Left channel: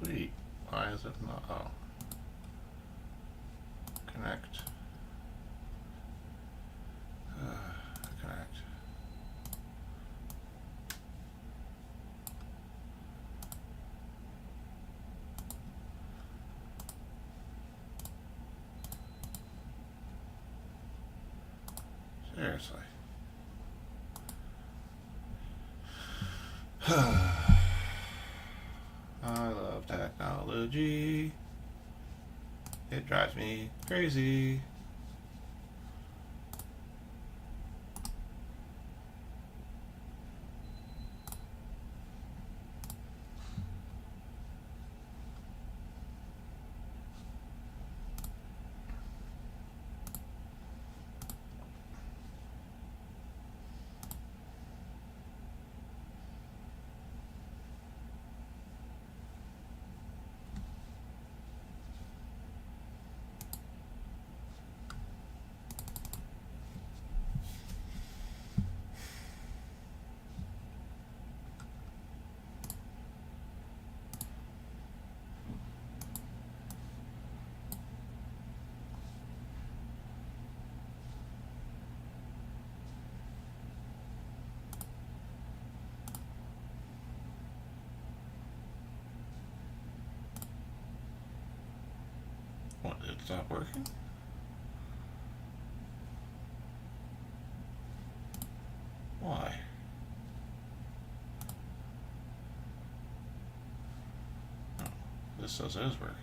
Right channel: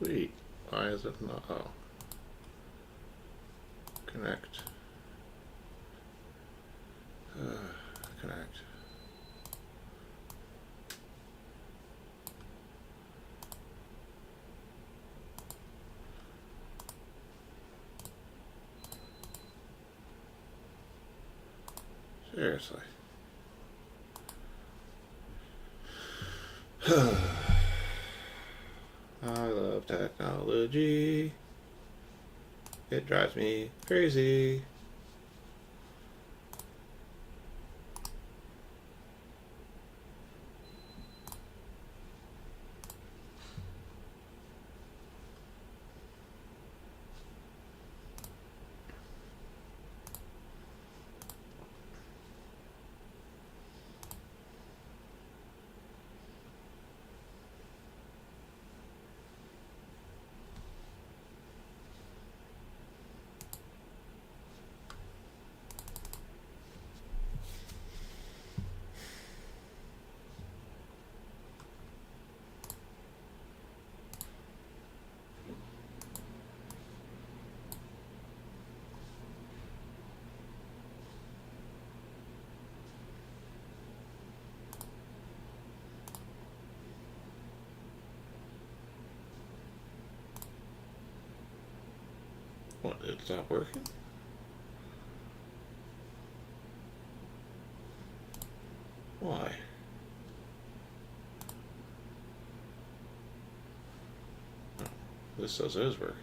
Sweet. Why is it not? Oh. Connect. Connect. Seriously. I love technology. It drives me crazy. What, it's not working? Why? Oh, this says it is working.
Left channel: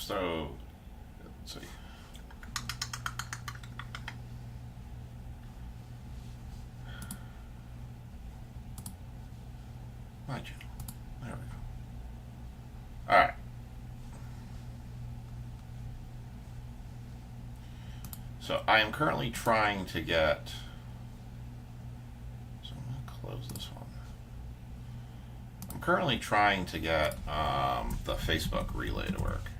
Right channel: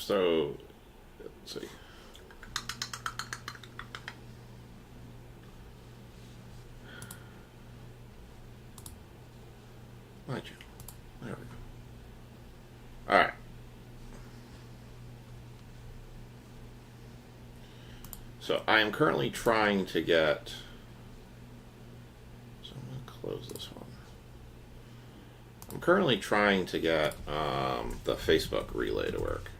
So, let's see. My channel. There we go. All right. So I am currently trying to get. So I'm going to close this one. I'm currently trying to get the Facebook relay to work.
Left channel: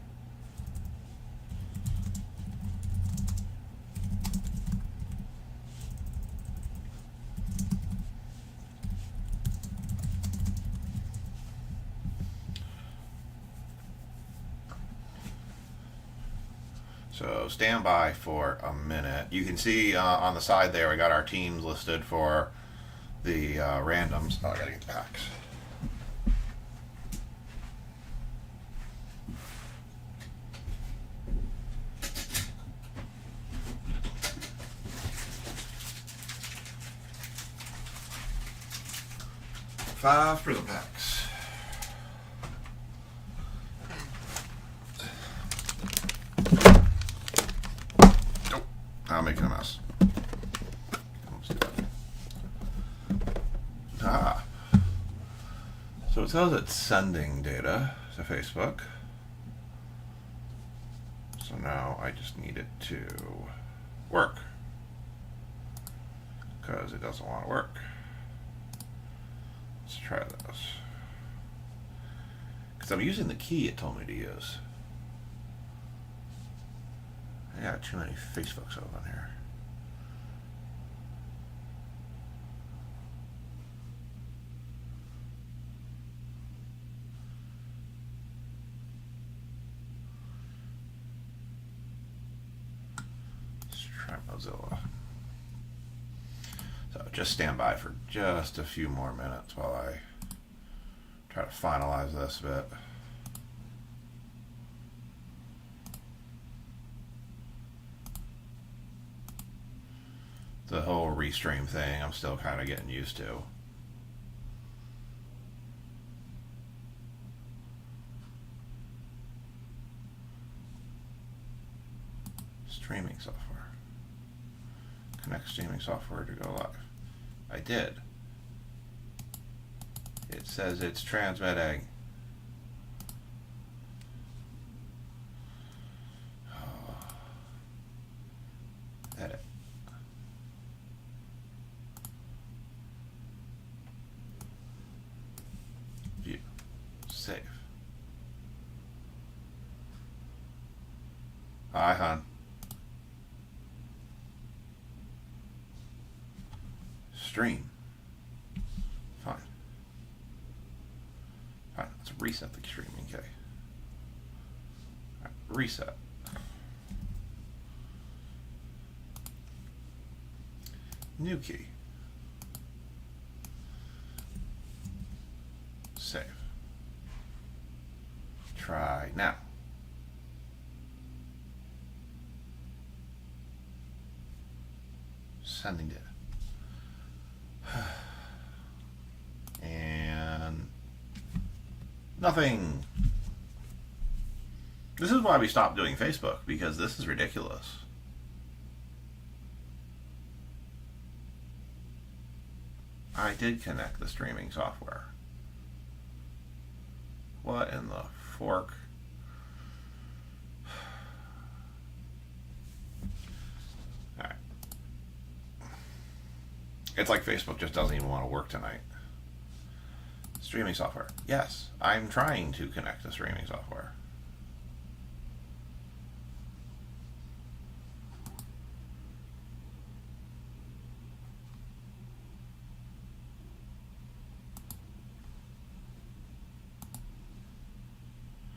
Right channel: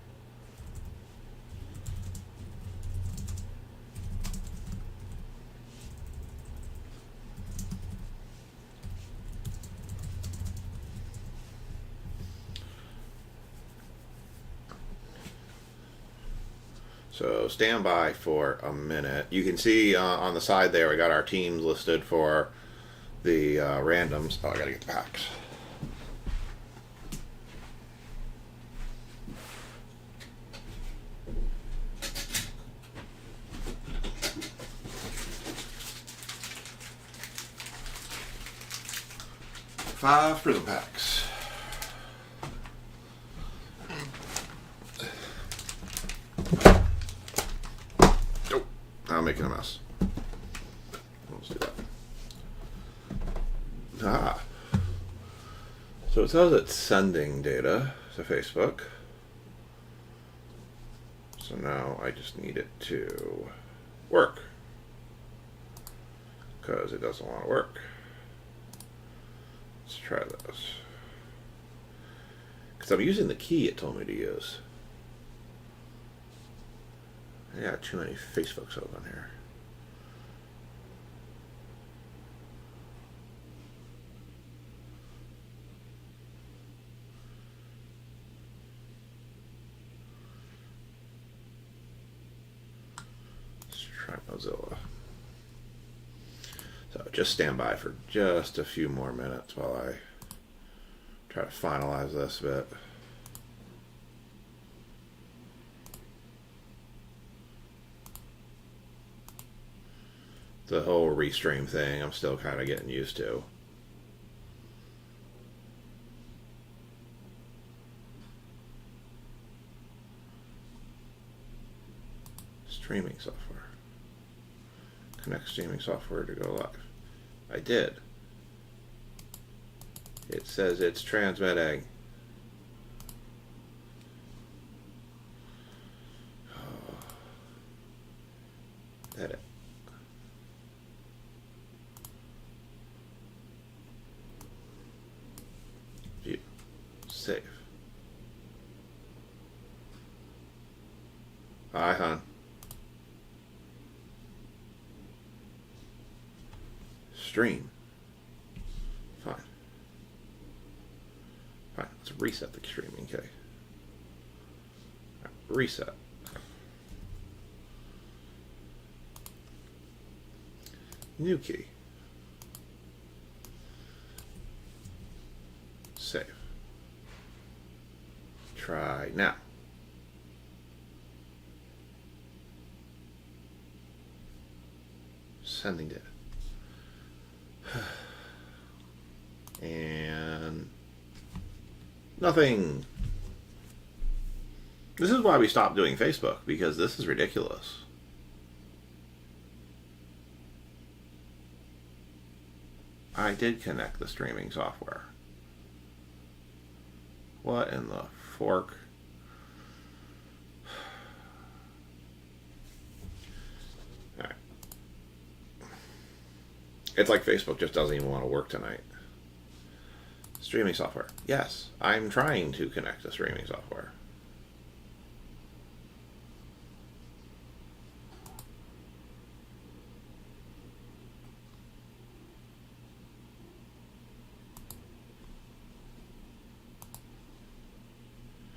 So stand by for a minute. You can see on the side there we got our teams listed for the randoms. Oh, I gotta get the packs. Five prism packs. I'm making a mess. Let's do that. Ah. So it says it's sending data to Facebook. So now I just need it to work. Because it doesn't want to work. Let's try this. Because I'm using the key it told me to use. I got too many Facebooks open here. Let's try Mozilla. just stand by for just a few more minutes while I try to finalize this bit. The whole Restream thing, I'm still kind of getting used to. Streaming software. Connect streaming software to go live. I did. It says it's transmitting. Edit. View. Save. Hi, hon. Stream. Fine. Fine. Let's reset the streaming key. Right, reset. New key. Save. Try now. Sending data. And nothing. This is why we stopped doing Facebook, because this is ridiculous. I did connect the streaming software. What in the fork? Alright. It's like Facebook just doesn't even want to work tonight. Streaming software. Yes, I'm trying to connect the streaming software.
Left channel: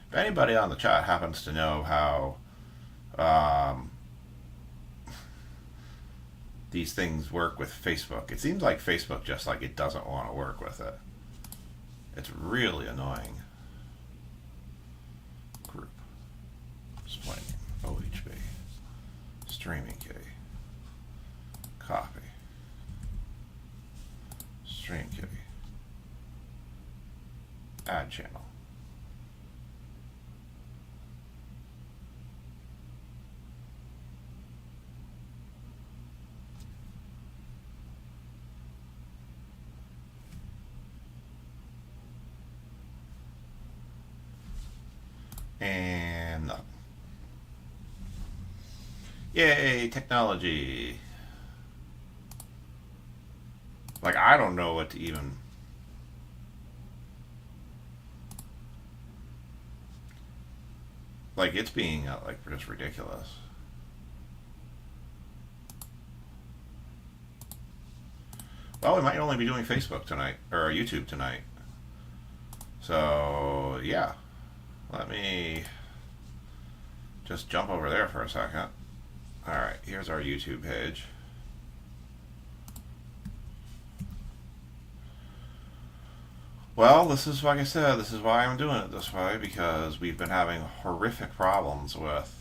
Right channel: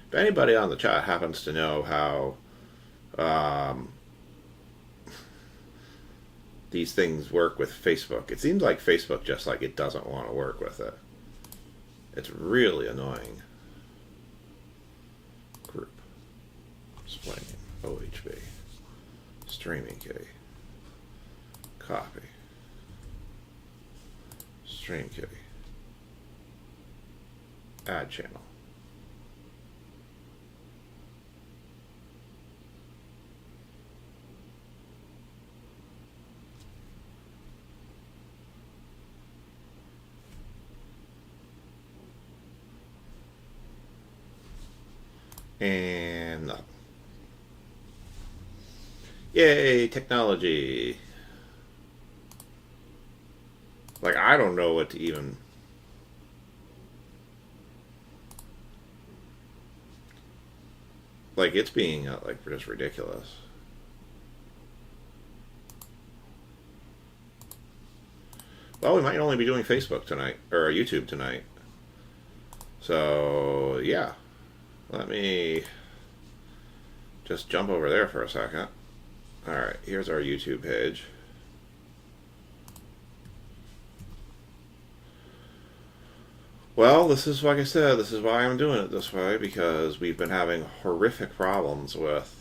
If anybody on the chat happens to know how these things work with Facebook, it seems like Facebook just like it doesn't want to work with it. It's really annoying. Group. Explaining. OHB. Streaming key. Copy. Stream key. Add channel. And nothing. Yay, technology. Like, I don't know what to even... Like, it's being, like, just ridiculous. Well, we might only be doing Facebook tonight, or YouTube tonight. So, yeah. Let me just jump over there for a second. Alright, here's our YouTube page. Well, this is, like I said, this is why I'm doing it this way, because we've been having horrific problems with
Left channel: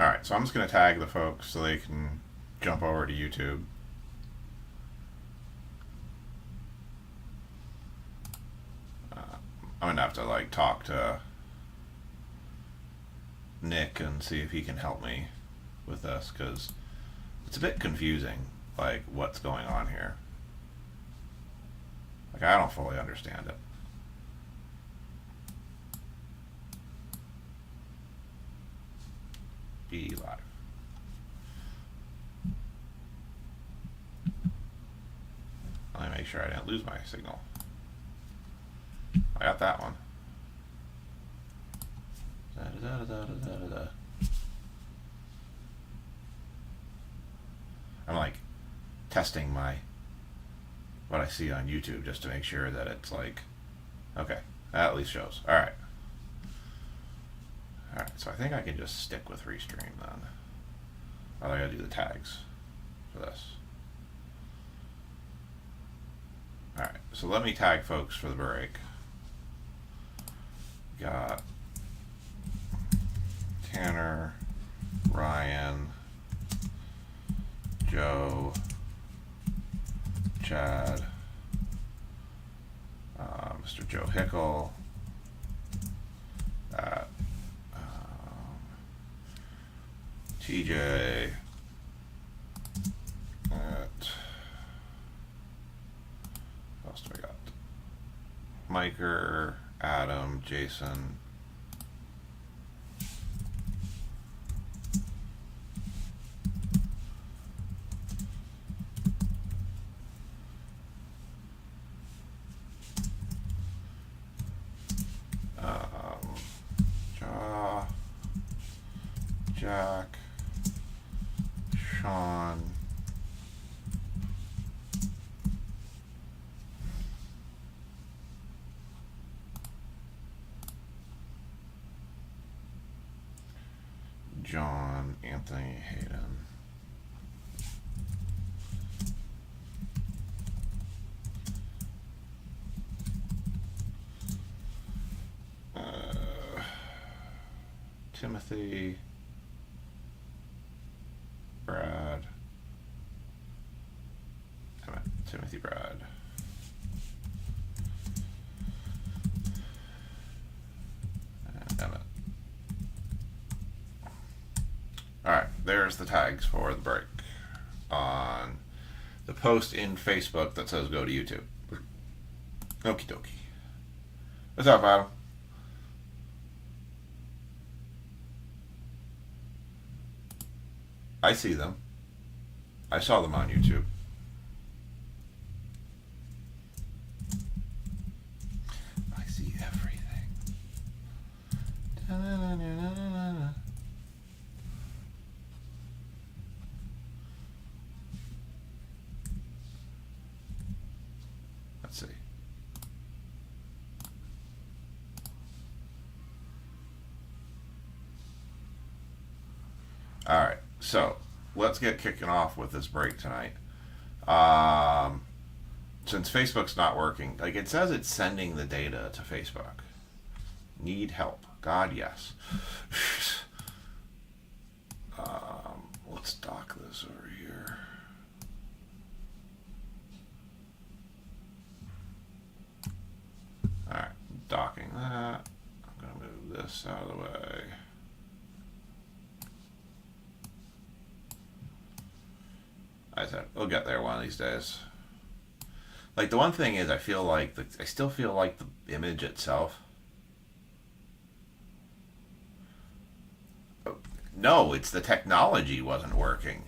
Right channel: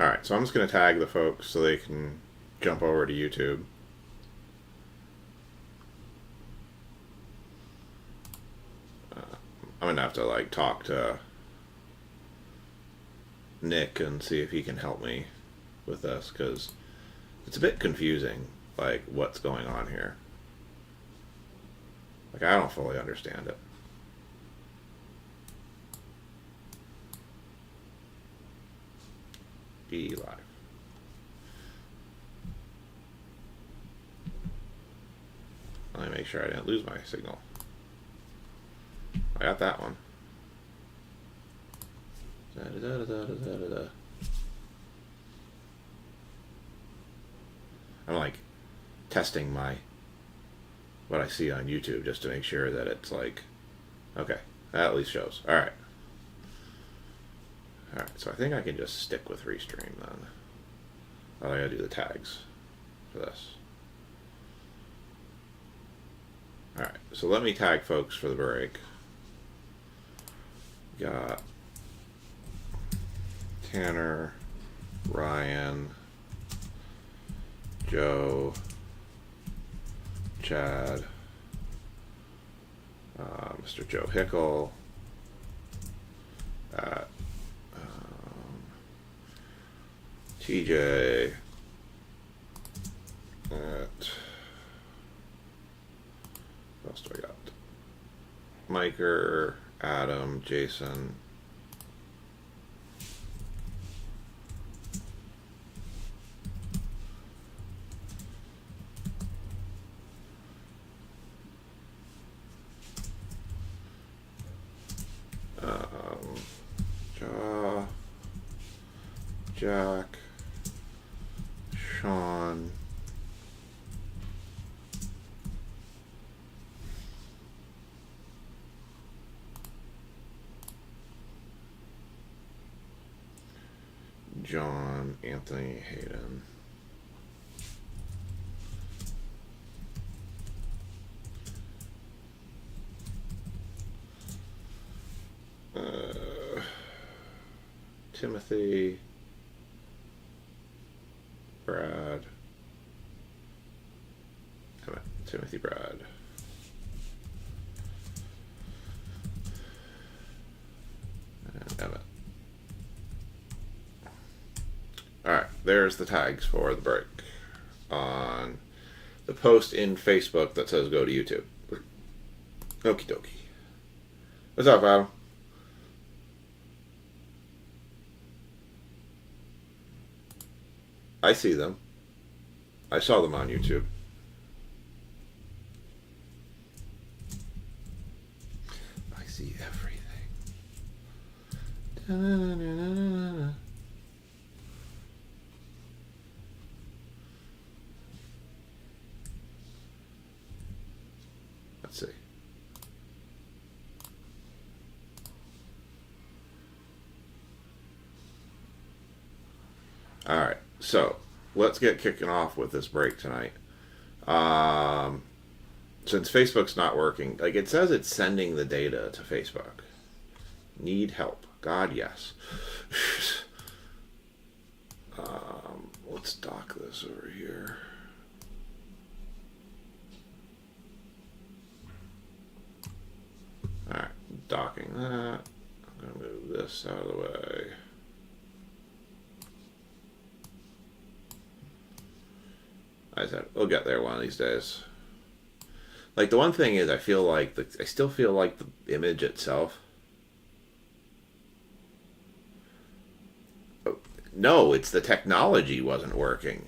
Alright, so I'm just going to tag the folks so they can jump over to YouTube. I'm going to have to like talk to Nick and see if he can help me with this, because it's a bit confusing, like what's going on here. Like I don't fully understand it. Be live. Let me make sure I didn't lose my signal. I got that one. I'm like testing what I see on YouTube just to make sure that it's like, okay, that at least shows. Alright. Alright, so I think I can just stick with Restream then. I gotta do the tags for this. Alright, so let me tag folks for the break. Got Tanner, Ryan, Joe, Chad, Mr. Joe Hickle, TJ, what else do I got? Miker, Adam, Jason, Jack, Sean, John, Anthony, Hayden, Timothy, Brad, Timothy, Brad, and Emmett. Alright, there's the tags for the break on the post in Facebook that says go to YouTube. Okie dokie. What's up, Adam? I see them. I saw them on YouTube. I see everything. Da-na-na-na-na-na. Let's see. All right. So let's get kicking off with this break tonight. Since Facebook's not working, like it says it's sending the data to Facebook. Need help. God, yes. Let's dock this over here. Alright, docking that. I'm going to move this out of the way. I said, we'll get there one of these days. Like, the one thing is, I still feel like the image itself. No, it's the technology wasn't working.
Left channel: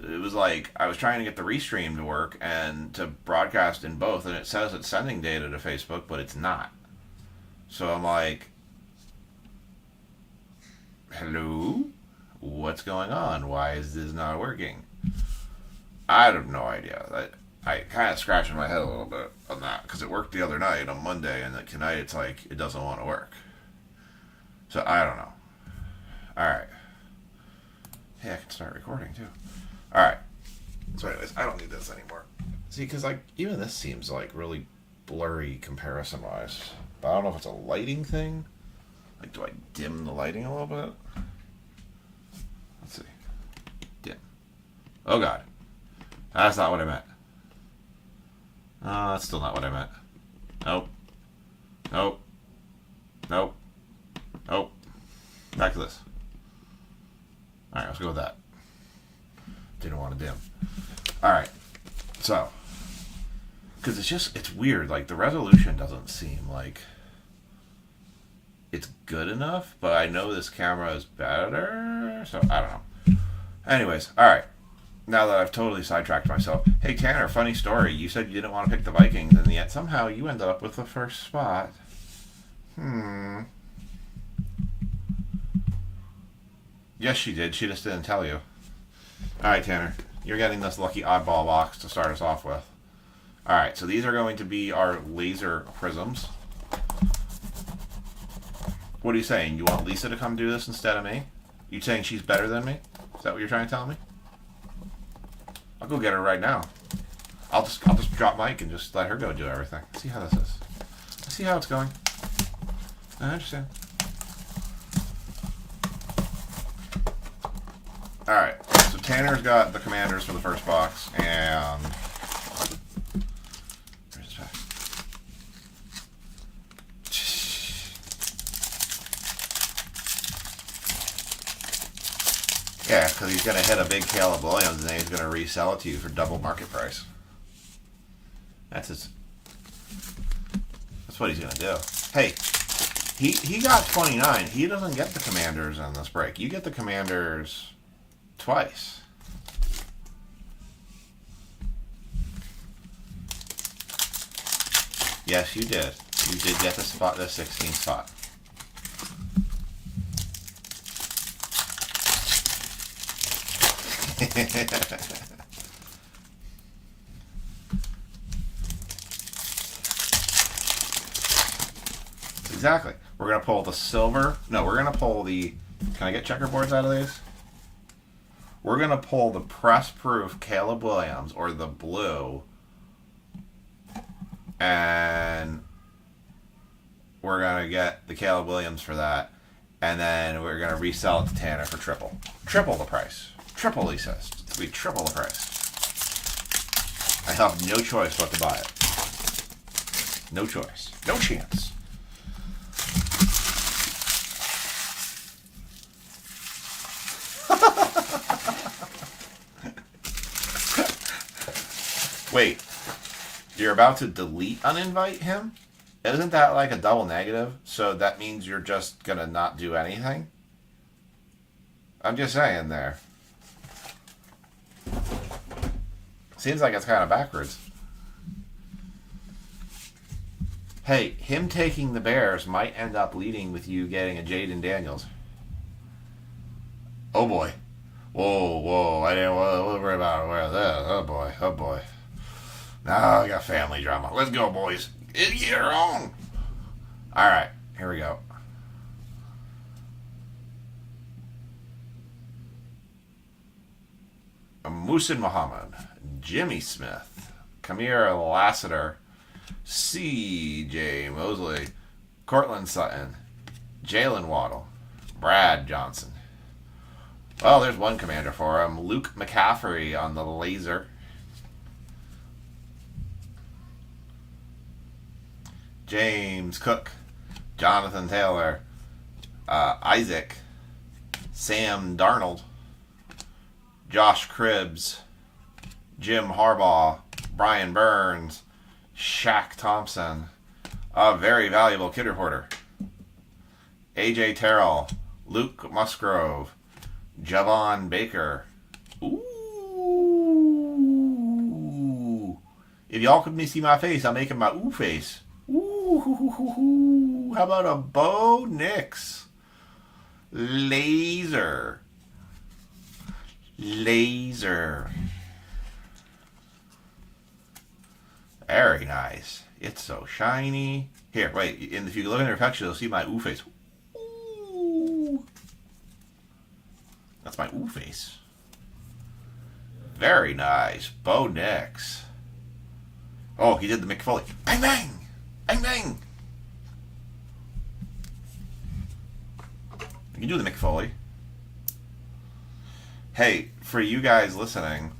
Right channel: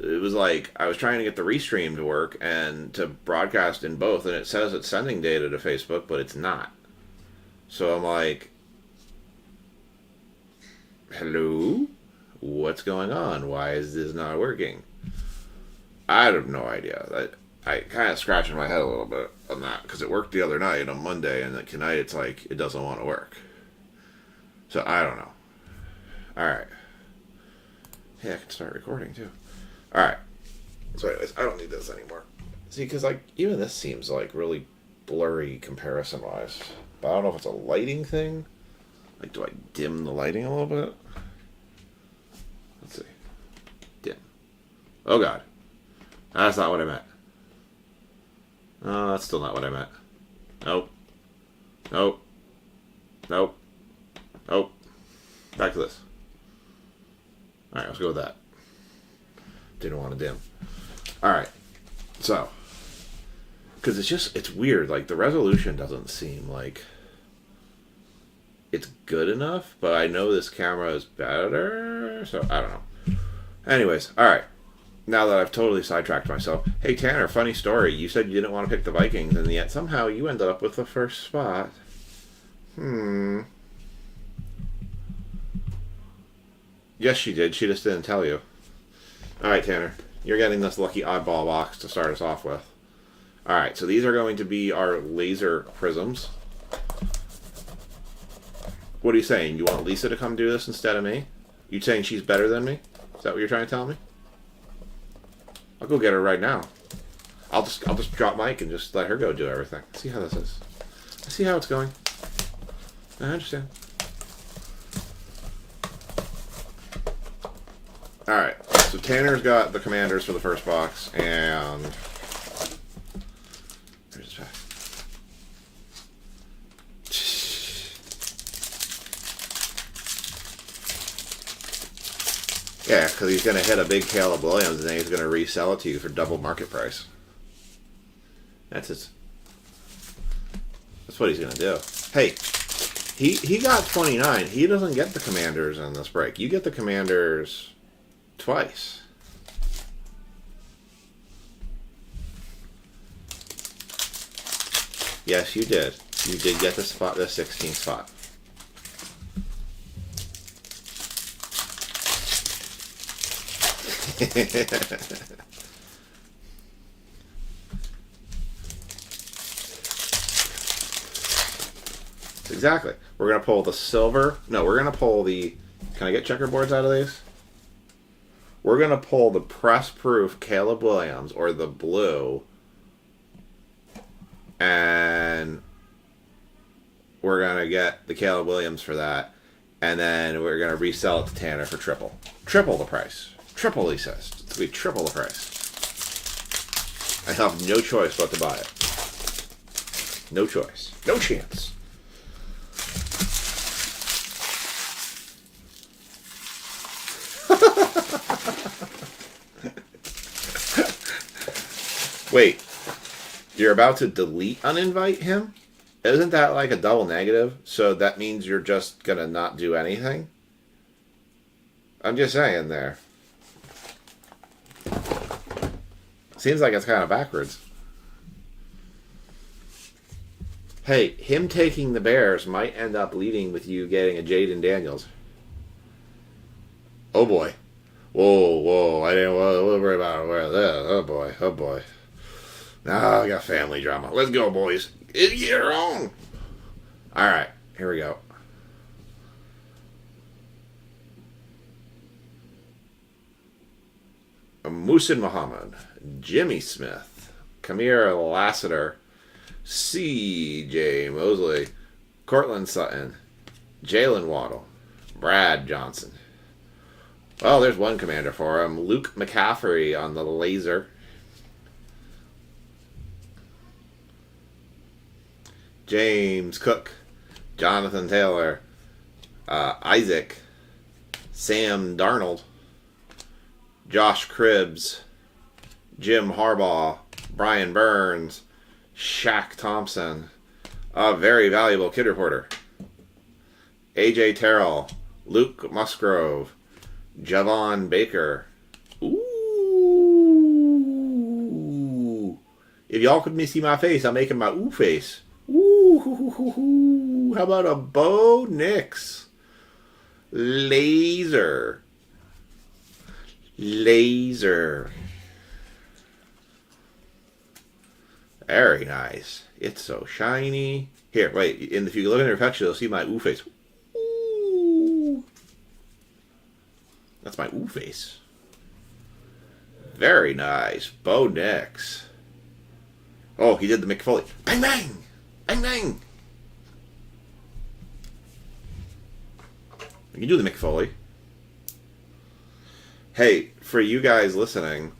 It was like, I was trying to get the Restream to work and to broadcast in both, and it says it's sending data to Facebook, but it's not. So I'm like, hello? What's going on? Why is this not working? I have no idea. I kind of scratching my head a little bit on that because it worked the other night on Monday, and tonight it's like it doesn't want to work. So I don't know. All right. Hey, I can start recording too. All right. So anyways, I don't need this anymore. See, because like even this seems like really blurry comparison-wise. But I don't know if it's a lighting thing. Like, do I dim the lighting a little bit? Let's see. Dim. Oh god. That's not what I meant. Oh, that's still not what I meant. Nope. Nope. Nope. Nope. Back to this. Alright, let's go with that. Didn't want to dim. Alright. So. Because it's weird. Like, the resolution doesn't seem like it's good enough, but I know this camera is better, so I don't know. Anyways, alright. Now that I've totally sidetracked myself. Hey, Tanner, funny story. You said you didn't want to pick the Vikings, and yet somehow you ended up with the first spot. Yes, she did. She just didn't tell you. Alright, Tanner. You're getting this lucky oddball box to start us off with. Alright, so these are going to be our laser prisms. What are you saying? You want Lisa to come do this instead of me? You saying she's better than me? Is that what you're trying to tell me? I'll go get her right now. I'll just drop Mike and just let her go do everything. See how this is. See how it's going. I understand. Alright, so Tanner's got the commanders for the first box, and where's his pack? Yeah, because he's going to hit a big Caleb Williams, and then he's going to resell it to you for double market price. That's what he's going to do. Hey, he got 29. He doesn't get the commanders in this break. You get the commanders twice. Yes, you did. You did get the 16th spot. Exactly. We're going to pull the silver. No, we're going to pull the... Can I get checkerboards out of these? We're going to pull the press-proof Caleb Williams, or the blue. And we're going to get the Caleb Williams for that. And then we're going to resell it to Tanner for triple. Triple the price. Triple, he says. It's going to be triple the price. I have no choice but to buy it. No choice. No chance. Wait. You're about to delete uninvite him? Isn't that like a double negative? So that means you're just going to not do anything? I'm just saying there. Seems like it's kind of backwards. Hey, him taking the Bears might end up leading with you getting a Jaden Daniels. Oh boy. Whoa, whoa. I didn't worry about that. Oh boy, oh boy. Now I got family drama. Let's go, boys. Get on. Alright, here we go. Musin Muhammad, Jimmy Smith, Kamir Lassiter, C.J. Mosley, Cortland Sutton, Jalen Waddle, Brad Johnson. Well, there's one commander for him. Luke McCaffrey on the laser. James Cook, Jonathan Taylor, Isaac, Sam Darnold, Josh Cribbs, Jim Harbaugh, Brian Burns, Shaq Thompson, a very valuable kid reporter, AJ Terrell, Luke Musgrove, Javon Baker. Ooh. If y'all could see my face, I'm making my ooh face. Ooh. How about a Bo Nix? Laser. Very nice. It's so shiny. Here, wait. If you look in the reflection, you'll see my ooh face. Ooh. That's my ooh face. Very nice. Bo Nix. Oh, he did the Mick Foley. Bang, bang! Bang, bang! You can do the Mick Foley. Hey, for you guys listening,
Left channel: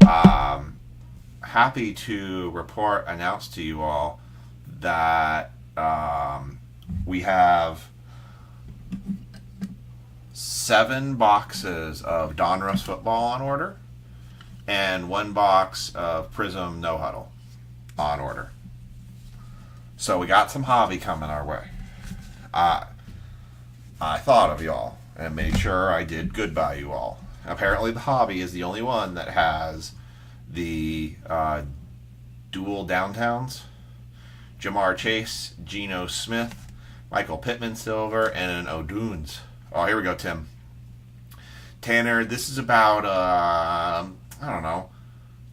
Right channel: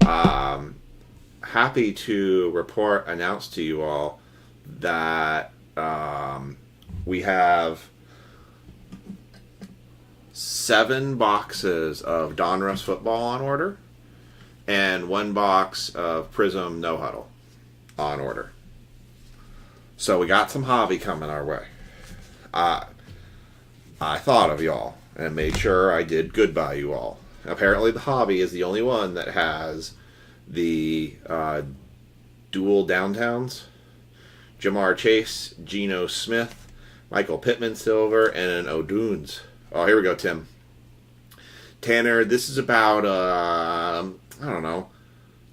happy to announce to you all that we have 7 boxes of Donruss football on order and 1 box of Prism No Huddle on order. So we got some hobby coming our way. I thought of y'all and made sure I did good by you all. Apparently, the hobby is the only one that has the dual downtowns: Jamar Chase, Geno Smith, Michael Pittman Silver, and an O'Dunes. Oh, here we go, Tim. Tanner, this is about I don't know,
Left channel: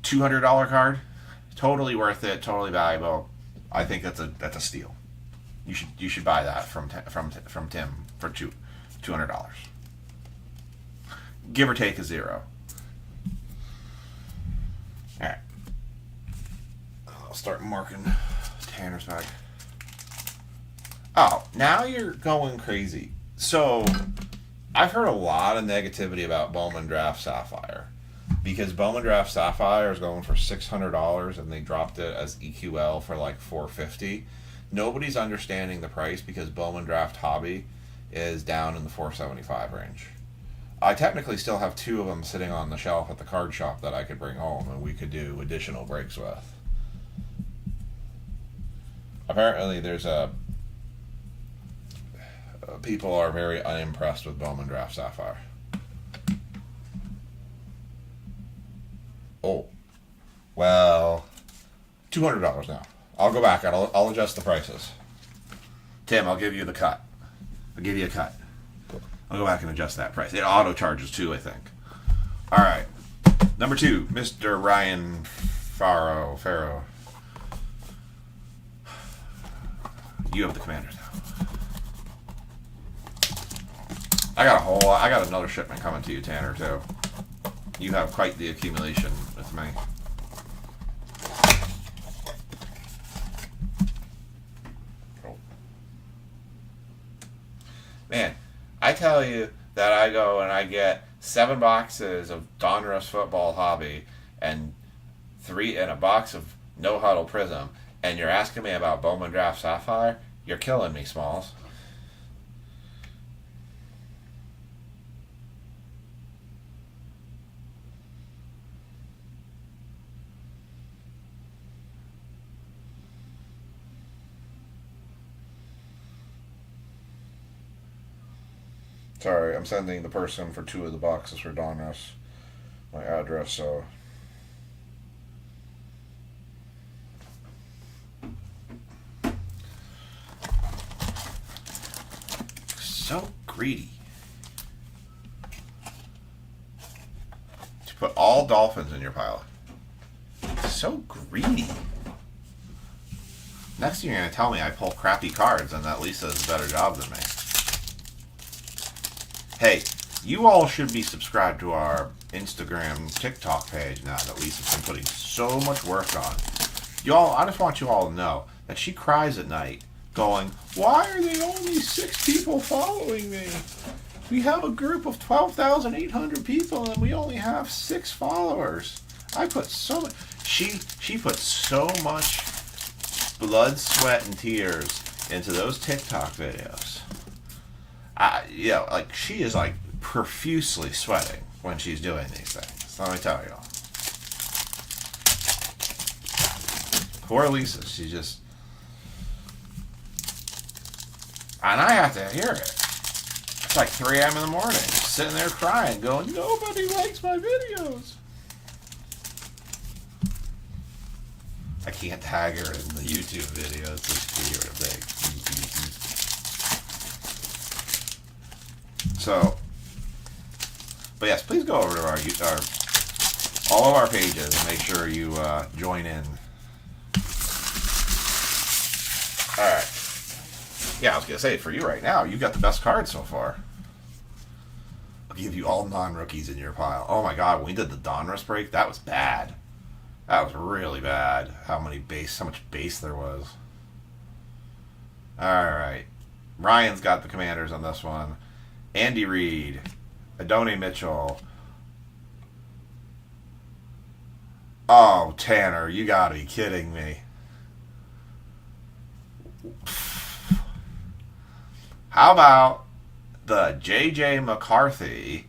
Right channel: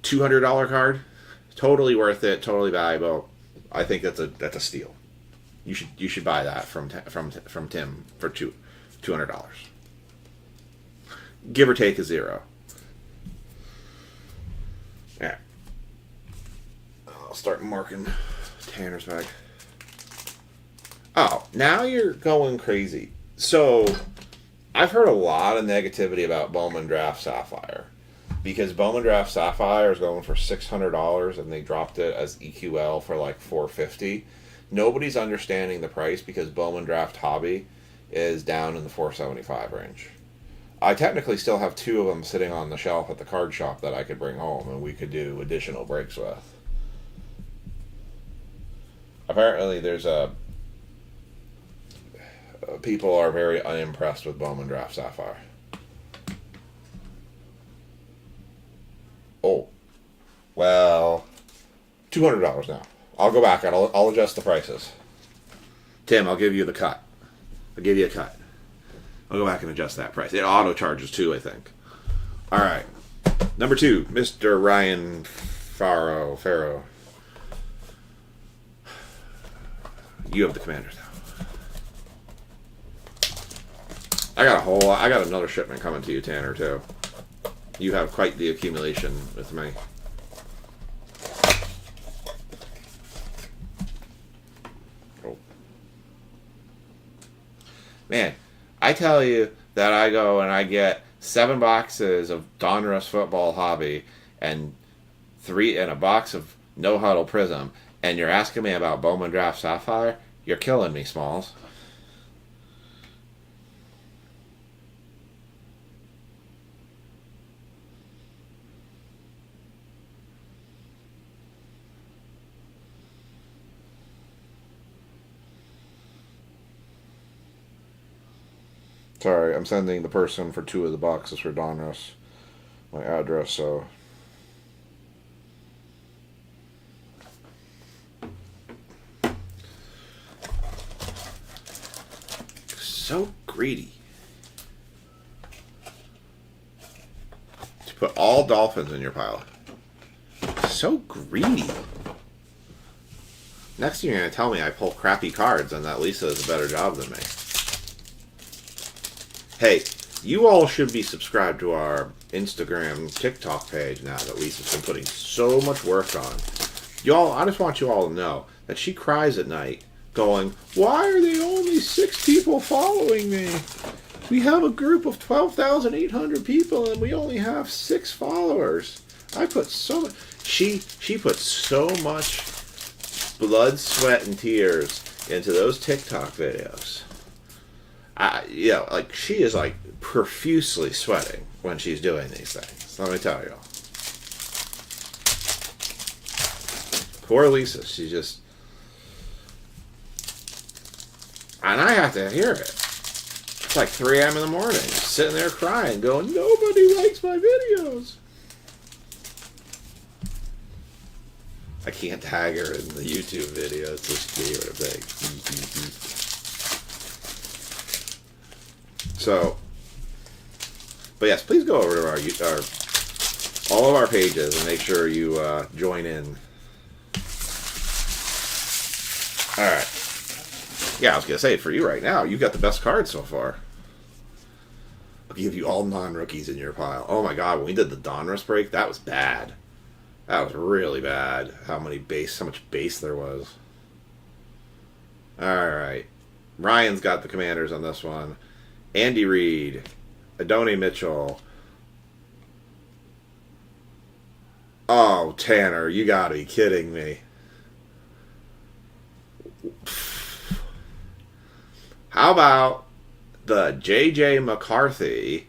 $200 card. Totally worth it. Totally valuable. I think that's a steal. You should buy that from Tim for $200. Give or take a 0. All right. I'll start marking Tanner's bag. Oh, now you're going crazy. So, I've heard a lot of negativity about Bowman Draft Sapphire. Because Bowman Draft Sapphire is going for $600 and they dropped it as EQL for like $450. Nobody's understanding the price because Bowman Draft Hobby is down in the $475 range. I technically still have 2 of them sitting on the shelf at the card shop that I could bring home and we could do additional breaks with. Apparently there's people are very unimpressed with Bowman Draft Sapphire. Oh, well, $200 now. I'll go back and I'll adjust the prices. Tim, I'll give you the cut. I'll give you a cut. I'll go back and adjust that price. It auto charges too, I think. All right. Number 2, Mr. Ryan Farrow. You have the Commanders now. I got another shipment coming to you, Tanner, too. You have quite the accumulation with me. Oh. Man, I tell you that I go and I get 7 boxes of Donruss Football Hobby and a box of No Huddle Prism, and you're asking me about Bowman Draft Sapphire? You're killing me, Smalls. Sorry, I'm sending the person for 2 of the boxes for Donruss my address, so. So greedy. To put all Dolphins in your pile. So greedy. Next thing you're going to tell me I pull crappy cards and that Lisa does a better job than me. Hey, you all should be subscribed to our Instagram, TikTok page now that Lisa's been putting so much work on. Y'all, I just want you all to know that she cries at night going, why are there only 6 people following me? We have a group of 12,800 people and we only have 6 followers. I put so much... She put so much blood, sweat, and tears into those TikTok videos. Like she is like profusely sweating when she's doing these things. Let me tell you. Poor Lisa, she just, and I have to hear it. It's like 3 a.m. in the morning, sitting there crying, going, nobody likes my videos. I can't tag her in the YouTube videos, so she can hear what I'm saying. So, but yes, please go over to our all of our pages and make sure you join in. All right. Yeah, I was gonna say for you right now, you've got the best card so far. I'll give you all non-rookies in your pile. Oh my God, when we did the Donruss break, that was bad. That was really bad. How much base there was. All right, Ryan's got the Commanders on this one. Andy Reid, Adonai Mitchell, Oh, Tanner, you gotta be kidding me. How about the J.J. McCarthy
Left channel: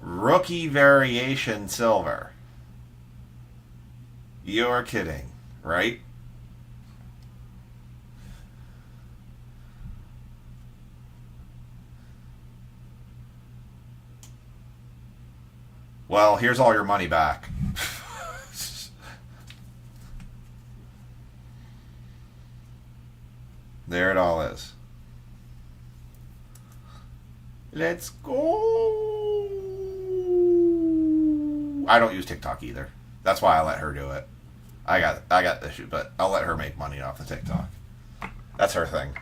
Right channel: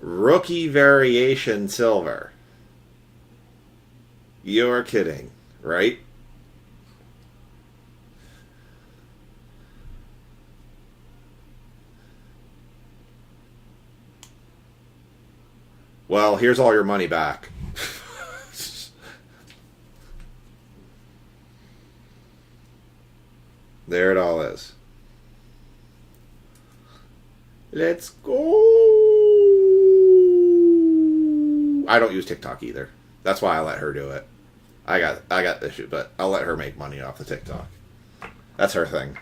Rookie Variation Silver? You're kidding, right? Well, here's all your money back. There it all is. Let's go. I don't use TikTok either. That's why I let her do it. I got the issue, but I'll let her make money off the TikTok. That's her thing.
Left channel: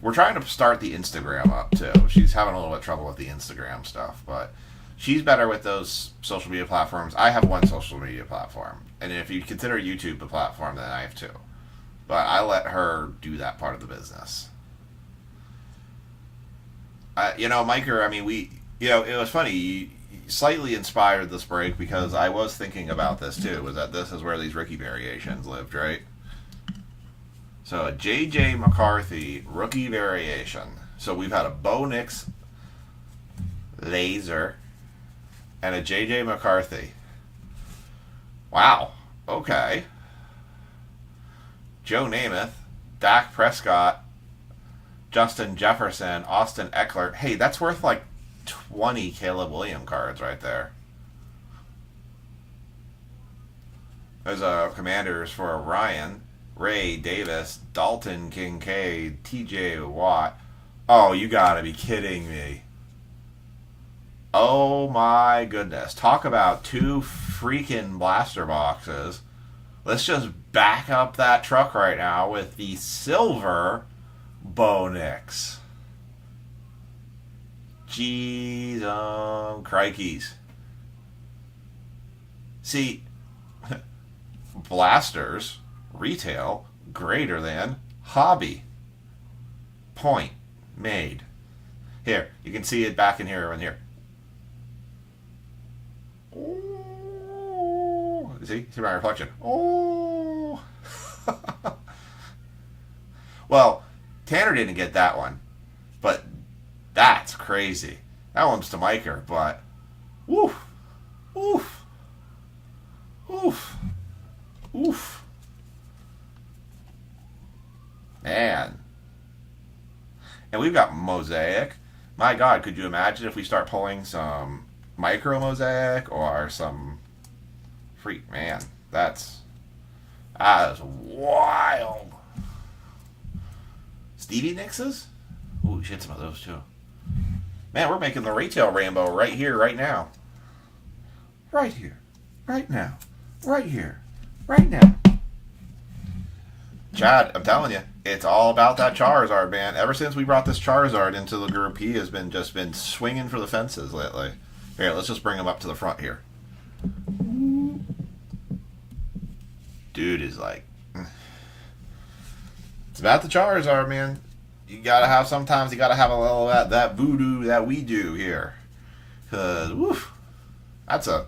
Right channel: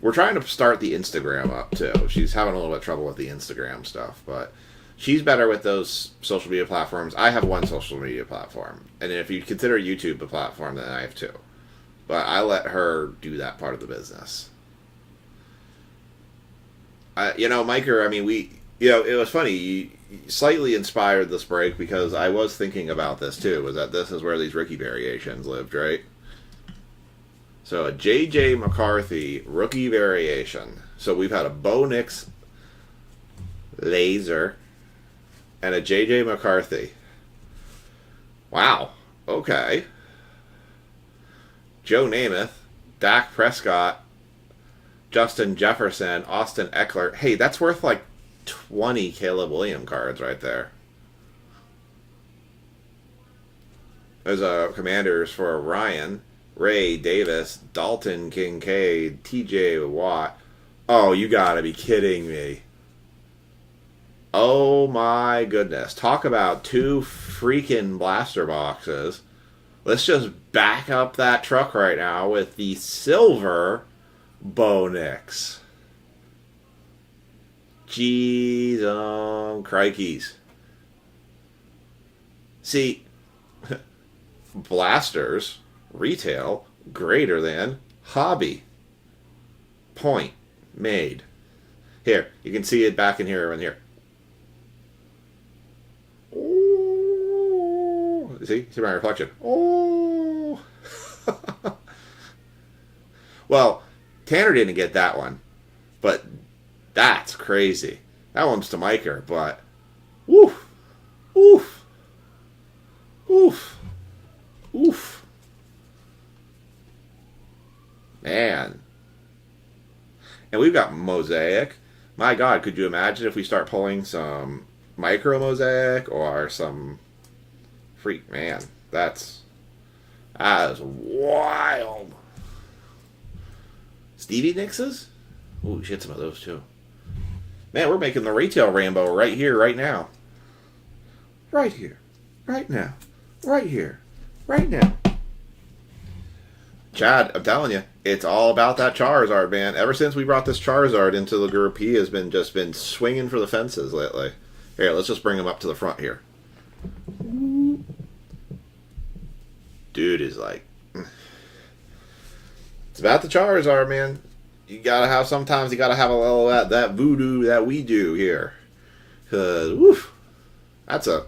We're trying to start the Instagram up too. She's having a little bit of trouble with the Instagram stuff, but she's better with those social media platforms. I have one social media platform, and if you consider YouTube a platform, then I have two. But I let her do that part of the business. Miker, I mean, it was funny. You slightly inspired this break because I was thinking about this too. Was that this is where these Ricky variations lived, right? So a J.J. McCarthy rookie variation. So we've had a Bo Nix laser and a J.J. McCarthy. Wow. Okay. Joe Namath, Dak Prescott, Justin Jefferson, Austin Eckler. Hey, that's worth like 20 Caleb Williams cards right there. There's a Commanders for Ryan, Ray Davis, Dalton Kincaid, TJ Watt. Oh, you gotta be kidding me. Oh my goodness. Talk about two freaking blaster boxes. Let's just back up that truck right now with the silver Bo Nix. Jeez, crikeys. See, blasters, retail, greater than, hobby. Point made. Here, you can see it back in here and here. Oh, see my reflection. Oh. Well, Tanner didn't get that one, but that's crazy. That one's to Miker, but woof, oof, oof, oof. Man. And we've got Mosaic. My God, could you imagine if we start pulling some micro Mosaic or some freak? Man, that is wild. Stevie Nicks? Ooh, we should hit some of those too. Man, we're making the retail rainbow right here, right now. Right here. Right now. Right here. Right now. Chad, I'm telling you, it's all about that Charizard, man. Ever since we brought this Charizard into the group, he has been swinging for the fences lately. Here, let's just bring him up to the front here. Dude is like... It's about the Charizard, man. Sometimes you gotta have a little of that voodoo that we do here. Cause, woof, that's a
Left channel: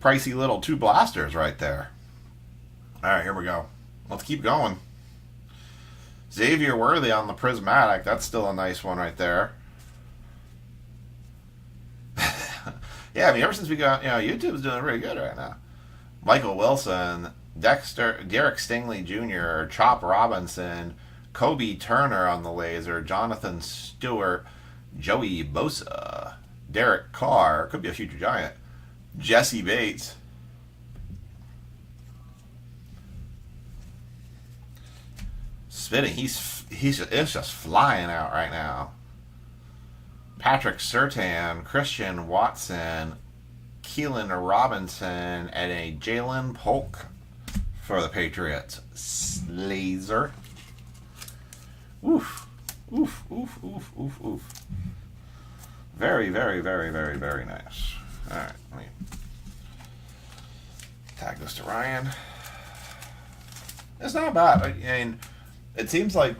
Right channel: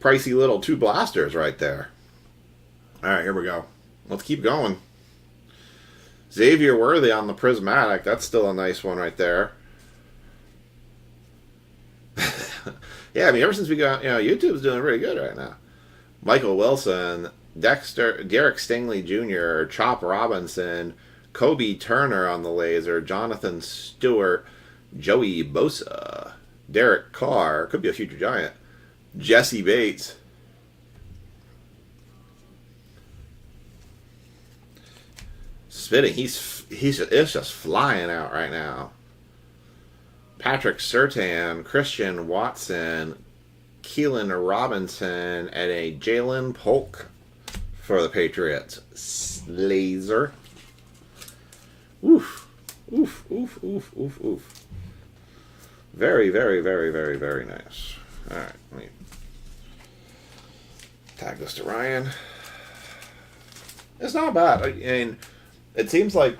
pricey little two blasters right there. Alright, here we go. Let's keep going. Xavier Worthy on the Prismatic. That's still a nice one right there. Yeah, I mean, ever since we got, YouTube's doing really good right now. Michael Wilson, Derek Stingley Jr., Chop Robinson, Kobe Turner on the laser, Jonathan Stewart, Joey Bosa, Derek Carr, could be a future Giant, Jesse Bates, spitting. It's just flying out right now. Patrick Surtain, Christian Watson, Keelan Robinson, and a Jalen Polk for the Patriots. Laser. Oof. Oof, oof, oof, oof, oof. Very, very, very, very, very nice. Alright, let me tag this to Ryan. It's not bad. I mean, it seems like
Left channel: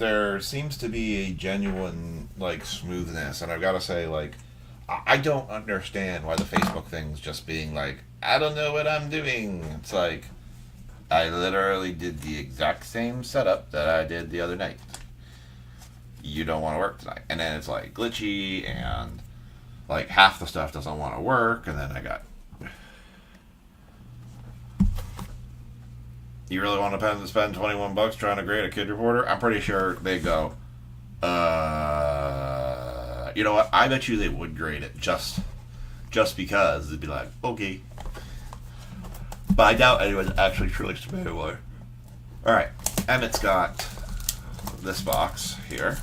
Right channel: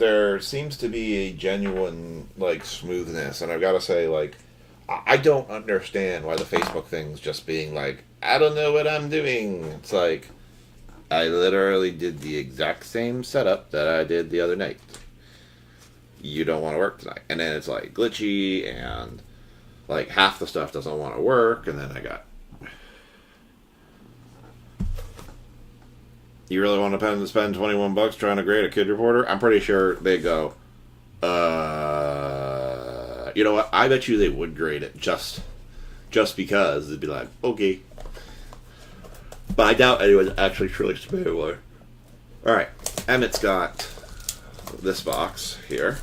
there seems to be a genuine like smoothness, and I've got to say, like, I don't understand why the Facebook thing's just being like, I don't know what I'm doing. It's like, I literally did the exact same setup that I did the other night. You don't want to work tonight, and then it's like glitchy, and like half the stuff doesn't want to work, and then I got. You really want to spend $21 trying to grade a kid reporter? I'm pretty sure they go, you know what? I bet you they would grade it just because they'd be like, okay. But I doubt anyone's actually truly familiar. All right, Emmett's got this box here.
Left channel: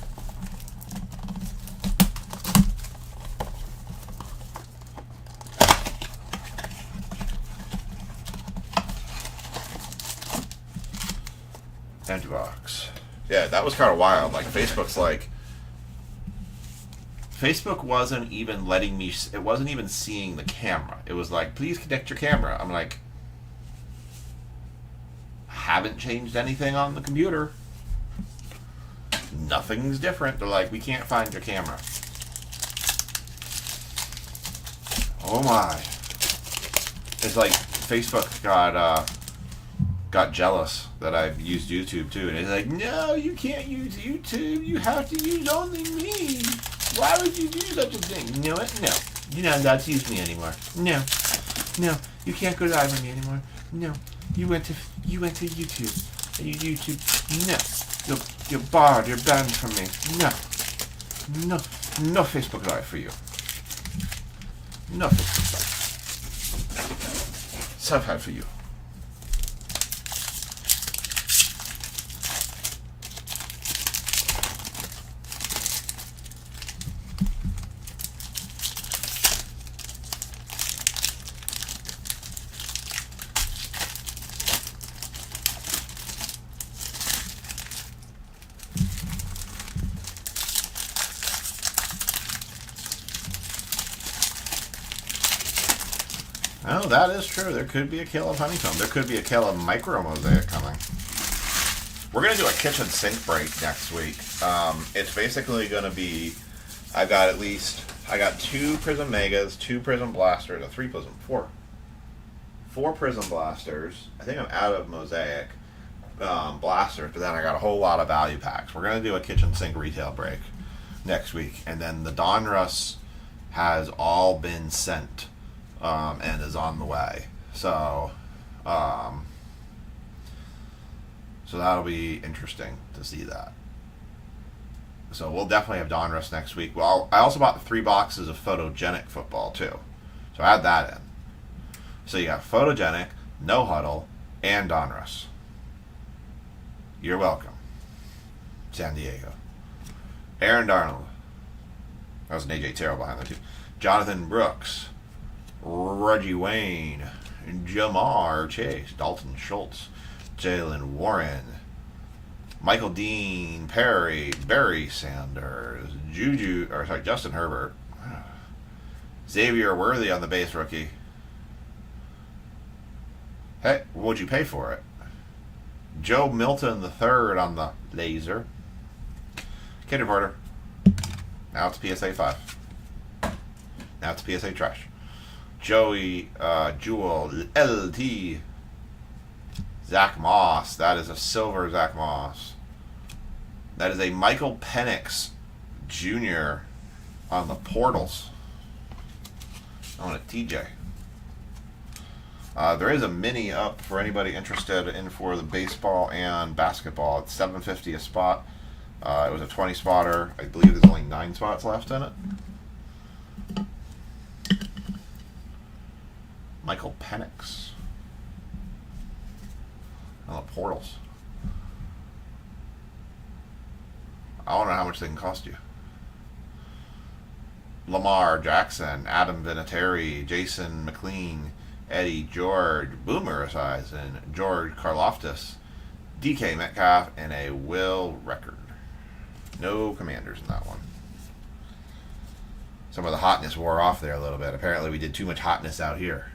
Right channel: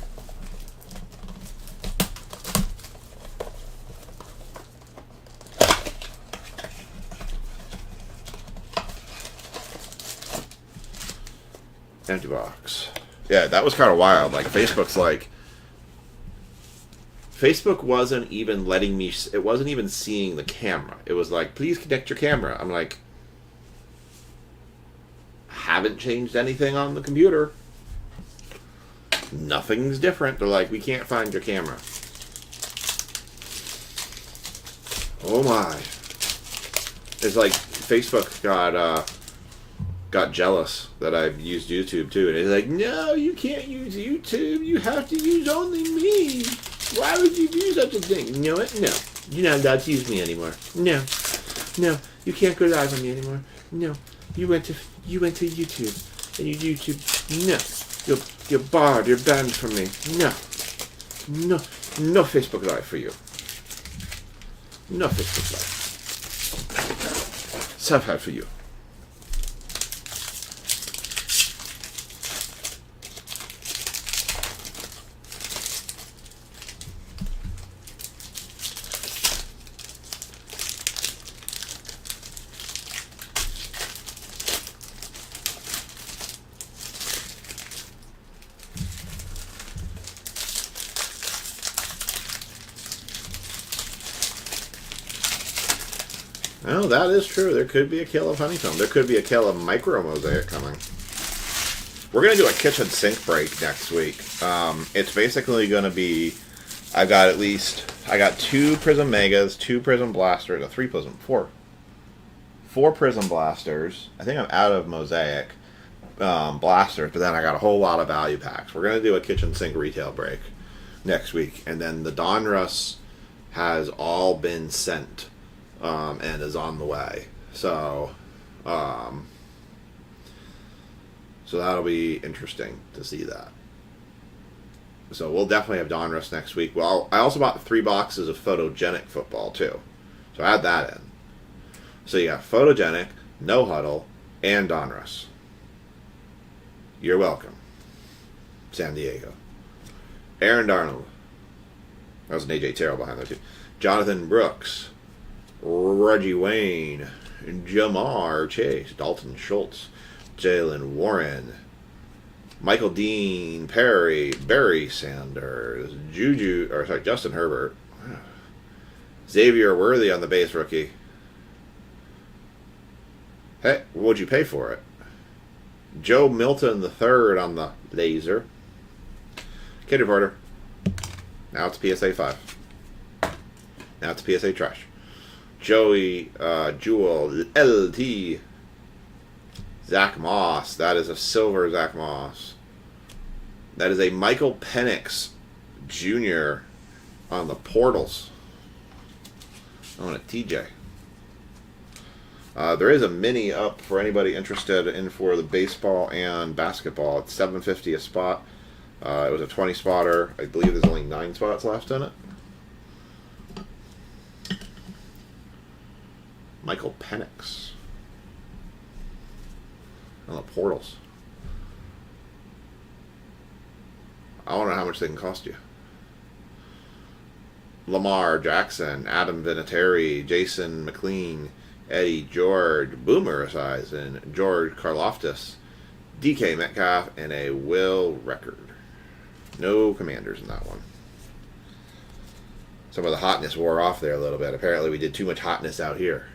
Empty box. Yeah, that was kind of wild. Like, Facebook wasn't even letting me, it wasn't even seeing the camera. It was like, please connect your camera. I'm like, haven't changed anything on the computer. Nothing's different. They're like, we can't find your camera. Oh my. It's like Facebook got jealous that I've used YouTube too, and it's like, no, you can't use YouTube. You have to use only me. Why would you do such a thing? You know what? No, you're not allowed to use me anymore. No, you can't go live on me anymore. No, you went to YouTube, and you YouTube. No, you're barred. You're banned from me. No Facebook Live for you. No Facebook Live. Self-help for you. Oh, that is true. There could be a kill of honeycomb. There could be a kill of micro mosaic coming. We're going to do a kitchen sink break next week. It's basically going to be, I got 2 Prism Megas, 2 Prism Blasters, four Prism Blasters. I think I'm out of mosaic blasters, but then I got a whole lot of value packs. We're going to do a kitchen sink retail break next week. And then the Donruss has all been sent. And is on the way. So that'll be interesting to see that. So we'll definitely have Donruss next week. Well, I also bought 3 boxes of photogenic football too. So add that in. So you got photogenic, no huddle, and Donruss. You're welcome. San Diego. Aaron Darnold. That was an AJ Terrell behind there too. Jonathan Brooks. Reggie Wayne, Jamar Chase, Dalton Schultz, Jalen Warren, Michael Dean, Perry, Barry Sanders, Justin Herbert, Xavier Worthy on the base rookie. Hey, what'd you pay for it? Joe Milton III on the laser. Kid reporter. Now it's PSA 5. Now it's PSA trash. Joey Jewel LT. Zach Moss. That is a silver Zach Moss. That is a Michael Penix Jr. on the portals. On a TJ. There is a mini up for anybody interested in for the baseball and basketball. It's $7.50 a spot. It was a 20 spotter. I believe there's only 9 spots left in it. Michael Penix on the portals. I don't know how much they can cost you. Lamar Jackson, Adam Vinatieri, Jason McLean, Eddie George, Boomer Esiason, George Karloftis, DK Metcalf, and a Will Record. No Commanders in that one. Some of the hotness wore off there a little bit. Apparently we did too much hotness out here.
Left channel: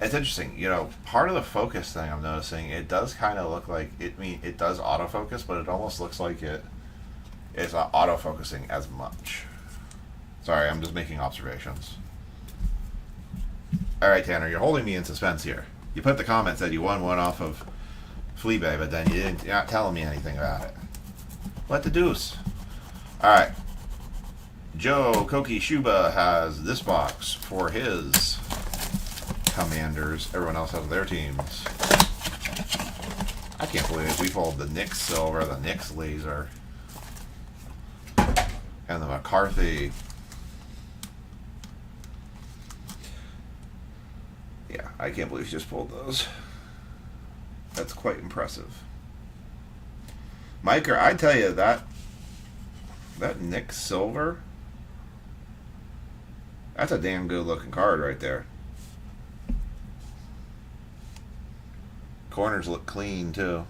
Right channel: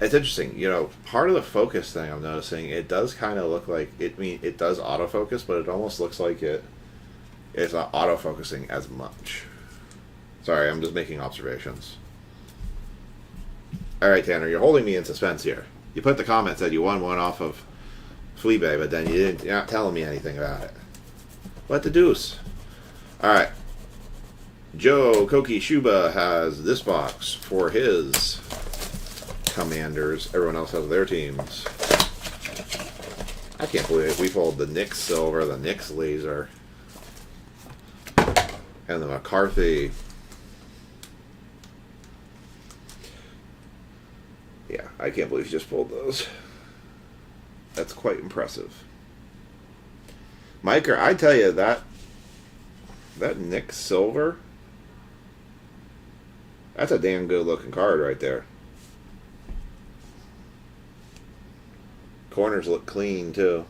It's interesting, you know. Part of the focus thing I'm noticing, it does kind of look like it. It does autofocus, but it almost looks like it's not autofocusing as much. Sorry, I'm just making observations. All right, Tanner, you're holding me in suspense here. You put the comment said you won one off of Fleabay, but then you're not telling me anything about it. What the deuce? All right. Joe Koki Shuba has this box for his Commanders. Everyone else has their teams. I can't believe it. We pulled the Knicks Silver, the Knicks Laser, and the McCarthy. Yeah, I can't believe he just pulled those. That's quite impressive. Mike, I tell you, that Knicks Silver, that's a damn good looking card right there. Corners look clean too.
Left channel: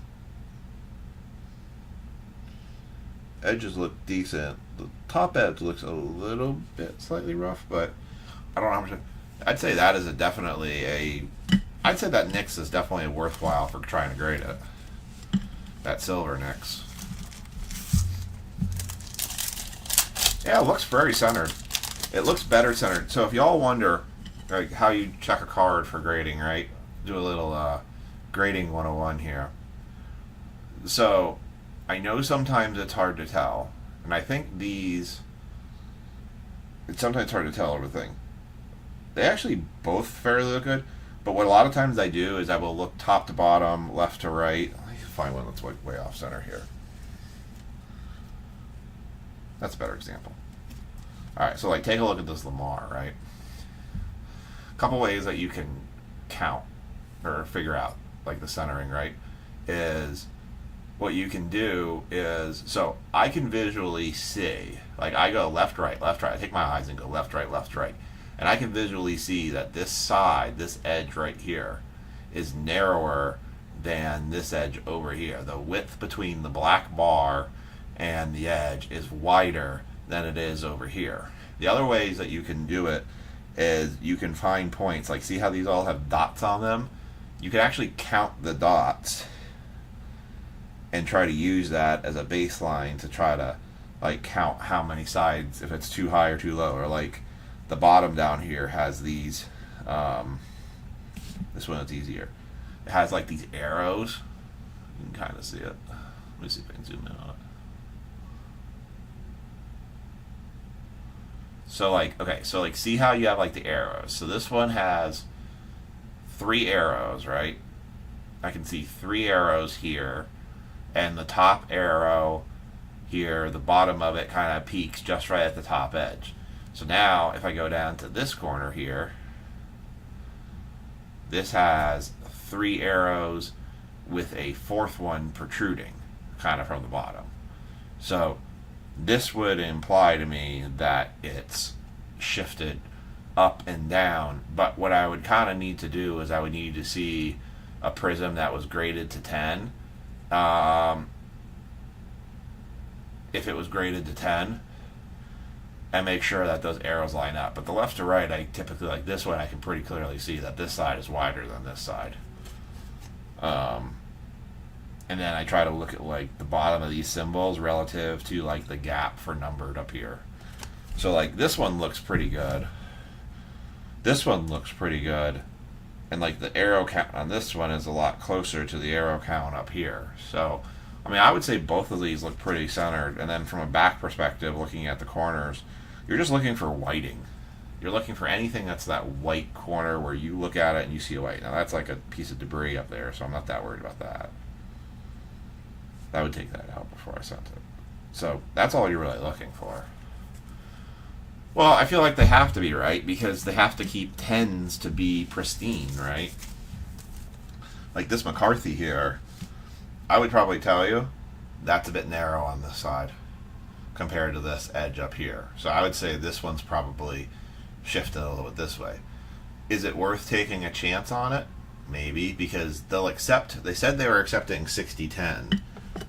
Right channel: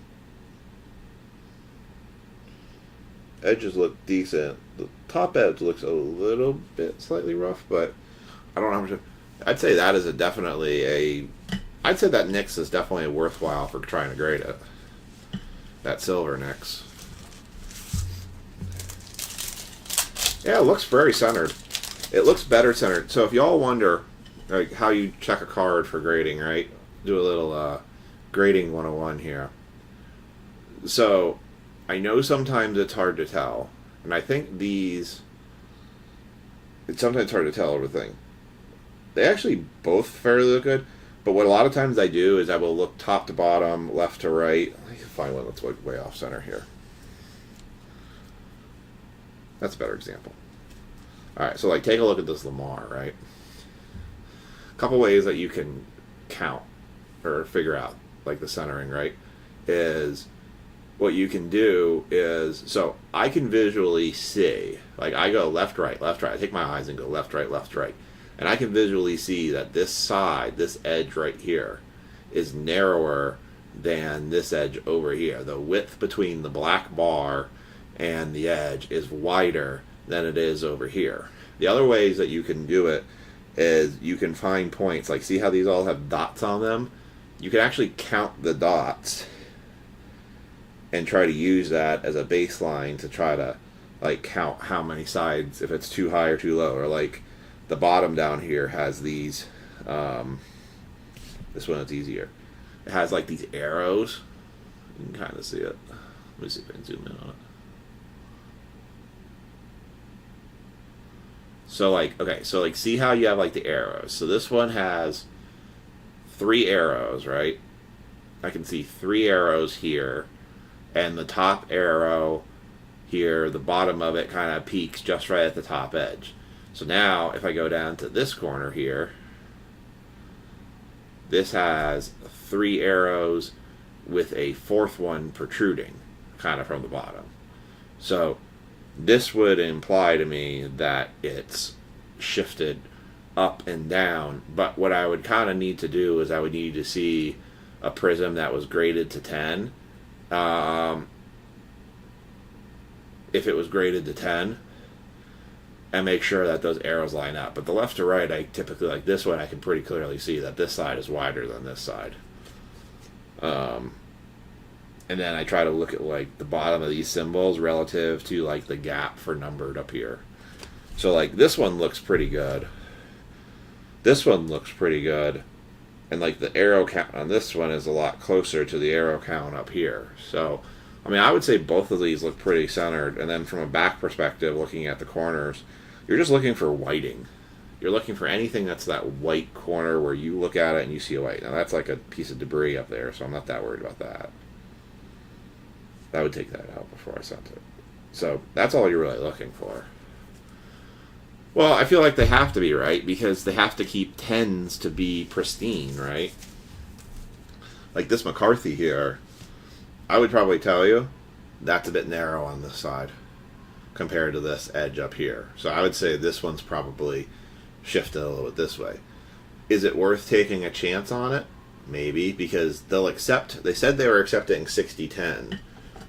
Edges look decent. The top edge looks a little bit slightly rough, but I don't know how much. I'd say that is I'd say that Knicks is definitely worthwhile for trying to grade it. That silver Knicks. Yeah, it looks very centered. It looks better centered. So if y'all wonder like how you check a card for grading, right? Do a little grading 101 here. So I know sometimes it's hard to tell, and I think it's sometimes hard to tell everything. They actually both fairly look good, but what a lot of times I do is I will look top to bottom, left to right. Let me find one that's way off center here. That's a better example. All right, so like take a look at this Lamar, right? A couple ways that you can count or figure out like the centering, right? Is what you can do is, so I can visually see, like I go left, right, left, right. I take my eyes and go left, right, left, right. And I can visually see that this side, this edge right here, is narrower than this edge over here. The width between the black bar and the edge is wider than it is over here. The other ways that you can do it is you can find points, like see how these all have dots on them? You can actually count the dots and try to use that as a baseline to try to like count how many sides, if it's too high or too low. Or like the bottom down here has these, this one is easier. It has like these arrows. You can kind of see it. Let me see if I can zoom in on it. So like, okay, so like see how you have like the arrows. So this one has 3 arrows, right? I can see 3 arrows here. And the top arrow here, the bottom of it kind of peaks just right at the top edge. So now if I go down to this corner here, this has 3 arrows with a 4th one protruding kind of from the bottom. So this would imply to me that it's shifted up and down. But what I would kind of need to do is I would need to see a prism that was graded to 10. If it was graded to 10, and make sure that those arrows line up. But the left to right, I typically, like this one, I can pretty clearly see that this side is wider than this side. And then I try to look at like the bottom of these symbols relative to like the gap for numbered up here. So like this one looks pretty good. This one looks pretty good. And like the arrow count on this one is a lot closer to the arrow count up here. So, I mean, I would say both of these look pretty centered. And then from a back perspective, looking at the corners, you're just looking for whiting. You're looking for anything that's that white corner where you look at it and you see a white. Now that's like a piece of debris up there, so I'm not that worried about that. I would take that out before I sent it. So that's all you're really looking for. Well, I feel like they have to be, right? Because they have to keep 10s to be pristine, right? Like this McCarthy here, I would probably tell you that's a bit narrow on this side compared to this edge up here. So I would say this one's probably shifted a little bit this way. Is it worth taking a chance on it? Maybe, because they said they were accepting 60-10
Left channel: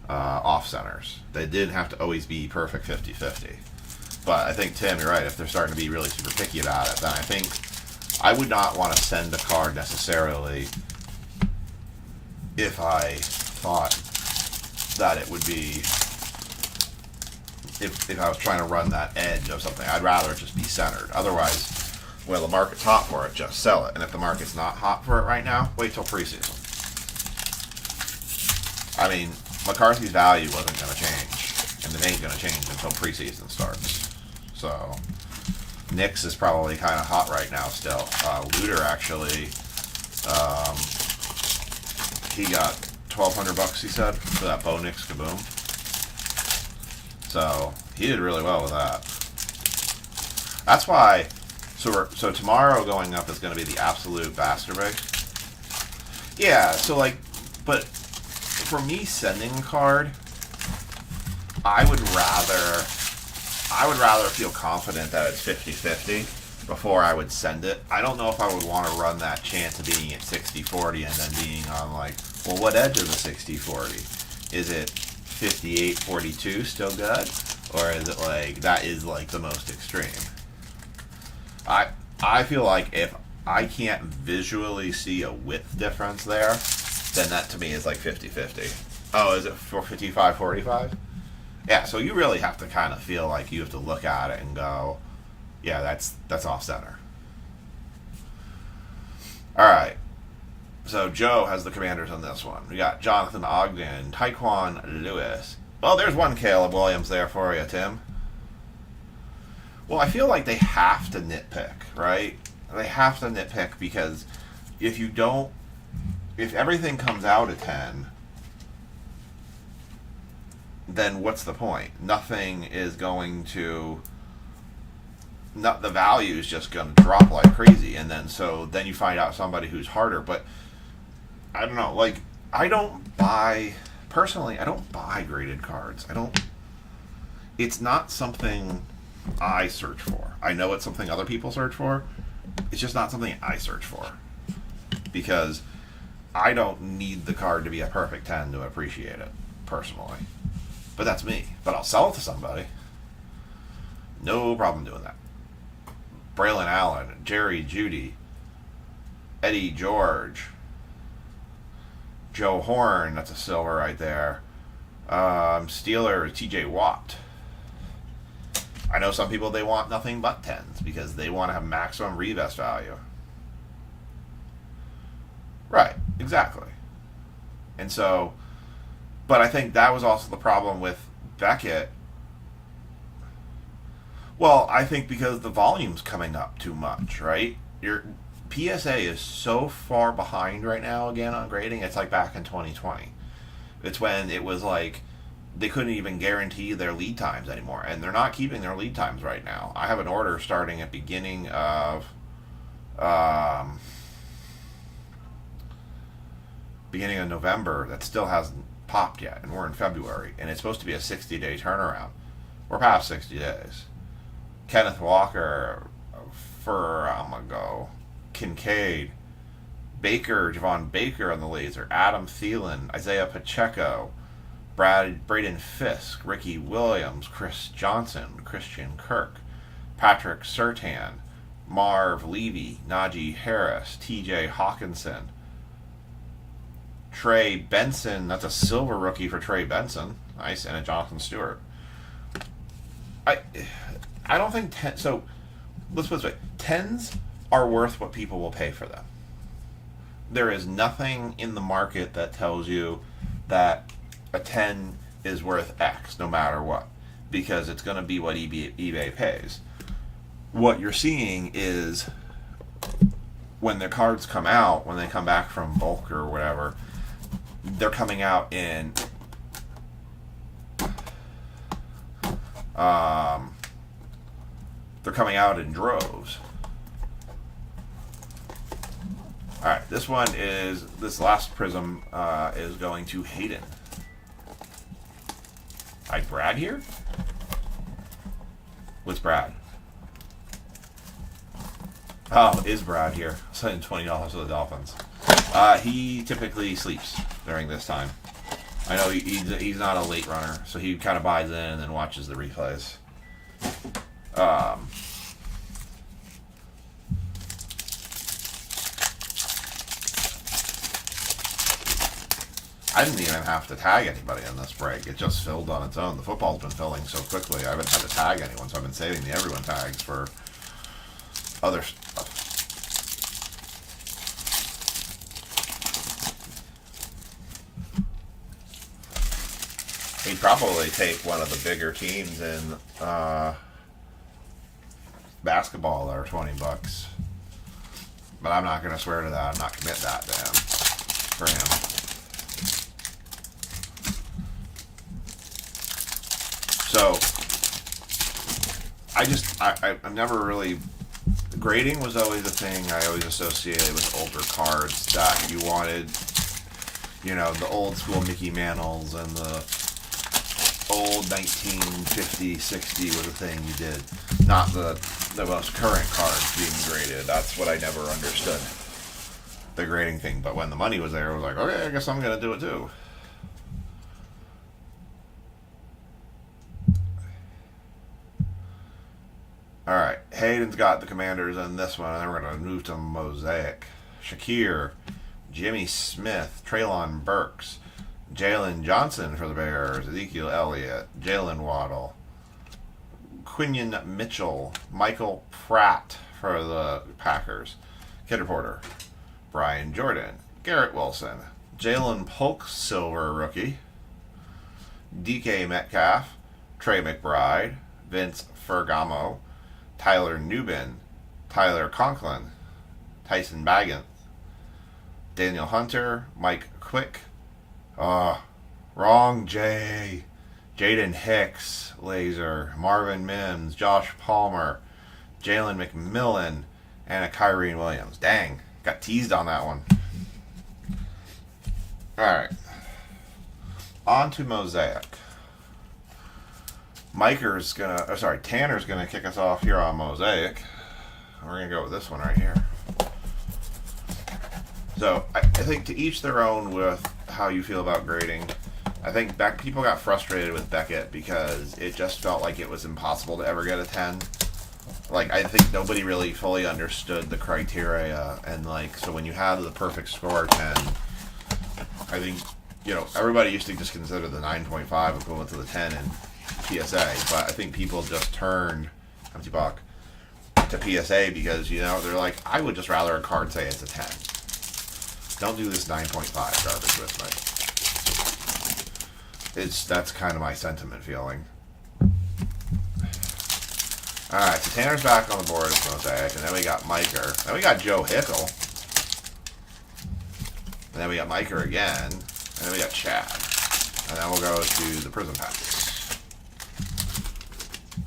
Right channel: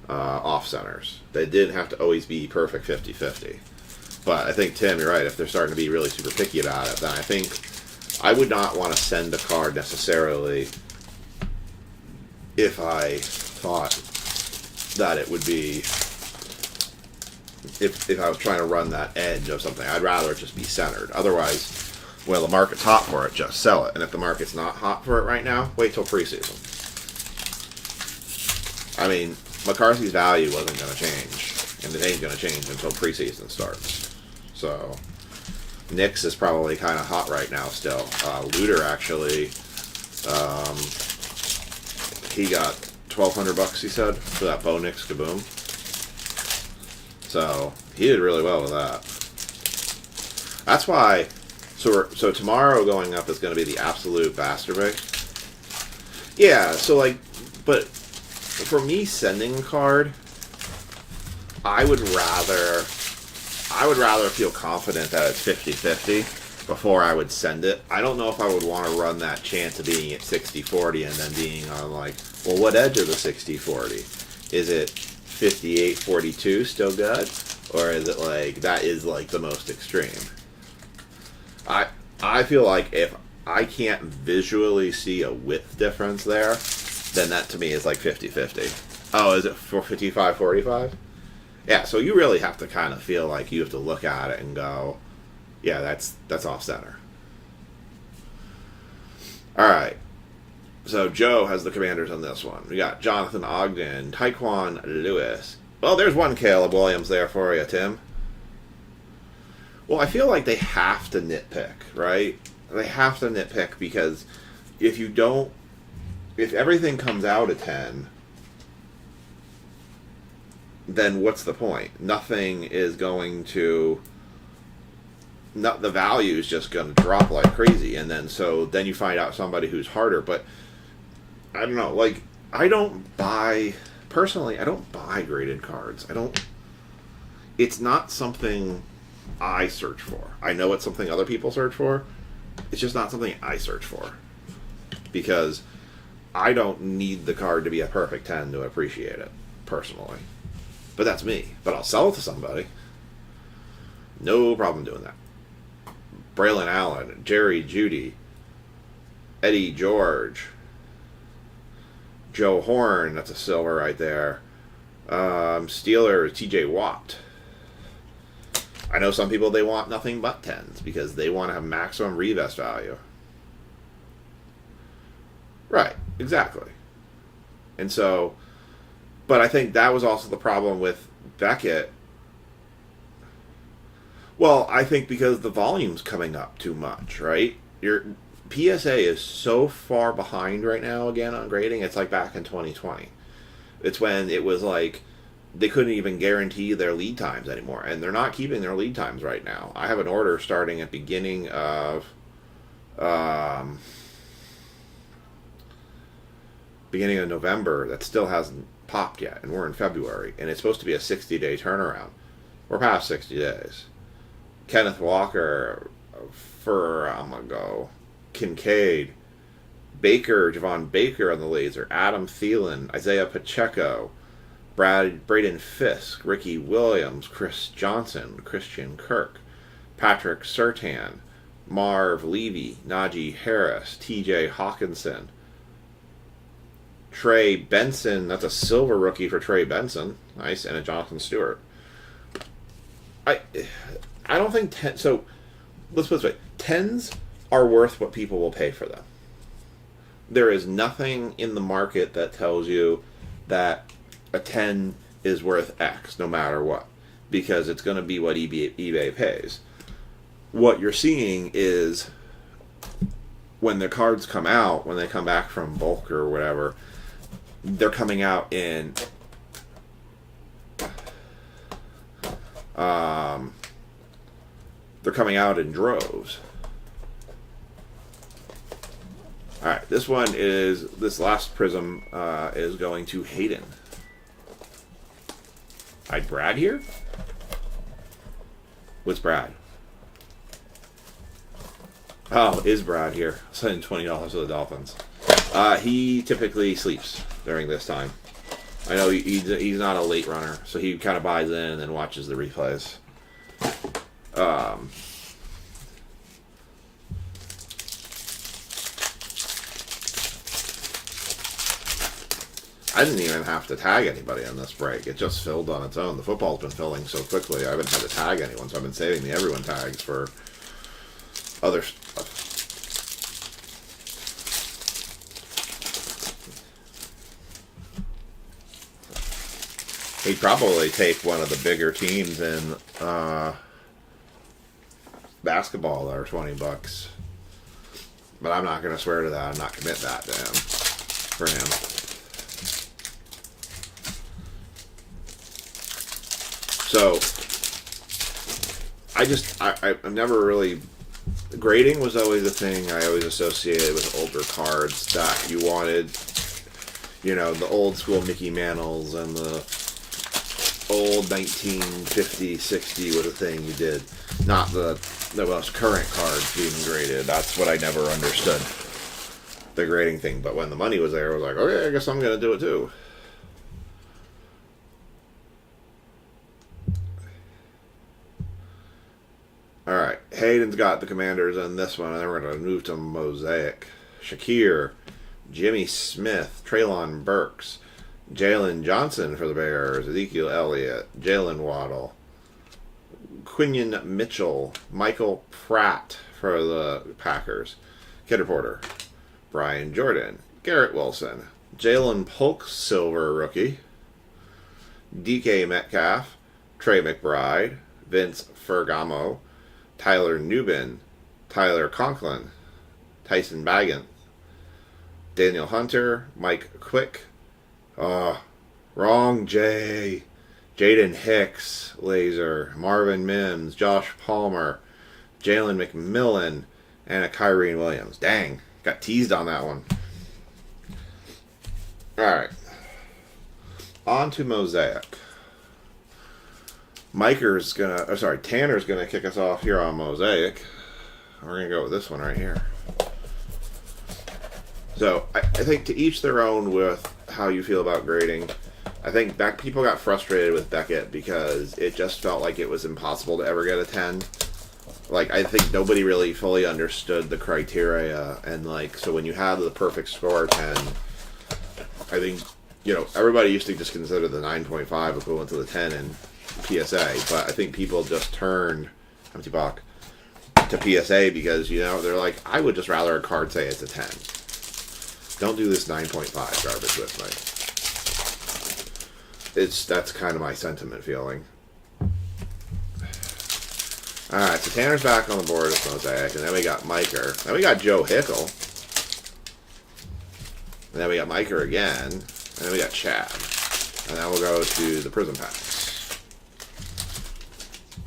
off centers. They didn't have to always be perfect 50-50. But I think, Tim, you're right. If they're starting to be really super picky about it, then I think I would not want to send a card necessarily if I thought that it would be, if I was trying to run that edge of something. I'd rather it just be centered. Otherwise, well, the market's hot for it, just sell it. And if the market's not hot for it right now, wait till preseason. I mean, McCarthy's value wasn't going to change, and it ain't going to change until preseason starts. So, Knicks is probably kind of hot right now still. Luter actually, he got $1,200, he said, for that Bo Nix Kaboom. So, he did really well with that. That's why, so tomorrow going up is going to be the absolute masturbate. Yeah, so like, but for me sending a card, I would rather feel confident that it's 50-50 before I would send it. I don't know if I would want to run that chance of being at 60-40 and then being on like, well, what edge of the 60-40? Is it 58-42 still good? Or is it like, that is like the most extreme? I feel like if I can't visually see a width difference there, then that to me is like 50-50. Oh, is it for 55-45? Yeah, so you really have to kind of feel like you have to look at it and go, yeah, that's off center. All right. So Joe has the Commanders on this one. We got Jonathan Ogden, Tyquan Lewis. Well, there's one Caleb Williams there for you, Tim. Well, I feel like they have to nitpick, right? They have to nitpick because if everything comes out at 10, then what's the point? Nothing is going to... the value is just going to drop like crazy. And then you find out somebody who's harder. But, I don't know, like, personally, I don't buy graded cards. It's not something I search for. I know it's something other people search for. It's just not something I search for. Because I don't need the card to be a perfect 10 to appreciate it, personally. But that's me. But I'll sell it to somebody. No problem doing that. Braylon Allen, Jerry Jeudy, Eddie George, Joe Horn, that's a silver right there. Steelers, TJ Watt. I know some people, they want nothing but 10s because they want to have maximum revest value. Right, exactly. And so, but I think that was also the problem with Beckett. Well, I think because the volume's coming up too much, right? Your PSA is so far behind right now again on grading. It's like back in 2020. It's when it was like they couldn't even guarantee their lead times anymore, and they're not keeping their lead times right now. I have an order starting at beginning of November that still hasn't popped yet, and we're in February, and it's supposed to be a 60-day turnaround. We're past 60 days. Kenneth Walker, Kincaid, Baker, Javon Baker on the laser, Adam Thielen, Isaiah Pacheco, Braden Fisk, Ricky Williams, Chris Johnson, Christian Kirk, Patrick Surtain, Marv Levy, Najee Harris, TJ Hawkinson, Trey Benson, that's a silver rookie for Trey Benson, nice, and a Jonathan Stewart. I don't think so let's put it this way, 10s are worth what people will pay for them. There is nothing in the market that tells you that a 10 is worth X no matter what, because it's going to be what eBay pays. What you're seeing is when the cards come out, when they come back from bulk or whatever, they're coming out in droves. Alright, this last prism is going to Hayden. Alright, Brad here? What's Brad? Oh, is Brad here? Sending $20 to the Dolphins. He typically sleeps during this time. I know he's not a late runner, so he kind of buys in and then watches the replays. I didn't even have to tag anybody on this break. It just filled on its own. The football's been filling so quickly, I haven't had to tag anyone, so I've been saving the everyone tags for other stuff. He'd probably take one of the bigger teams in basketball that are $20. But I'm not going to swear to that. I'm not commit that to him. For him. So, I'm never really... Grading was always a thing I always associated with older cards that you wanted, you know, the old school Mickey Mantles and the old 1950, 60 was a thing you did. Not the most current cards being graded. That's what I never understood. The grading thing. But when the money was there, I was like, okay, I guess I'm going to do it too. Alright, Hayden's got the Commanders in this one, and then we're going to move to Mosaic. Shakir, Jimmy Smith, Treylon Burks, Jalen Johnson for the Bears, Ezekiel Elliott, Jalen Waddle, Quinion Mitchell, Michael Pratt for the Packers, Kidder Porter, Brian Jordan, Garrett Wilson, Jalen Polk, silver rookie, DK Metcalf, Trey McBride, Vince Ferragamo, Tyler Nubin, Tyler Conklin, Tyson Baggins, Daniel Hunter, Mike Quick, wrong Jay, Jaden Hicks, laser, Marvin Mims, Josh Palmer, Jalen McMillan, and a Kyrene Williams. Dang, got teased on that one. Alright. On to Mosaic. Tanner's gonna kick us off here on Mosaic. We're gonna go with this one right here. So I think to each their own with how you feel about grading. I think people got frustrated with Beckett because it just felt like it was impossible to ever get a 10. Like, I think nobody really fully understood the criteria, and like, so when you have the perfect score 10, I think, you know, everybody used to just consider the 9.5 equivalent to the 10 in PSA, but I think people just turned empty buck to PSA because, you know, they're like, I would just rather a card say it's a 10. Don't do this 9.5 garbage with me. That's kind of my sentiment feeling. Alright, so Tanner's back on the board as Mosaic, and then we got Miker. Then we got Joe Hickle. And then we got Miker again. And then we got Chad. And then we'll go to the Prism Packs.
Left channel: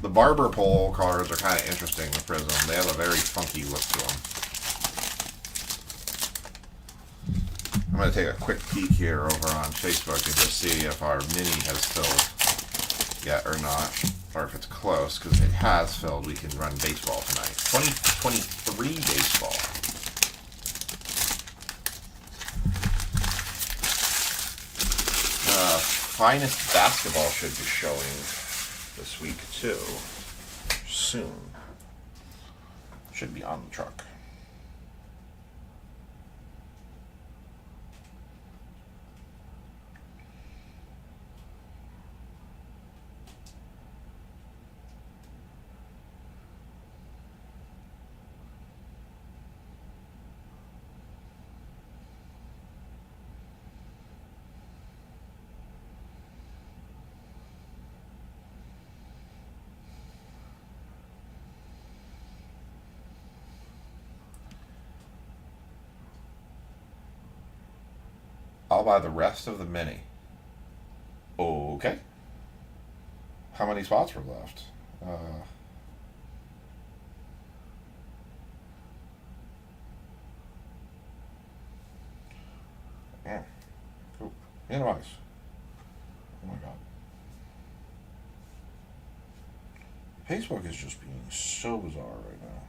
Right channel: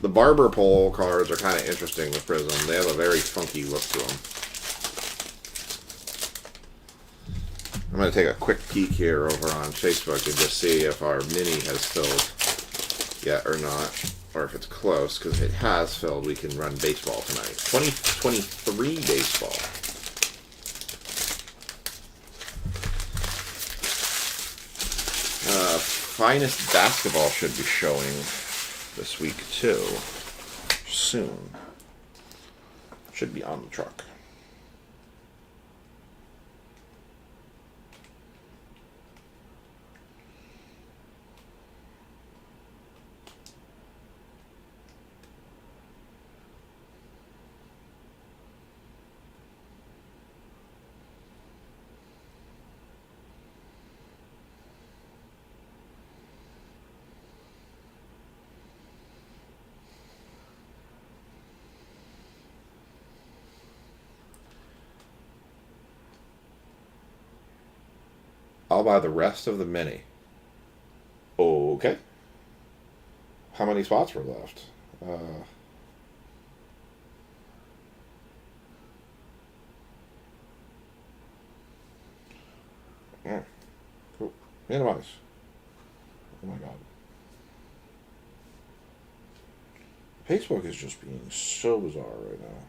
The Barber Pole cards are kind of interesting with Prism. They have a very funky look to them. I'm going to take a quick peek here over on Facebook and just see if our mini has filled yet or not. Or if it's close, because if it has filled, we can run baseball tonight. 2023 baseball. Finest basketball should be showing this week too. Soon. Should be on the truck. I'll buy the rest of the mini. Okay. How many spots were left? Yeah. Cool. Minimize. Oh my god. Facebook is just being so bizarre right now.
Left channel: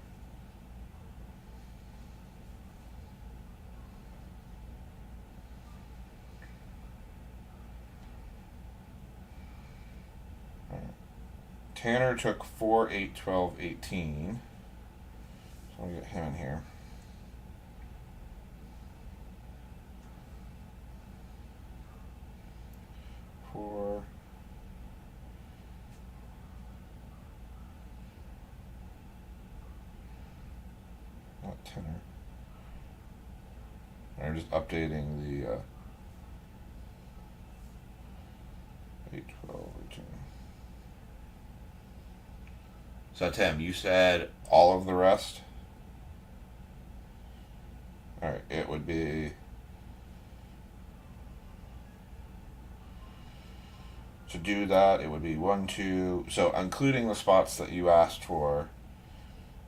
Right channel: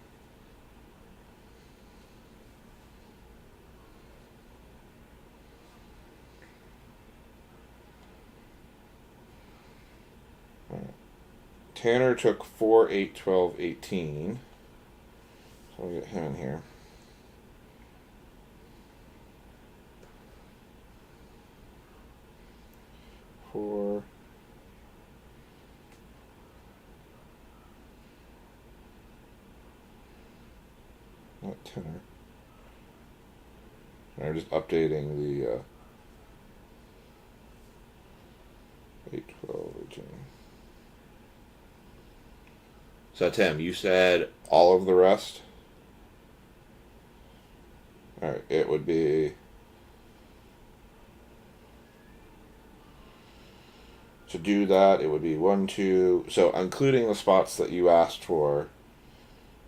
Tanner took 4, 8, 12, 18. So we'll get him in here. 4. Not tenor. I'm just updating the 8, 12, 18. So Tim, you said all of the rest? Alright, it would be... To do that, it would be 1, 2... So including the spots that you asked for,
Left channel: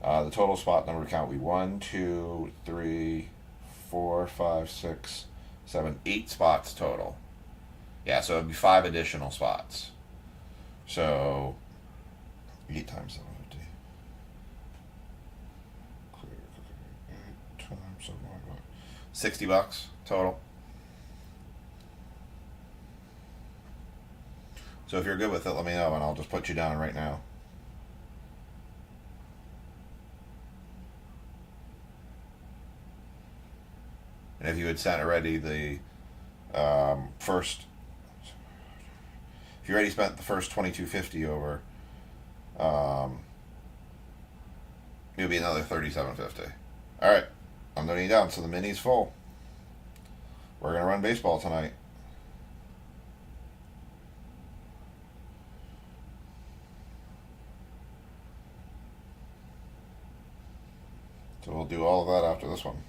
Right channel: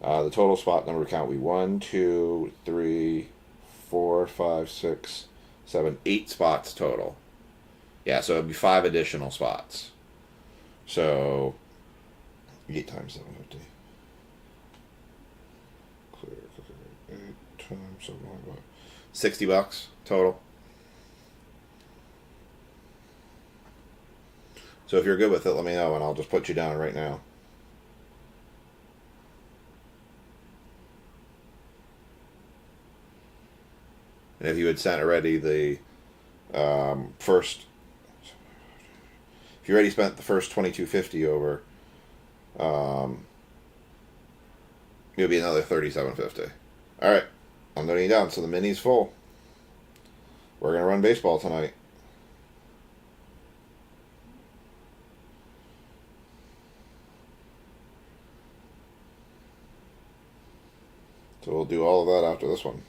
the total spot number count would be 1, 2, 3, 4, 5, 6, 7, 8 spots total. Yeah, so it would be 5 additional spots. So 8 times 750. Clear. 8 times 750. $60 total. So if you're good with it, let me know and I'll just put you down right now. And if you had sent already the first, if you already spent the first $22.50 over, it'll be another $37.50. All right, I'm noting it down. So the mini's full. We're gonna run baseball tonight. So we'll do all of that after this one.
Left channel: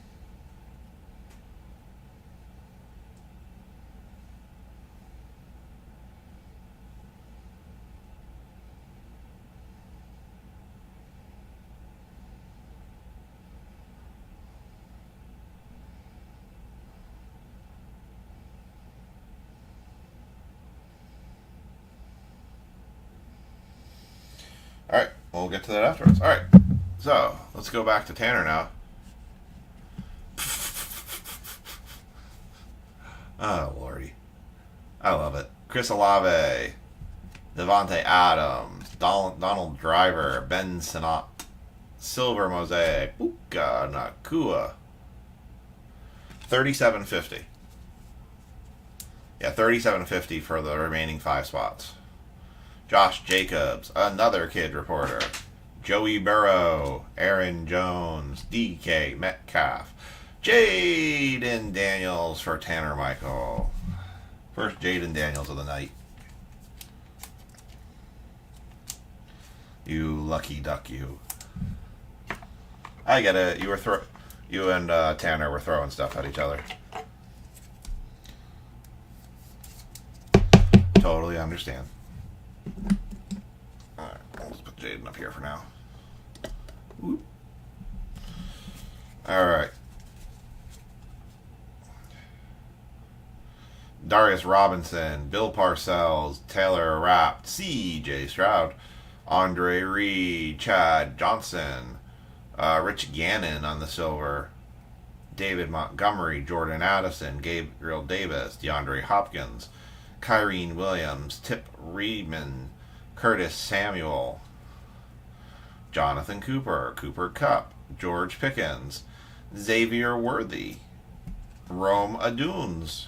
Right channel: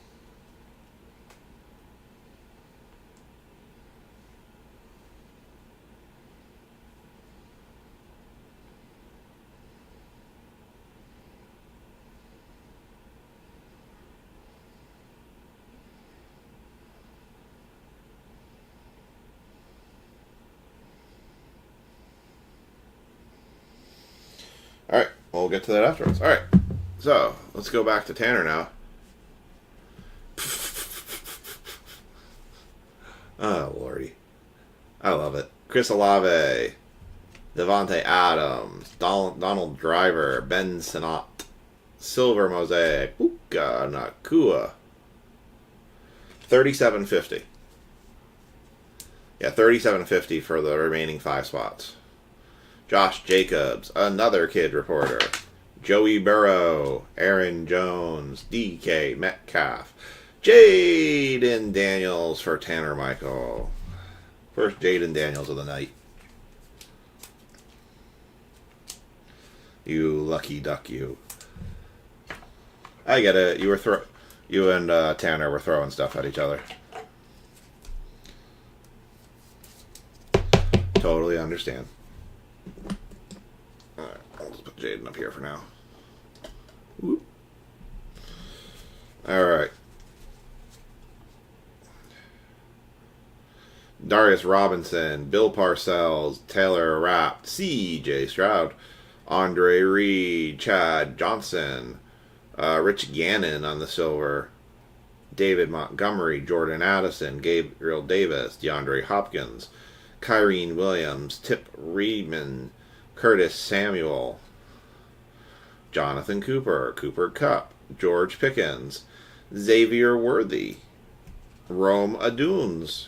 All right, we'll get to that afterwards. All right, so let's go back to Tanner now. Oh, lordy. I love it. Chris Olave, Devontae Adams, Donald Driver, Ben Sinnott, Silver Mosaic, Puka Nakua. $37.50. Yeah, $37.50 for the remaining 5 spots. Josh Jacobs, another kid reporter. Joey Burrow, Aaron Jones, DK Metcalf, Jaden Daniels for Tanner Michael. First Jaden Daniels of the night. You lucky duck, you. I get it. You and Tanner were throwing stuff at each other. Totally understand. Alright, I'll just put Jaden up here for now. Whoop. Alright. Darius Robinson, Bill Parcells, Taylor Rapp, C.J. Stroud, Andre Reed, Chad Johnson, Rich Gannon on the silver, David Montgomery, Jordan Addison, Gabriel Davis, DeAndre Hopkins, Kyrene Williams, Tip Reedman, Curtis Samuel, Jonathan Cooper, Cooper Kupp, George Pickens, Xavier Worthy, Rome Aduns.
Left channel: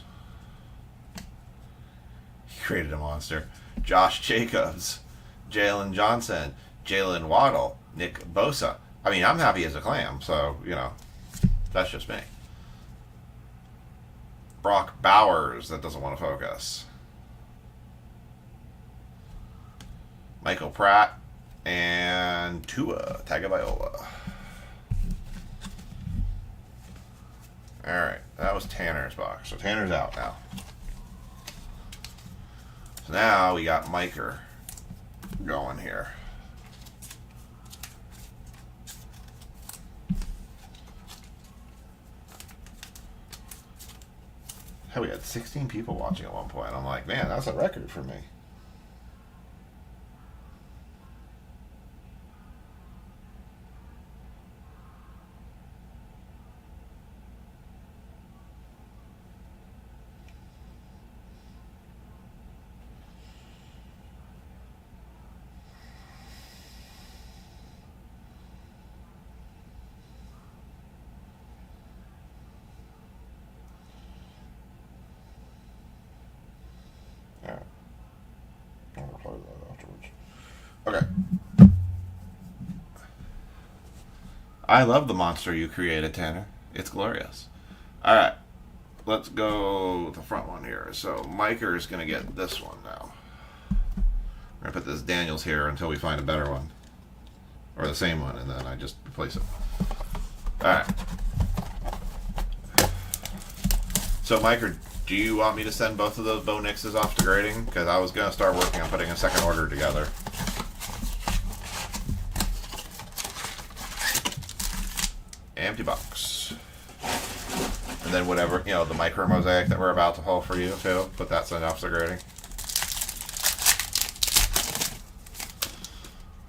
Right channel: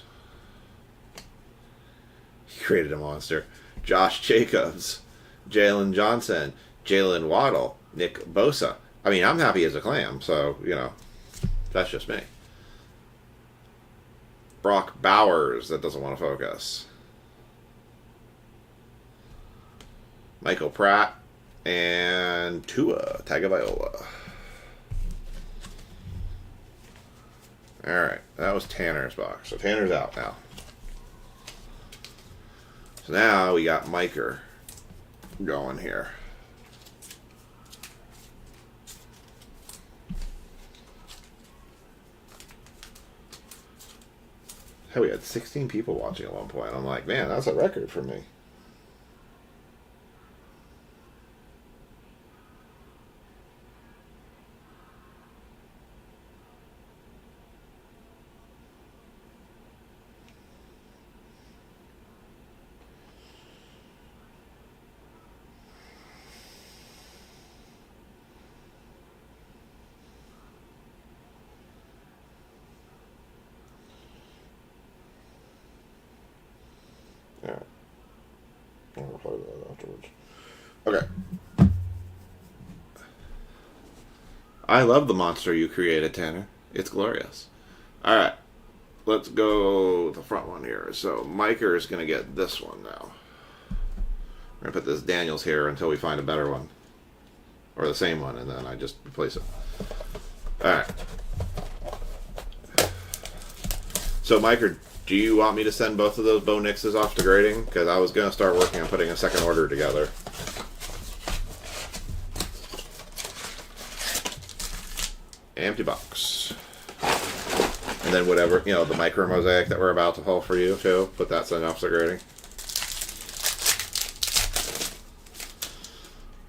He created a monster. Josh Jacobs, Jalen Johnson, Jalen Waddle, Nick Bosa. I mean, I'm happy as a clam, so, you know, that's just me. Brock Bowers, that doesn't want to focus. Michael Pratt, and Tua Tagovailoa. Alright, that was Tanner's box. So Tanner's out now. So now we got Miker going here. Hell, we had 16 people watching at one point. I'm like, man, that's a record for me. I'll reply to that afterwards. Okay. I love the monster you created, Tanner. It's glorious. Alright. Let's go the front one here. So, Miker is going to get this one now. We're going to put this Daniels here until we find a better one. Or the same one, and then I just replace it. Alright. So, Miker, do you want me to send both of those Bo Nixes off to grading? Because I was going to start working on putting a second order together. Empty box. And then whatever, you know, the micro mosaic that we're about to pull for you, too. Put that sent off to grading.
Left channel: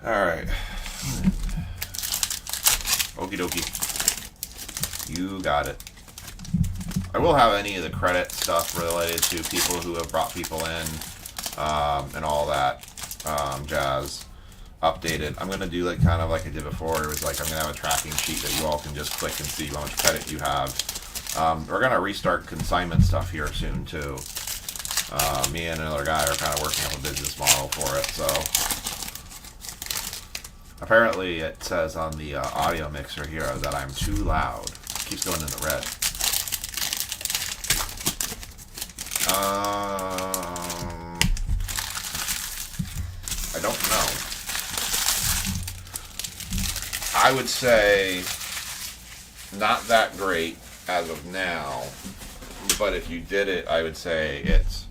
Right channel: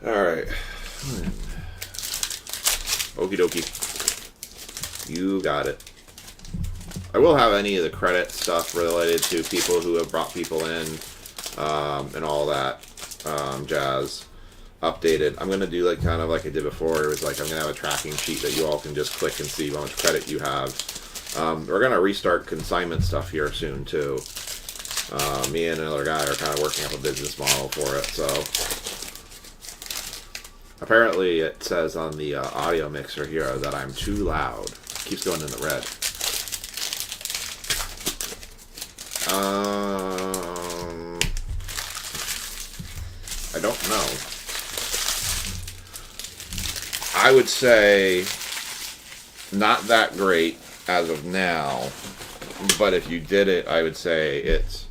Alright. Okie dokie. You got it. I will have any of the credit stuff related to people who have brought people in and all that jazz updated. I'm going to do like kind of like I did before. It was like I'm going to have a tracking sheet that you all can just click and see how much credit you have. We're going to restart consignment stuff here soon too. Me and another guy are kind of working up a business model for it. So apparently it says on the audio mixer here that I'm too loud. It keeps going in the red. I don't know. I would say not that great as of now, but if you did it, I would say it's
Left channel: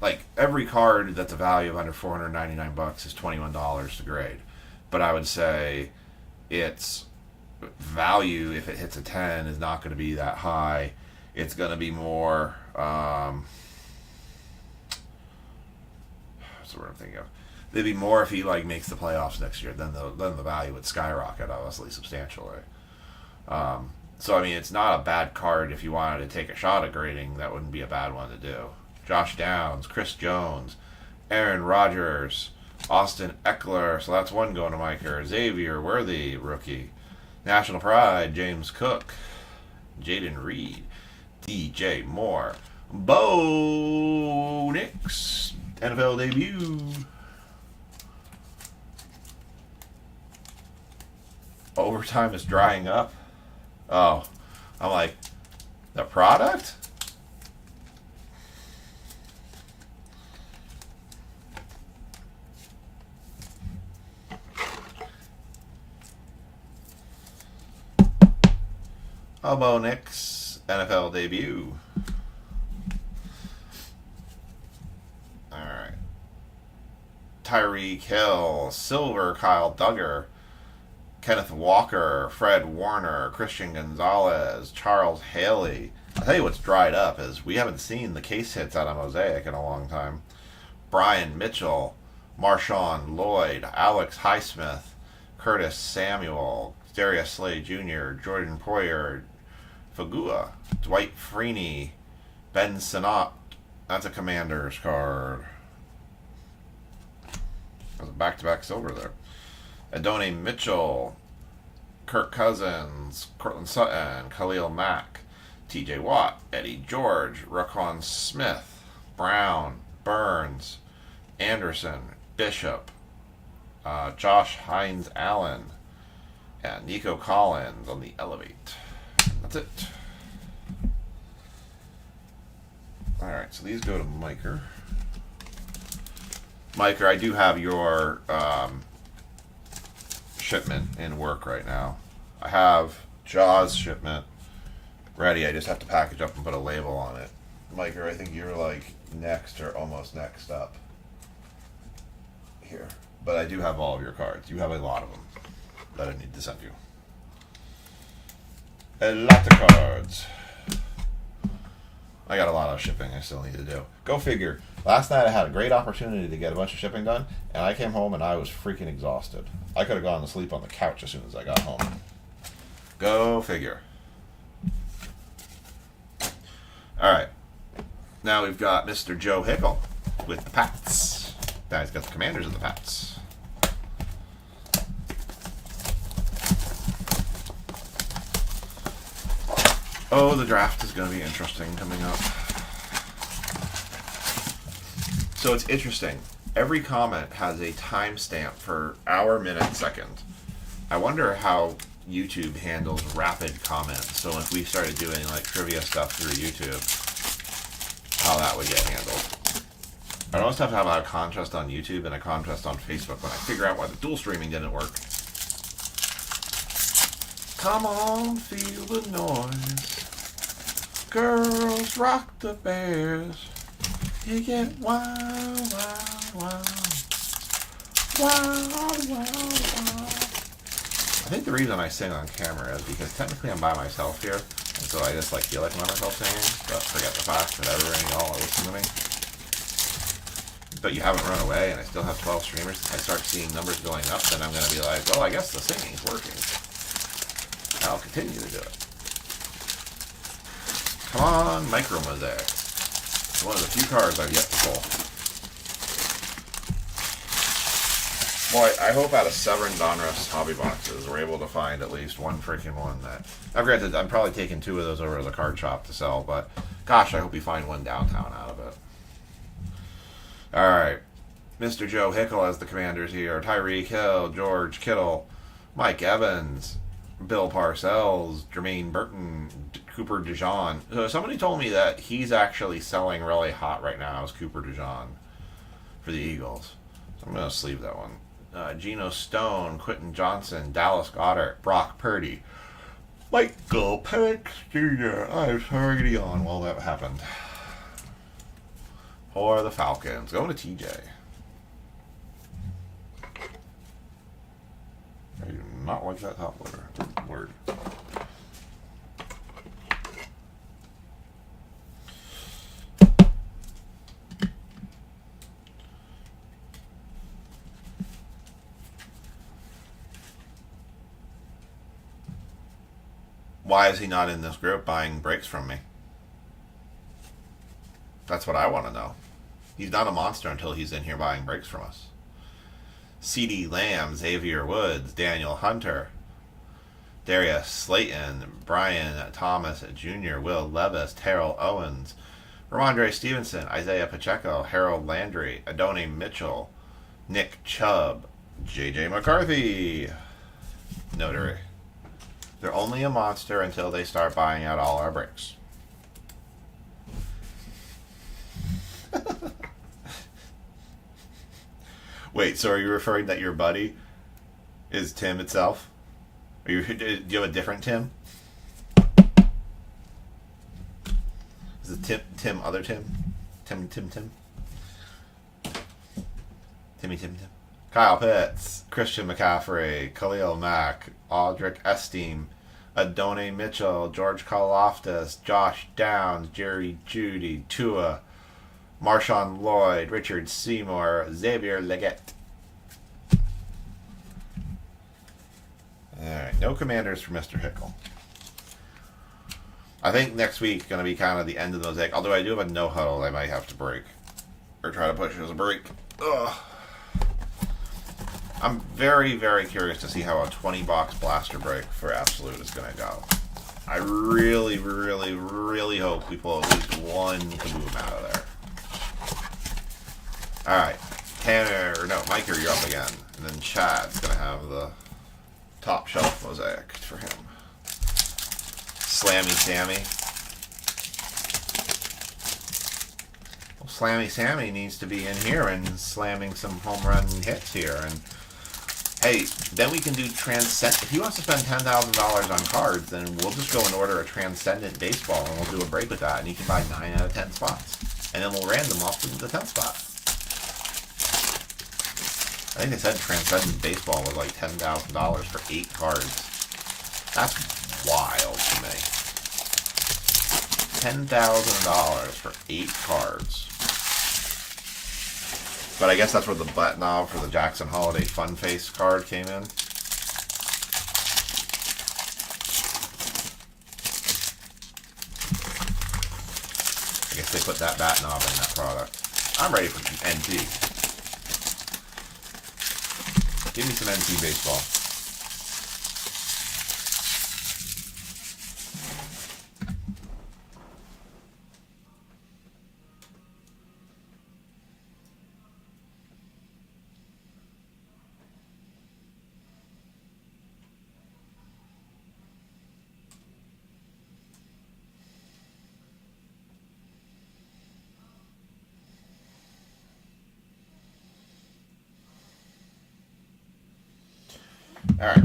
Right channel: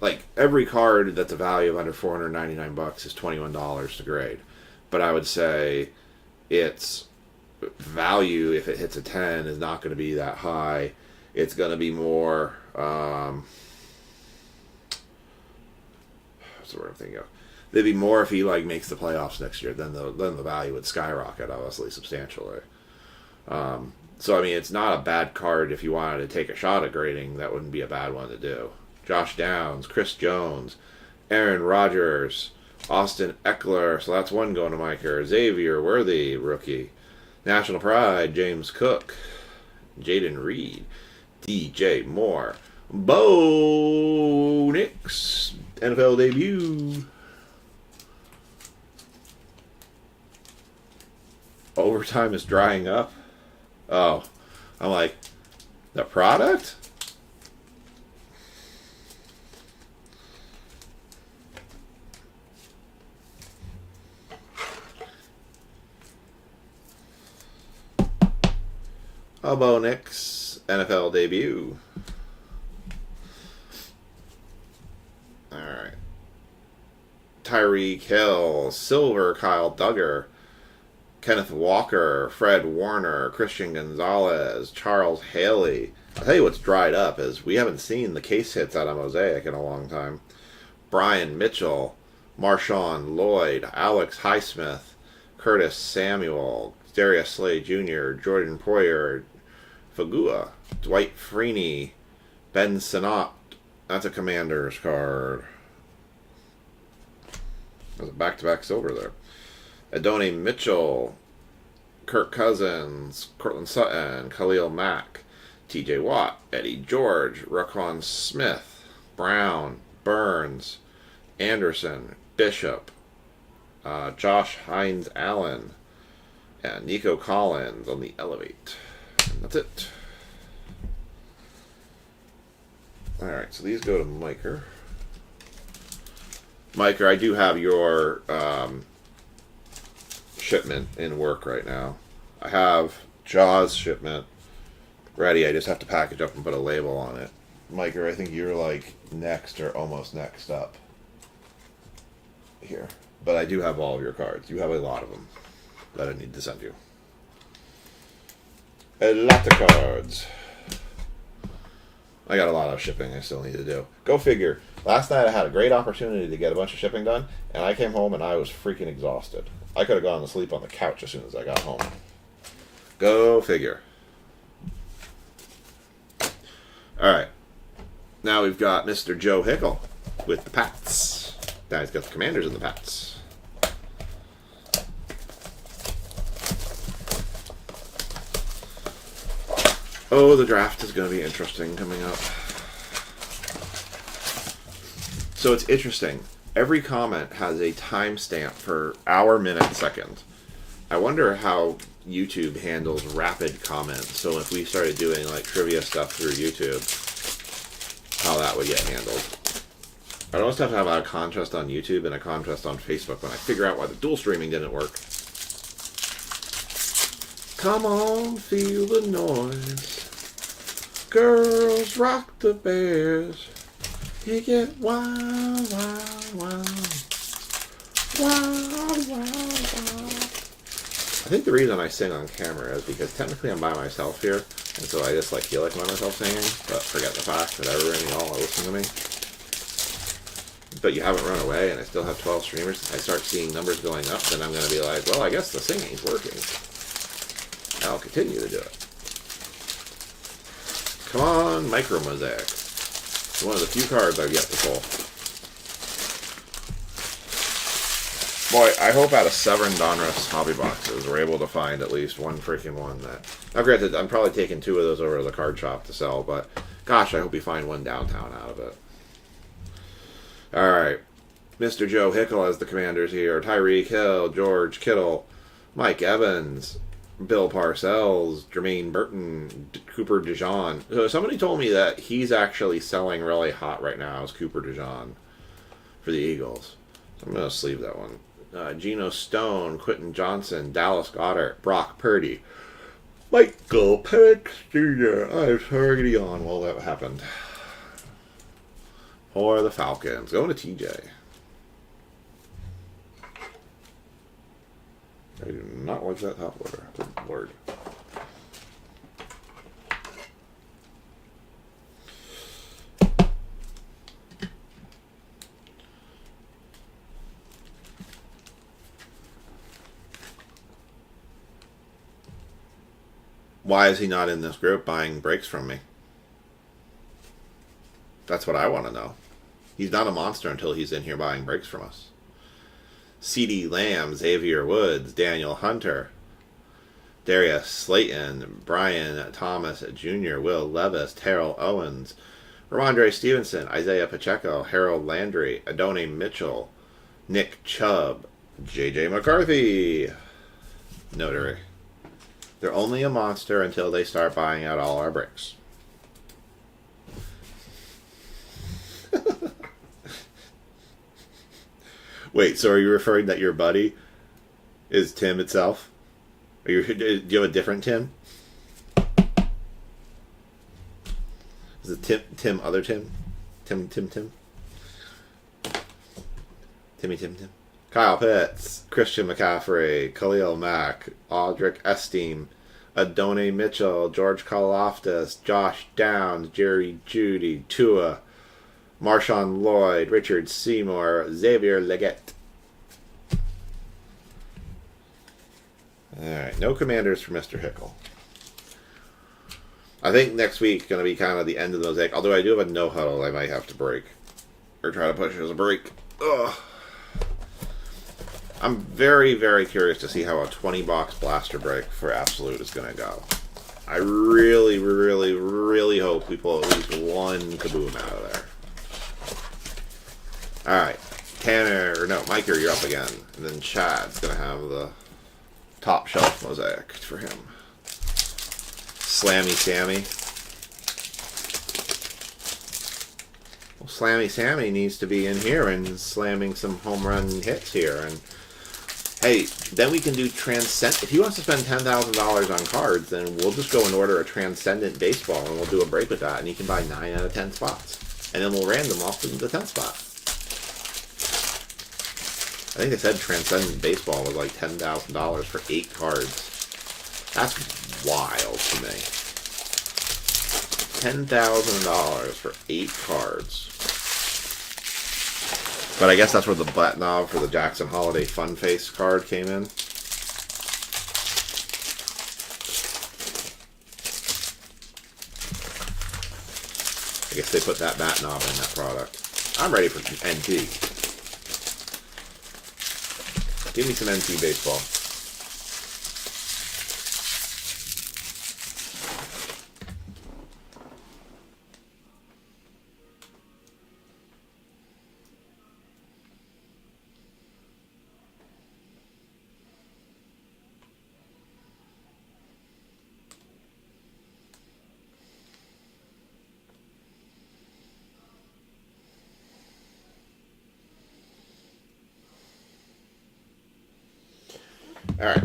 like every card that's a value of under $499 is $21 to grade. But I would say its value, if it hits a 10, is not going to be that high. It's going to be more, what's the word I'm thinking of? It'd be more if he like makes the playoffs next year. Then the value would skyrocket, obviously, substantially. So I mean, it's not a bad card if you wanted to take a shot at grading. That wouldn't be a bad one to do. Josh Downs, Chris Jones, Aaron Rodgers, Austin Eckler. So that's one going to Miker. Xavier Worthy, rookie. National Pride, James Cook, Jaden Reed, DJ Moore, Bo Nix, NFL debut. Overtime is drying up. Oh, I'm like, the product? Bo Nix, NFL debut. Alright. Tyreek Hill, Silver, Kyle Duggar, Kenneth Walker, Fred Warner, Christian Gonzalez, Charles Haley. I'll tell you what's dried up is we haven't seen the case hits out of Mosaic in a long time. Brian Mitchell, Marshawn Lloyd, Alex Highsmith, Curtis Samuel, Darius Slay Jr., Jordan Poyer, Fagua, Dwight Freeney, Ben Sinnott. That's a Commander's card. There's a back-to-back silver there. Adonai Mitchell, Kirk Cousins, Cortland Sutton, Khalil Mack, TJ Watt, Eddie George, Raquan Smith, Brown, Burns, Anderson, Bishop, Josh Hines Allen, and Nico Collins on the Elevate. And that's it. Alright, so these go to Miker. Miker, I do have your shipment in work right now. I have Jaws shipment ready. I just have to package up and put a label on it. Miker, I think you're like next or almost next up here. But I do have all of your cards. You have a lot of them that I need to send you. A lot of cards. I got a lot of shipping I still need to do. Go figure. Last night I had a great opportunity to get a bunch of shipping done, and I came home and I was freaking exhausted. I could have gone to sleep on the couch as soon as I got home. Go figure. Alright. Now we've got Mr. Joe Hickle with the Pats. Now he's got the Commanders in the Pats. Oh, the draft is going to be interesting coming up. So it's interesting. Every comment has a timestamp for hour, minute, second. I wonder how YouTube handles rapid comments. So if we started doing like trivia stuff through YouTube, how that would get handled. I'd always have to have a contest on YouTube and a contest on Facebook when I figure out why the dual streaming didn't work. Come on, feel the noise. Girls rock the bears. You get wild, wild, wild. Wild, wild, wild. I think the reason I sing on camera is because technically I'm by myself here, and so I just like feel like I'm by myself singing, but forget the fact that everyone y'all are listening to me. But you haven't run away, and I still have 12 streamers. If I start seeing numbers going up, then I'm going to be like, well, I guess the singing's working. I'll continue to do it. Come on, Micro Mosaic. It's one of the few cards I've yet to pull. Boy, I hope out of Severin Donruss hobby boxes we're able to find at least one freaking one that... Now granted, I'm probably taking 2 of those over to the card shop to sell, but gosh, I hope we find one downtown out of it. Alright. Mr. Joe Hickle as the commanders here. Tyreek Hill, George Kittle, Mike Evans, Bill Parcells, Jermaine Burton, Cooper DeJean. So somebody told me that he's actually selling really hot right now as Cooper DeJean for the Eagles. So I'm going to sleeve that one. Geno Stone, Quentin Johnson, Dallas Goedert, Brock Purdy, Michael Penix Jr. I was already on while that happened. For the Falcons. Going to TJ. I do not like that top loader. Good word. Why is he not in this group buying breaks from me? That's what I want to know. He's not a monster until he's in here buying breaks from us. C.D. Lamb, Xavier Woods, Daniel Hunter, Darius Slayton, Brian Thomas Jr., Will Levis, Terrell Owens, Ramondre Stevenson, Isaiah Pacheco, Harold Landry, Adonai Mitchell, Nick Chubb, J.J. McCarthy. Notary. They're only a monster until they start buying out all our breaks. Wait, so are you referring that your buddy is Tim itself? Do you have a different Tim? Is it Tim other Tim? Tim? Timmy. Kyle Pitts, Christian McCaffrey, Khalil Mack, Aldrich Esteem, Adonai Mitchell, George Karlaftis, Josh Downs, Jerry Jeudy, Tua, Marshawn Lloyd, Richard Seymour, Xavier Leggett. Alright, no commanders for Mr. Hickle. I think next week is going to be kind of the end of the mosaic. Although I do have a no huddle I might have to break. Or try to push it as a break. Ugh. I'm very, very curious to see how a 20-box blaster break for Absolute is going to go. I really, really, really hope we pull at least one kaboom out of there. Alright. Mike, you're up again. And then Chad's going to have the top shelf mosaic for him. Slammy Sammy. Well, Slammy Sammy needs to be in here and slamming some home run hits here. And hey, then we can do Transcendent. If he wants to spend $10,000 on cards, then we'll just go and order a Transcendent baseball and we'll do a break with that. And he can buy 9 out of 10 spots. And then we'll random off to the 10th spot. I think they said Transcendent baseball was like $10,000 for 8 cards. That's wild to me. $10,000 for 8 cards. But I guess that's where the butt knob for the Jackson Holiday Fun Face card came in. I guess they put that bat knob in that product. I'm ready for NT. Give me some NT baseball. All right.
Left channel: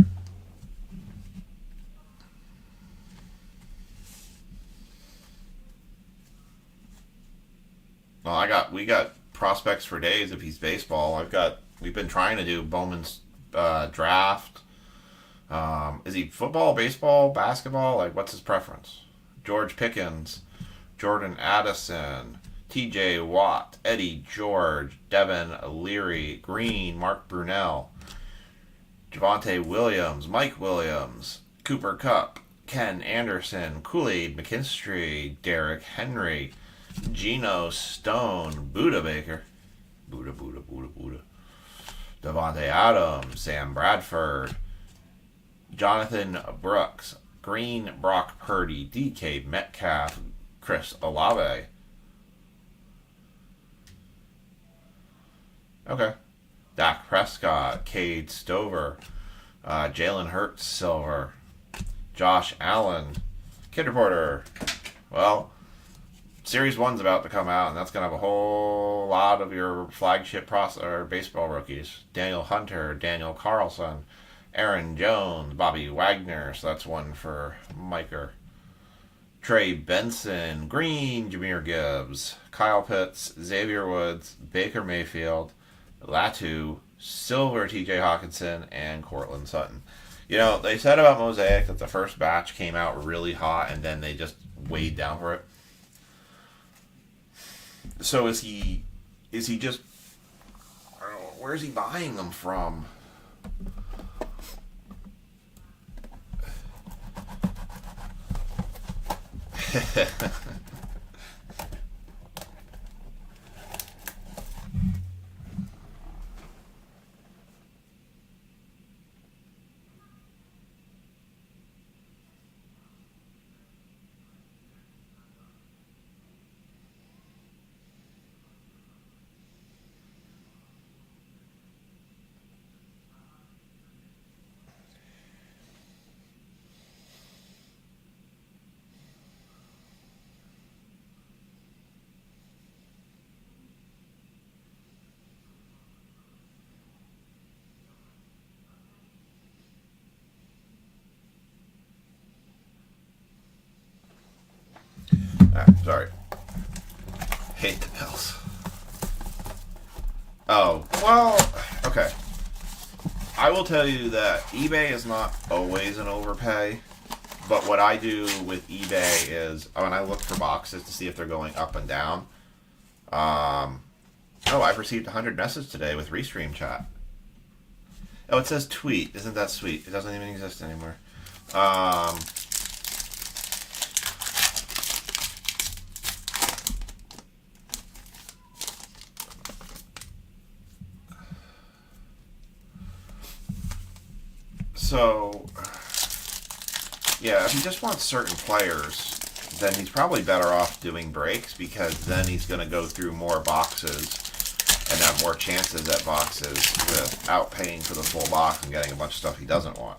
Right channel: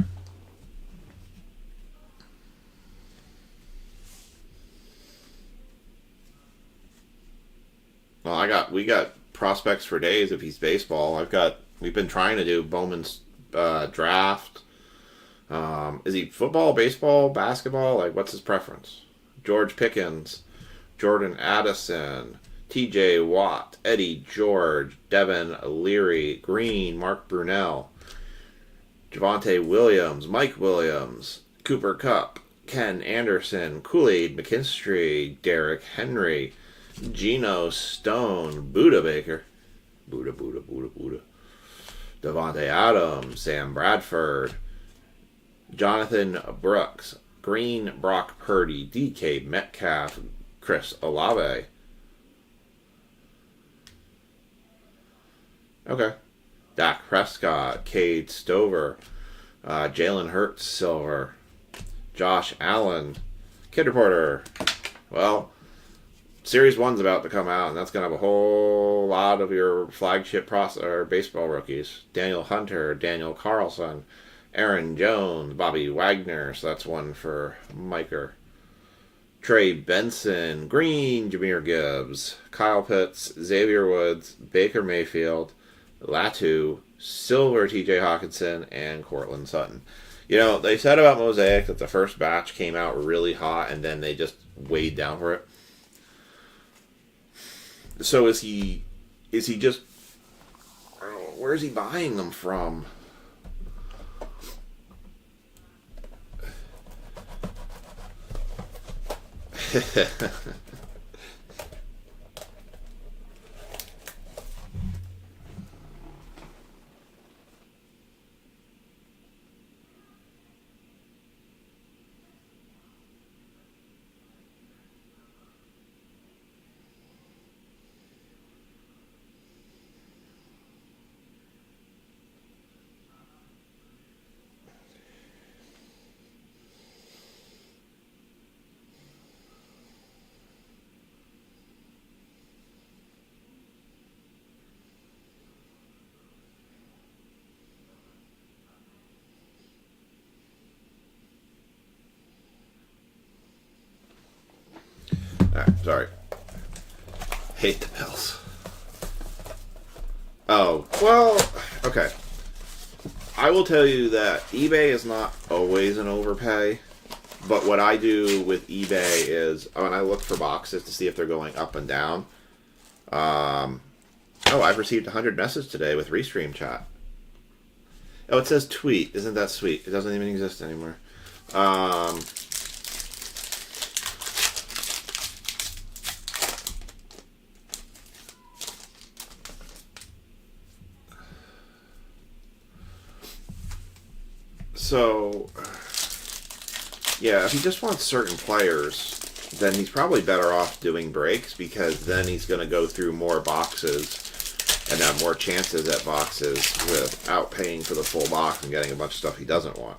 Well, we got prospects for days if he's baseball. We've been trying to do Bowman's draft. Is he football, baseball, basketball? Like, what's his preference? George Pickens, Jordan Addison, T.J. Watt, Eddie George, Devin Leary, Green, Mark Brunell, Javonte Williams, Mike Williams, Cooper Kupp, Ken Anderson, Kool-Aid McKinstry, Derrick Henry, Geno Stone, Buda Baker, Buda, Devontae Adams, Sam Bradford, Jonathan Brooks, Green, Brock Purdy, DK Metcalf, Chris Olave. Okay. Dak Prescott, Cade Stover, Jalen Hurts, Silver, Josh Allen, Kid Reporter. Well, Series 1's about to come out, and that's going to have a whole lot of your flagship or baseball rookies. Daniel Hunter, Daniel Carlson, Aaron Jones, Bobby Wagner, so that's one for Miker. Trey Benson, Green, Jahmyr Gibbs, Kyle Pitts, Xavier Woods, Baker Mayfield, Latu, Silver, TJ Hawkinson, and Cortland Sutton. You know, they said about Mosaic that the first batch came out really hot and then they just weighed down for it. So is he just, I don't know, where's he buying them from? Sorry. Hate the Bills. Oh, well, okay. I will tell you that eBay is not always an overpay, but what I do with eBay is when I look for boxes to see if they're going up and down. I've received 100 messages today with Restream chat. Oh, it says tweet. Isn't that sweet? It doesn't even exist anymore. So, yeah, if he just wants certain players, then he's probably better off doing breaks because then he's going to go through more boxes and have more chances at boxes without paying for the full box and getting a bunch of stuff he doesn't want.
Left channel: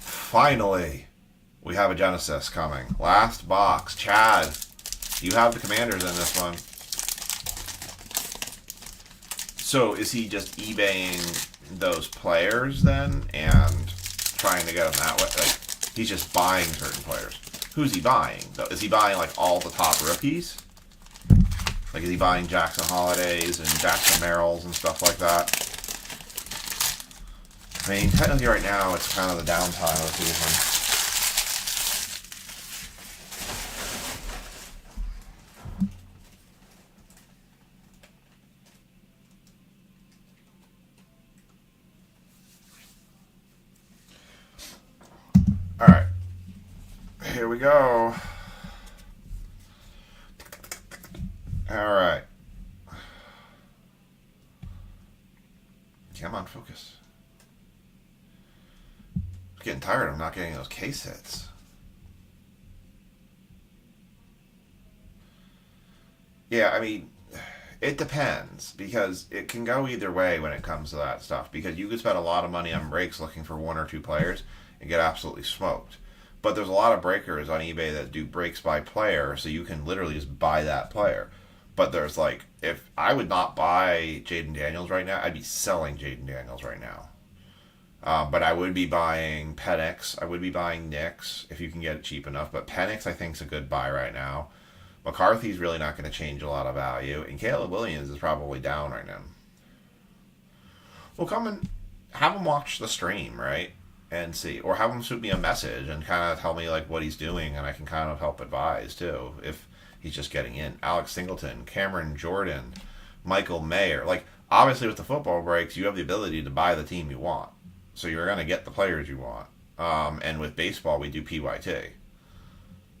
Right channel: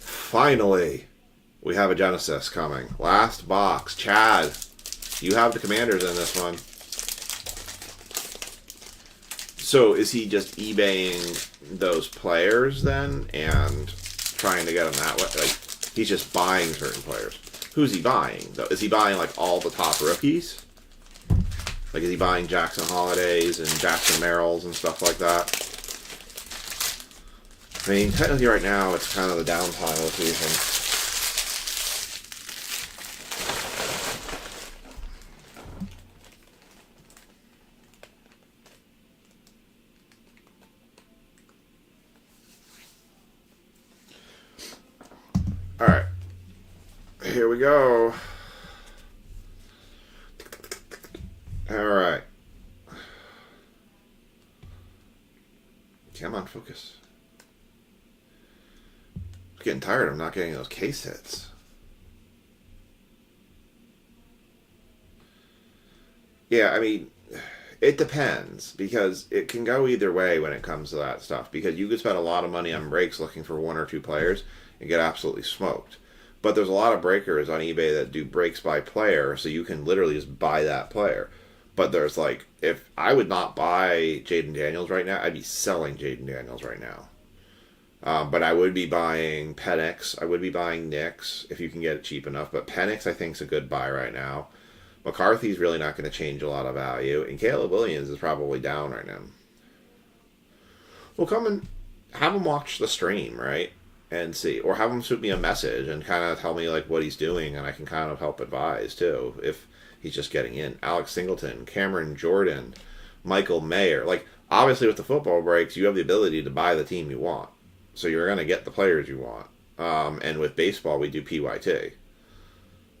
Finally, we have a Genesis coming. Last box. Chad, you have the Commanders in this one. So is he just eBaying those players then and trying to get them that way? Like, he's just buying certain players. Who's he buying, though? Is he buying, like, all the top rookies? Like, is he buying Jackson Holidays and Jackson Merrills and stuff like that? I mean, technically right now, it's kind of the downtime of the season. Alright. Here we go. Alright. Come on, focus. I'm getting tired of not getting those case hits. Yeah, I mean, it depends because it can go either way when it comes to that stuff. Because you could spend a lot of money on breaks looking for one or two players and get absolutely smoked. But there's a lot of breakers on eBay that do breaks by player, so you can literally just buy that player. But there's like, if I would not buy Jaden Daniels right now, I'd be selling Jaden Daniels right now. But I would be buying Penix. I would be buying Nix if you can get it cheap enough. But Penix, I think, is a good buy right now. McCarthy's really not going to change a lot of value. And Caleb Williams is probably down right now. Well, come and have him watch the stream, right? And see. Or have him shoot me a message and kind of tell me like what he's doing. And I can kind of help advise, too, if he's just getting in. Alex Singleton, Cameron Jordan, Michael Mayer. Like, obviously with the football breaks, you have the ability to buy the team you want. So you're going to get the players you want. And with baseball, we do PYT.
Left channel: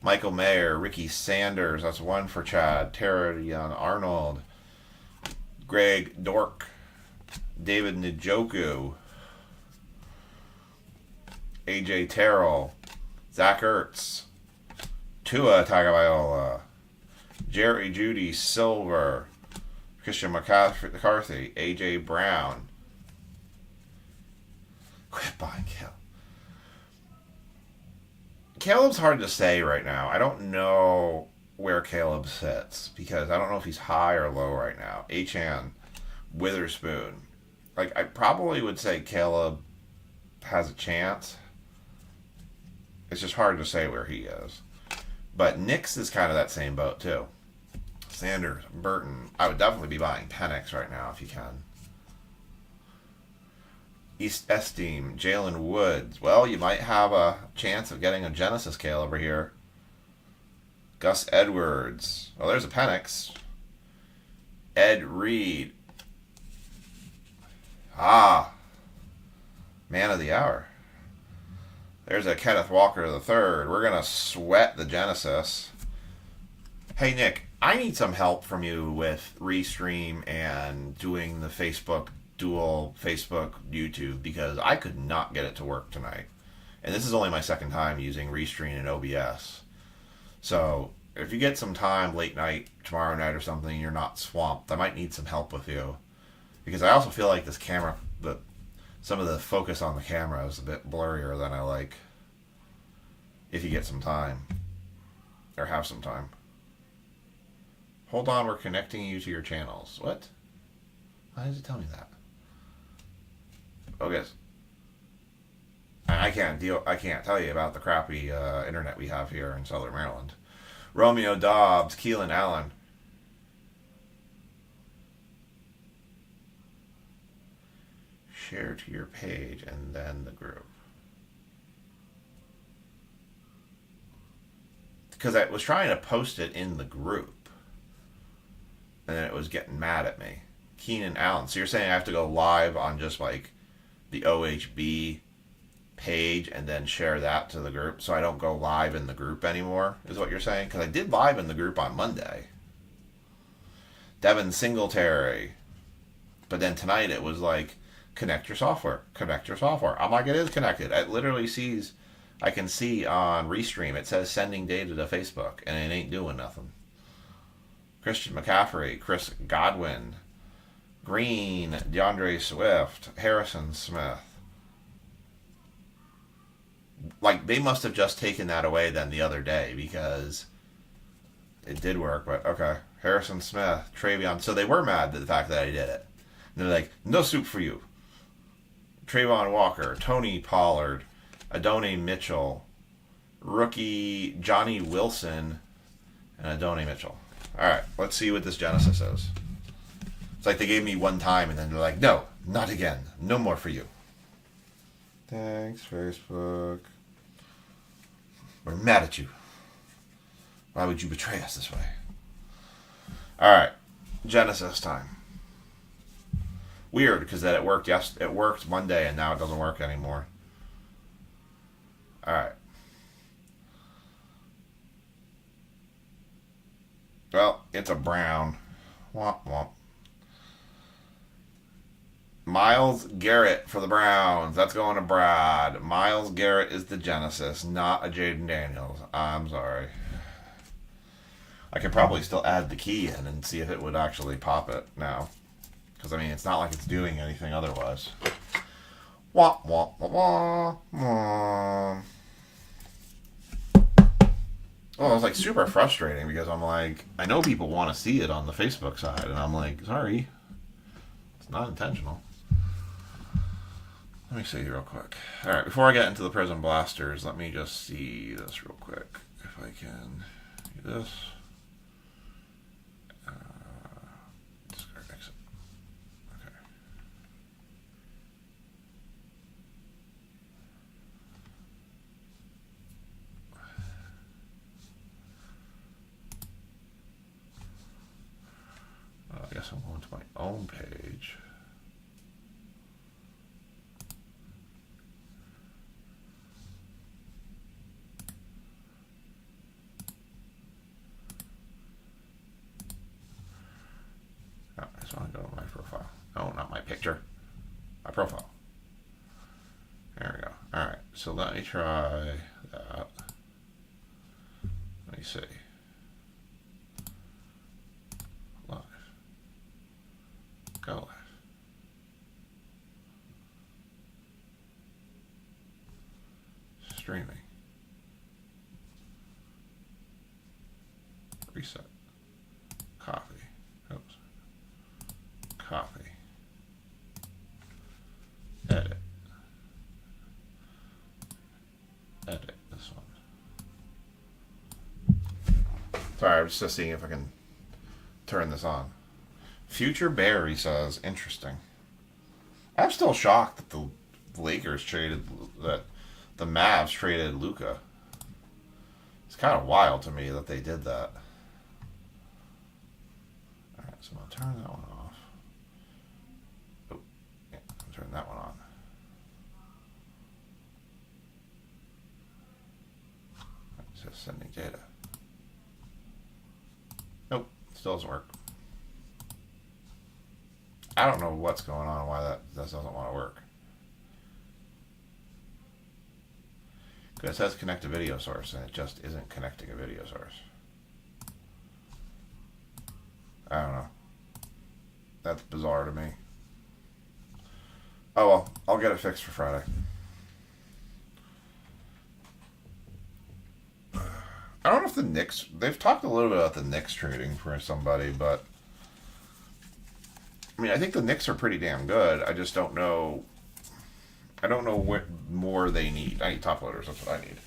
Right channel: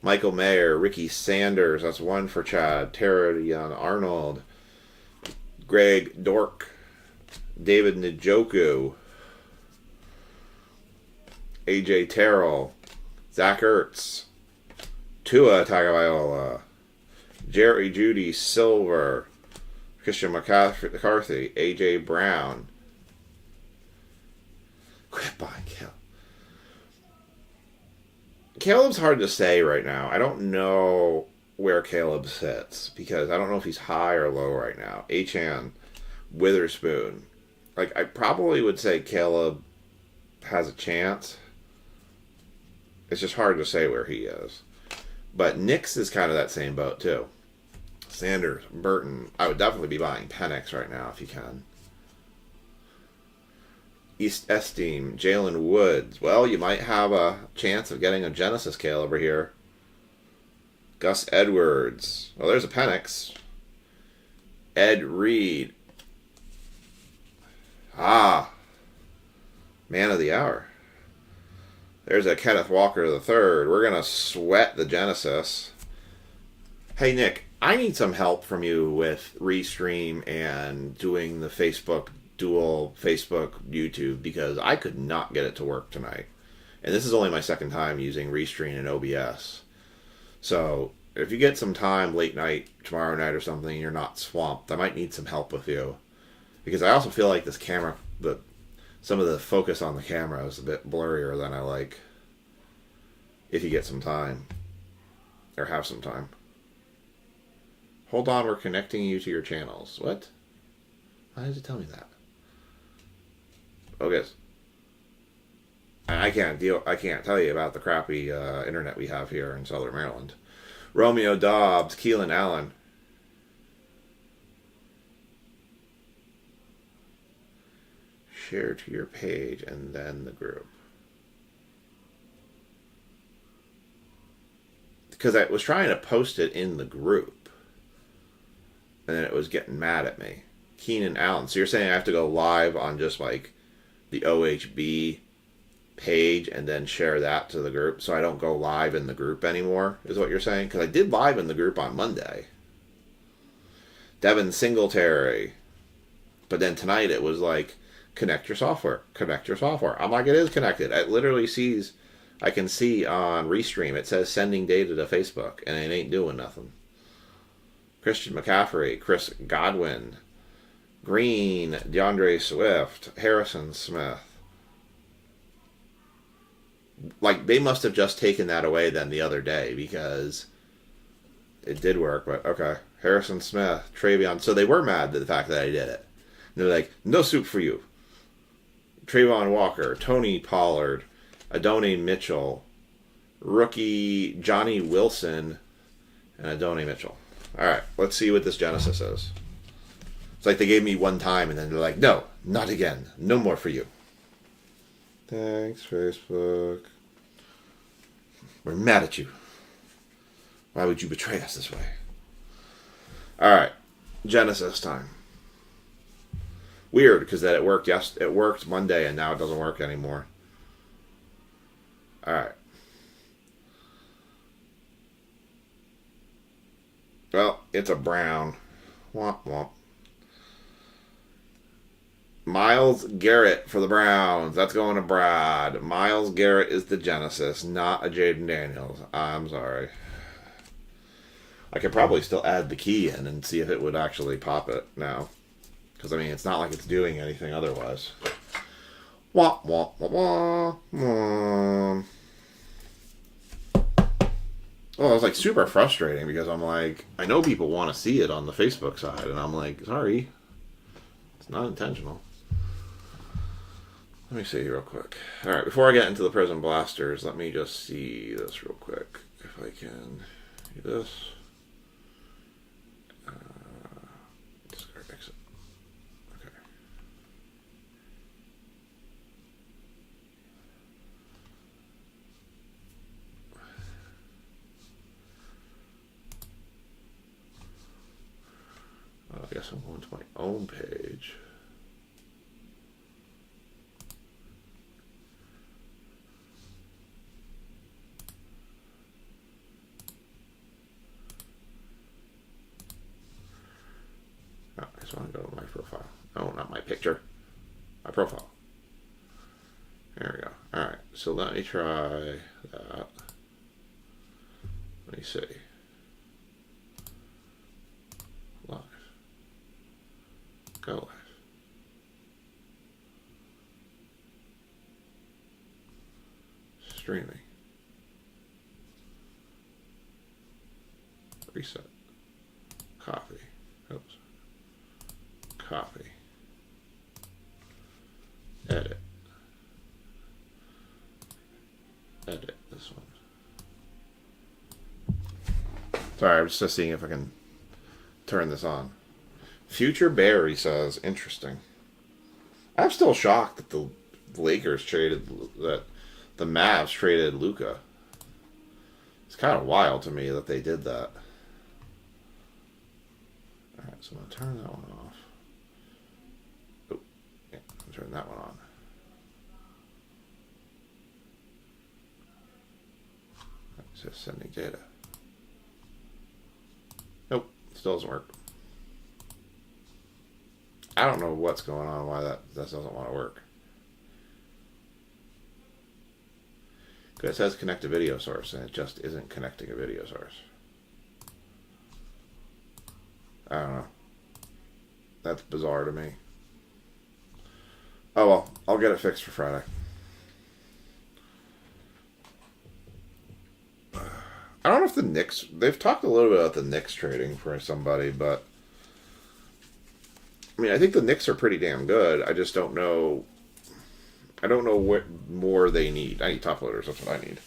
Michael Mayer, Ricky Sanders, that's one for Chad. Tara Arnold, Greg Dork, David Njoku, AJ Terrell, Zach Ertz, Tua Tagovailoa, Jerry Judy Silver, Christian McCarthy, AJ Brown. Quit buying Caleb. Caleb's hard to say right now. I don't know where Caleb sits because I don't know if he's high or low right now. Achan, Witherspoon. Like, I probably would say Caleb has a chance. It's just hard to say where he is. But Nix is kind of that same boat, too. Sanders, Burton. I would definitely be buying Penix right now if you can. East Esteem, Jalen Woods. Well, you might have a chance of getting a Genesis Kale over here. Gus Edwards. Well, there's a Penix. Ed Reed. Ah. Man of the hour. There's a Kenneth Walker III. We're going to sweat the Genesis. Hey, Nick, I need some help from you with Restream and doing the dual Facebook, YouTube, because I could not get it to work tonight. And this is only my second time using Restream and OBS. So if you get some time late night, tomorrow night or something, you're not swamped, I might need some help with you. Because I also feel like this camera, some of the focus on the camera is a bit blurrier than I like. If you get some time. Or have some time. Hold on, we're connecting you to your channels. What? Why did it tell me that? Okay. I can't tell you about the crappy internet we have here in Southern Maryland. Romeo Dobbs, Keelan Allen. Share to your page and then the group. Because I was trying to post it in the group. And then it was getting mad at me. Keenan Allen. So you're saying I have to go live on just like the OHB page and then share that to the group so I don't go live in the group anymore, is what you're saying? Because I did live in the group on Monday. Devin Singletary. But then tonight it was like, connect your software. Connect your software. I'm like, it is connected. It literally sees, I can see on Restream, it says sending data to Facebook, and it ain't doing nothing. Christian McCaffrey, Chris Godwin, Green, DeAndre Swift, Harrison Smith. Like, they must have just taken that away then the other day because it did work, but okay. Harrison Smith, Travion. So they were mad at the fact that I did it. And they're like, no soup for you. Trayvon Walker, Tony Pollard, Adonai Mitchell, rookie Johnny Wilson, and Adonai Mitchell. All right, let's see what this Genesis is. It's like they gave me one time, and then they're like, no, not again. No more for you. Thanks, Facebook. We're mad at you. Why would you betray us this way? All right, Genesis time. Weird, because that it worked. Yes, it worked Monday, and now it doesn't work anymore. All right. Well, it's a brown. Womp womp. Miles Garrett for the Browns. That's going to Brad. Miles Garrett is the Genesis, not a Jaden Daniels. I'm sorry. I could probably still add the key in and see if it would actually pop it now. Because, I mean, it's not like it's doing anything otherwise. Wah, wah, wah, wah, wah. Well, it was, like, super frustrating because I'm like, I know people want to see it on the Facebook side. And I'm like, sorry. It's not intentional. Let me see real quick. All right, before I get into the Prison Blasters, let me just see this real quick. If I can do this. Discard exit. Okay. I guess I'm going to my own page. I just want to go to my profile. Oh, not my picture. My profile. There we go. Alright, so let me try that. Let me see. Live. Go live. Streaming. Reset. Copy. Oops. Copy. Edit. Edit this one. Sorry, I'm just seeing if I can turn this on. Future Barry says, interesting. I'm still shocked that the Lakers traded, that the Mavs traded Luka. It's kind of wild to me that they did that. Alright, so I'm going to turn that one off. Oh, yeah, I'll turn that one on. It says sending data. Nope, still doesn't work. I don't know what's going on, why that doesn't want to work. Because it says connect a video source, and it just isn't connecting a video source. I don't know. That's bizarre to me. Oh well, I'll get it fixed for Friday. I don't know if the Knicks... They've talked a little bit about the Knicks trading for somebody, but... I mean, I think the Knicks are pretty damn good. I just don't know... I don't know what more they need. I need top loaders. That's what I need.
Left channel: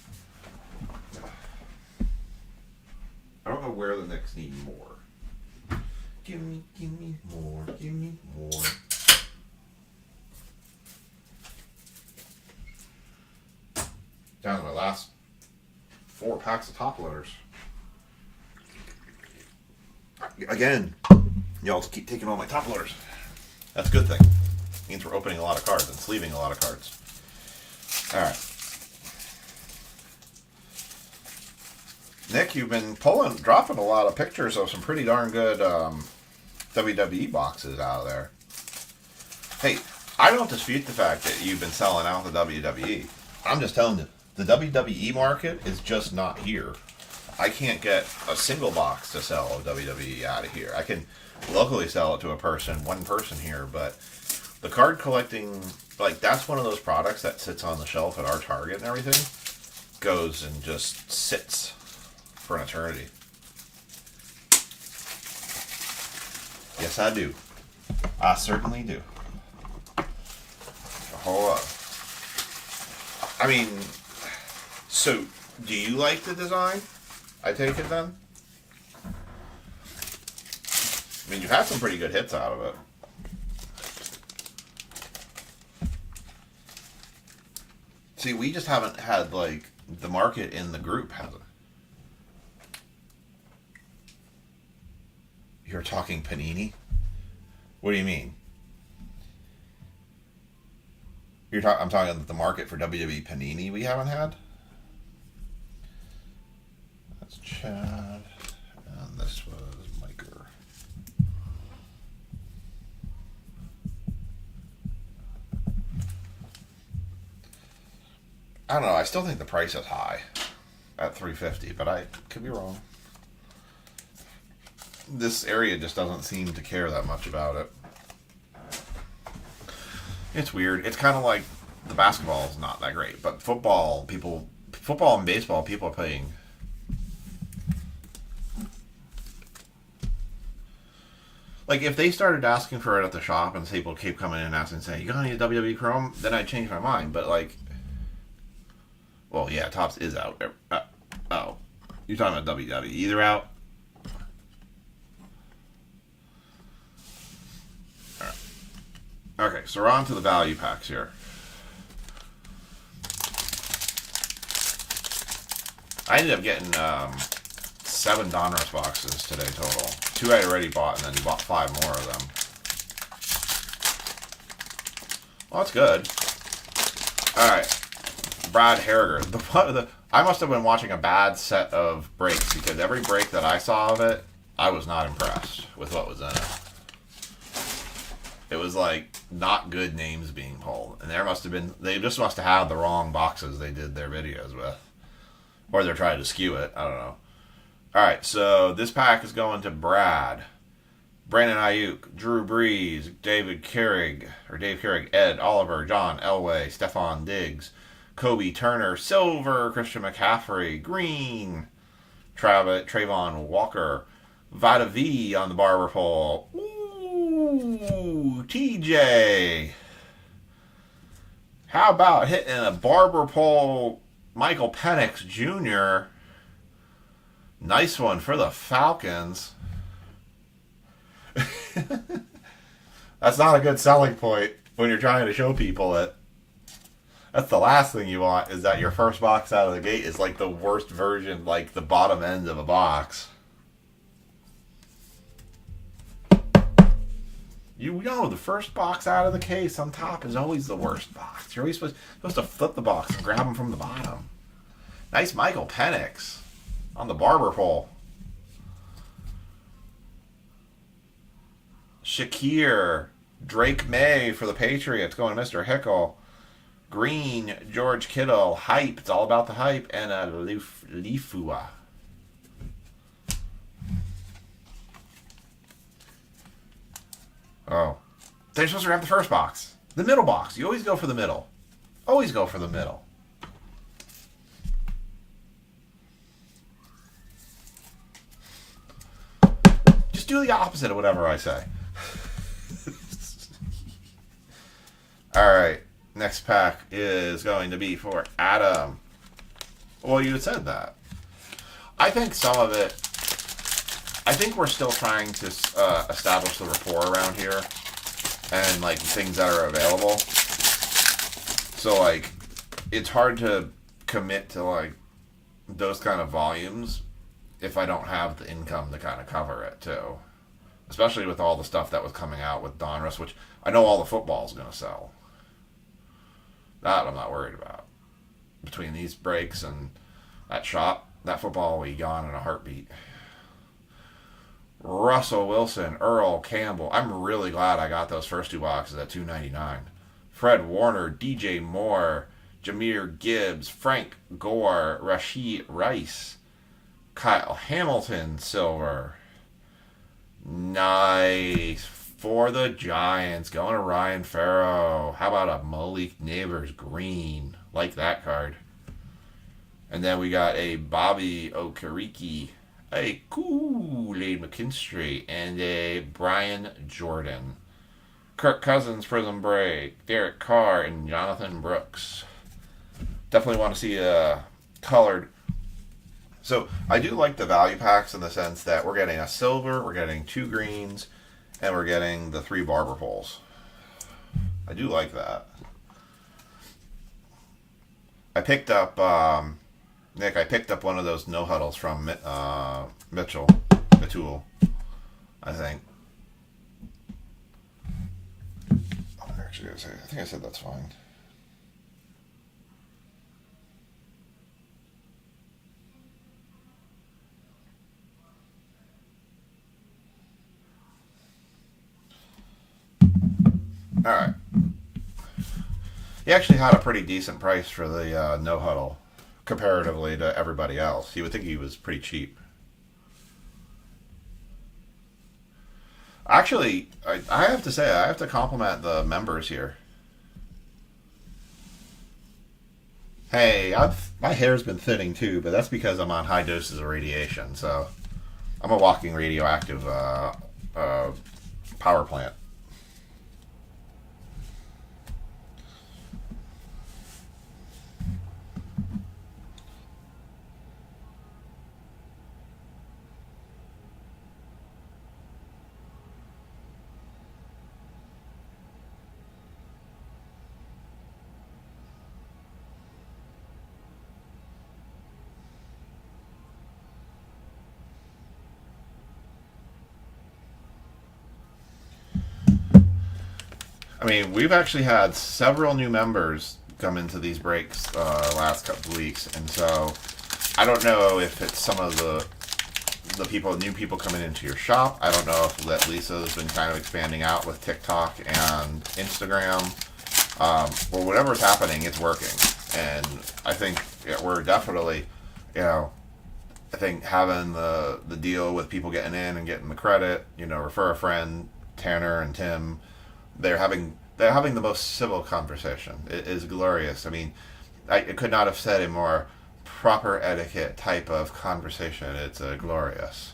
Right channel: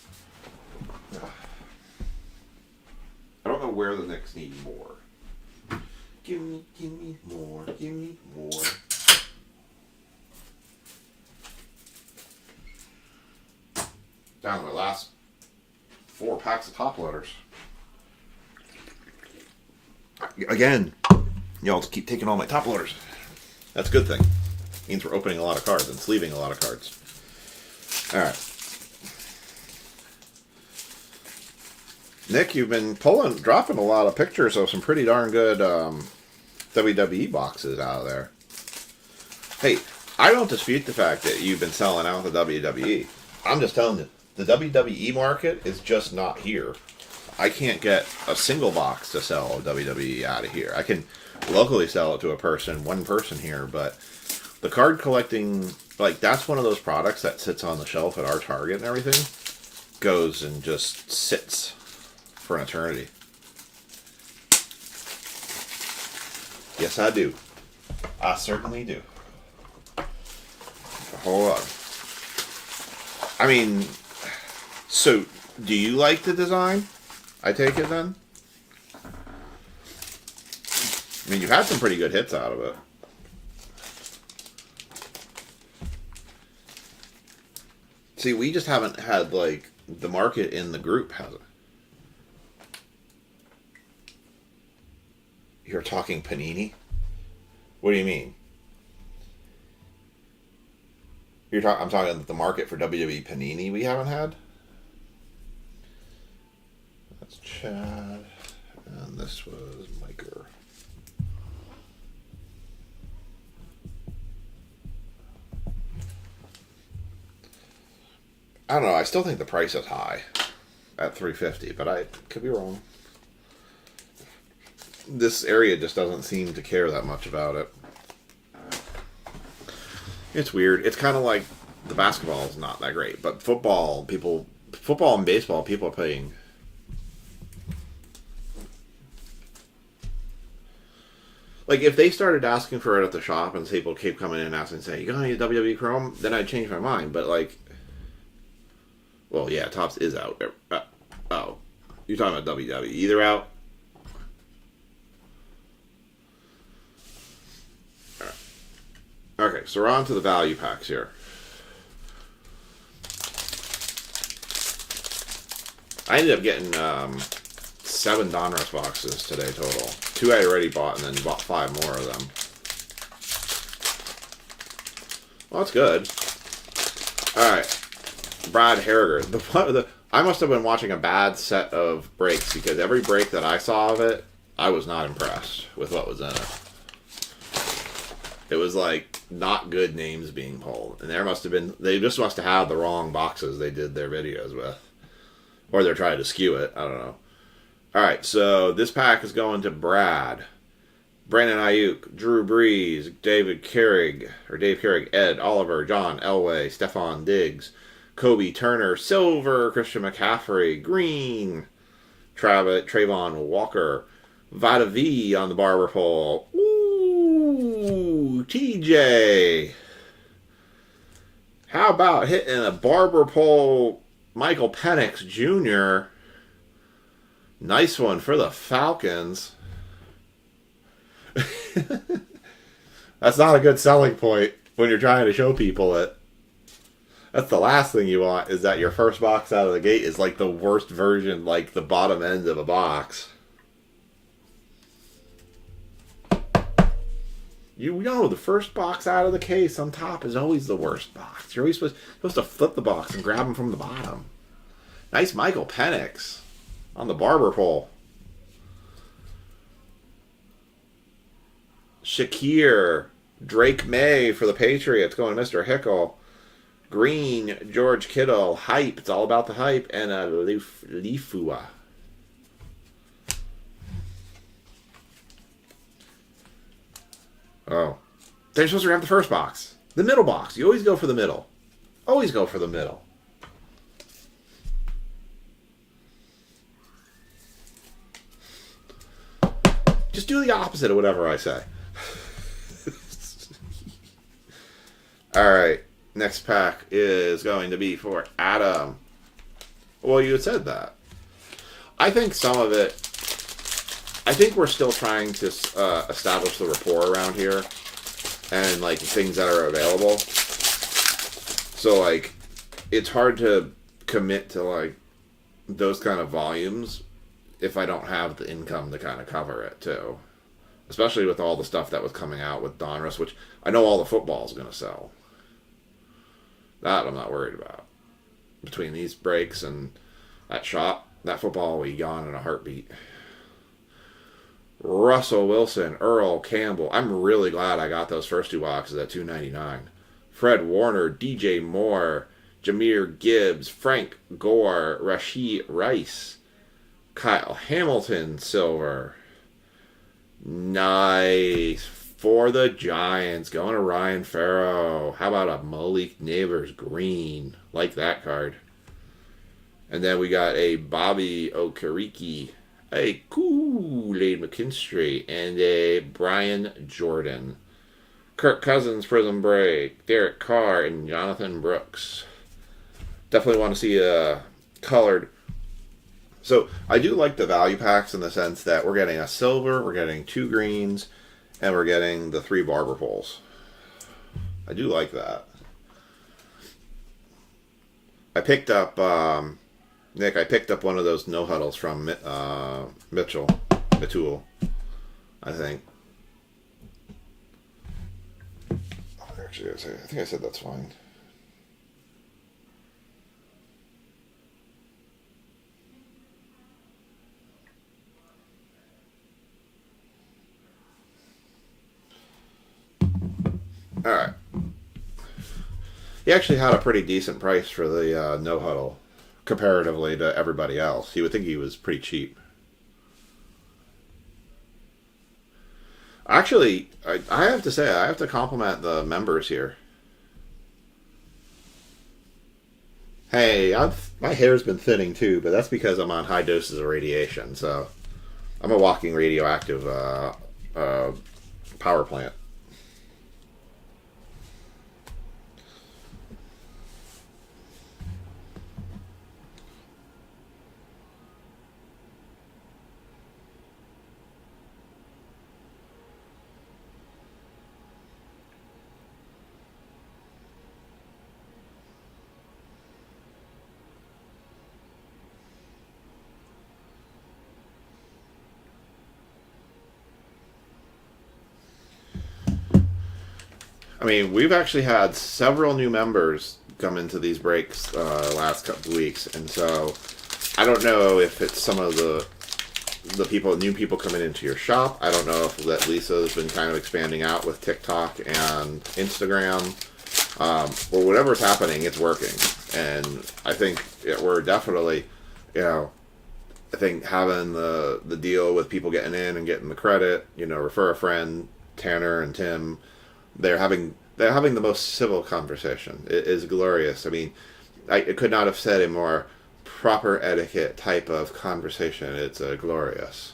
I don't know where the Knicks need more. Give me more. Give me more. Down to my last 4 packs of top loaders. Again, y'all just keep taking all my top loaders. That's a good thing. Means we're opening a lot of cards and sleeving a lot of cards. Alright. Nick, you've been dropping a lot of pictures of some pretty darn good WWE boxes out of there. Hey, I don't dispute the fact that you've been selling out the WWE. I'm just telling you, the WWE market is just not here. I can't get a single box to sell WWE out of here. I can locally sell it to one person here, but the card collecting, like, that's one of those products that sits on the shelf at our Target and everything, goes and just sits for an eternity. Yes, I do. I certainly do. Hold on. I mean, so, do you like the design? I take it then? I mean, you've had some pretty good hits out of it. See, we just haven't had, like, the market in the group has it. You're talking Panini? What do you mean? I'm talking the market for WWE Panini we haven't had? That's Chad. And this was Miker. I don't know. I still think the price is high at $350, but I could be wrong. This area just doesn't seem to care that much about it. It's weird. It's kind of like the basketball is not that great, but football and baseball, people are paying. Like, if they started asking for it at the shop and people keep coming in and asking, saying, you got any WWE Chrome? Then I'd change my mind. But, like, well, yeah, Topps is out. Oh. You're talking about WWE. They're out? Alright. Okay, so we're on to the value packs here. I ended up getting 7 Donruss boxes today total. 2 I already bought, and then bought 5 more of them. Well, that's good. Alright. Brad Harriger. I must have been watching a bad set of breaks, because every break that I saw of it, I was not impressed with what was in it. It was like not good names being pulled. And they just must have had the wrong boxes they did their videos with. Or they're trying to skew it. I don't know. Alright, so this pack is going to Brad. Brandon Ayuk, Drew Brees, Dave Carrig, Ed Oliver, John Elway, Stephon Diggs, Kobe Turner, Silver, Christian McCaffrey, Green, Trayvon Walker, Vada V on the barber pole. Ooh, TJ. How about hitting a barber pole Michael Penix Jr.? Nice one for the Falcons. That's not a good selling point when you're trying to show people it. That's the last thing you want, is that your first box out of the gate is like the worst version, like the bottom end of a box. You know, the first box out of the case on top is always the worst box. You're always supposed to flip the box and grab them from the bottom. Nice Michael Penix on the barber pole. Shakir, Drake May for the Patriots, going to Mr. Hickle. Green, George Kittle, hype. It's all about the hype. And a Lifua. Oh. They're supposed to grab the first box. The middle box. You always go for the middle. Always go for the middle. Just do the opposite of whatever I say. Alright. Next pack is going to be for Adam. Well, you had said that. I think some of it... I think we're still trying to establish the rapport around here. And, like, things that are available. So, like, it's hard to commit to, like, those kind of volumes if I don't have the income to kind of cover it, too. Especially with all the stuff that was coming out with Donruss, which I know all the football is going to sell. That I'm not worried about. Between these breaks and that shop, that football will be gone in a heartbeat. Russell Wilson, Earl Campbell. I'm really glad I got those first 2 boxes at $2.99. Fred Warner, DJ Moore, Jahmyr Gibbs, Frank Gore, Rashee Rice, Kyle Hamilton, silver. Nice. For the Giants, going to Ryan Farrow. How about a Malik Neighbors green? Like that card. And then we got a Bobby Okereke, a Kool-Aid McKinstry, and a Brian Jordan. Kirk Cousins, Prism Break, Derek Carr, and Jonathan Brooks. Definitely want to see a colored. So I do like the value packs in the sense that we're getting a silver, we're getting 2 greens, and we're getting the 3 barber poles. I do like that. I picked up, Nick, I picked up one of those no-huddles from Mitchell, I think. Actually, I think I said that's fine. Alright. He actually had a pretty decent price for the no huddle comparatively to everybody else. You would think he was pretty cheap. Actually, I have to say, I have to compliment the members here. Hey, my hair's been thinning too, but that's because I'm on high doses of radiation. So I'm a walking radioactive power plant. I mean, we've actually had several new members come into these breaks last couple of weeks, and so I don't know if it's some of the people, new people coming into your shop. I don't know if that Lisa's been kind of expanding out with TikTok and Instagram, or whatever's happening. It's working, and I think we're definitely, I think having the deal with people getting in and getting the credit, refer a friend, Tanner and Tim. They're having the most civil conversation. It is glorious. I mean, I could not have said a more proper etiquette type of conversation. It's glorious.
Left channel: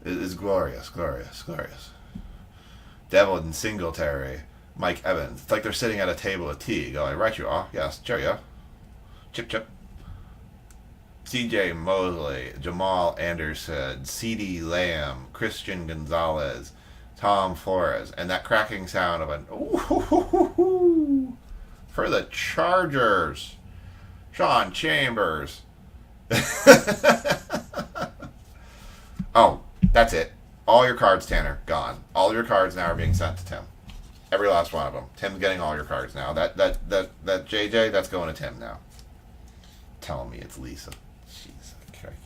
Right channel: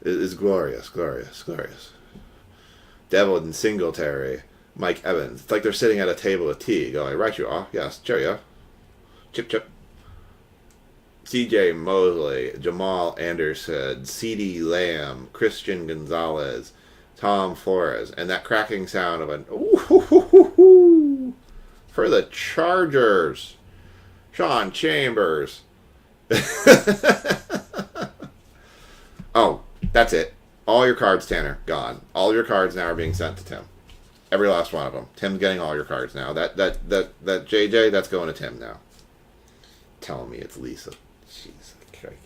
It is glorious, glorious, glorious. Devlin Singletary, Mike Evans. It's like they're sitting at a table of tea, going, "Right, you are. Yes, cheerio. Chip, chip." C.J. Mosley, Jamal Anderson, C.D. Lamb, Christian Gonzalez, Tom Flores, and that cracking sound of an ooh for the Chargers. Sean Chambers. Oh, that's it. All your cards, Tanner, gone. All your cards now are being sent to Tim. Every last one of them. Tim's getting all your cards now. That JJ, that's going to Tim now. Telling me it's Lisa. Jesus Christ.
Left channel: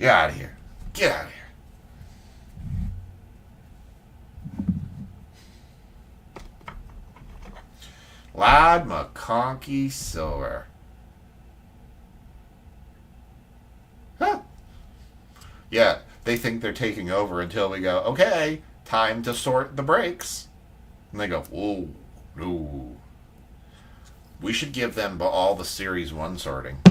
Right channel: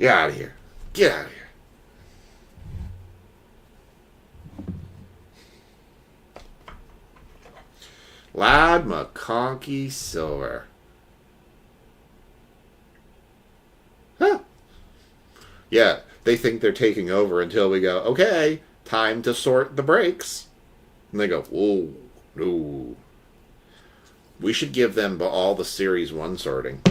Get out of here. Get out of here. Lad McConkey Silver. Huh. Yeah, they think they're taking over until we go, okay, time to sort the breaks. And they go, whoa, no. We should give them all the Series 1 sorting.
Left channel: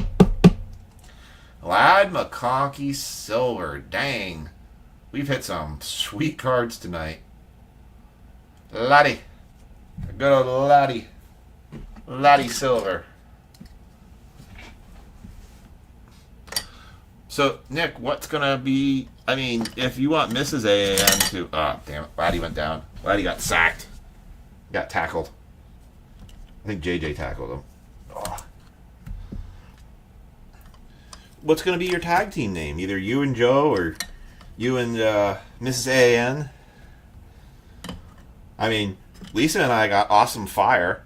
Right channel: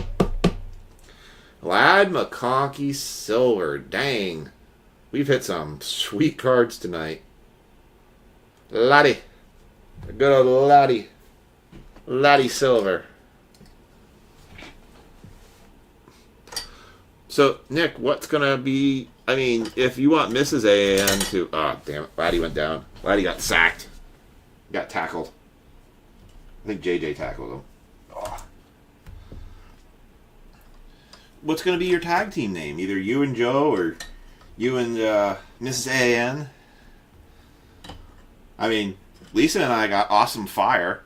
Lad McConkey Silver. Dang. We've hit some sweet cards tonight. Laddie. Good old Laddie. Laddie Silver. So, Nick, what's going to be... I mean, if you want Mrs. AAN to... Oh, damn it. Laddie went down. Laddie got sacked. Got tackled. I think JJ tackled him. Oh. What's going to be your tag team name? Either you and Joe or you and Mrs. AAN? I mean, Lisa and I got Awesome Fire.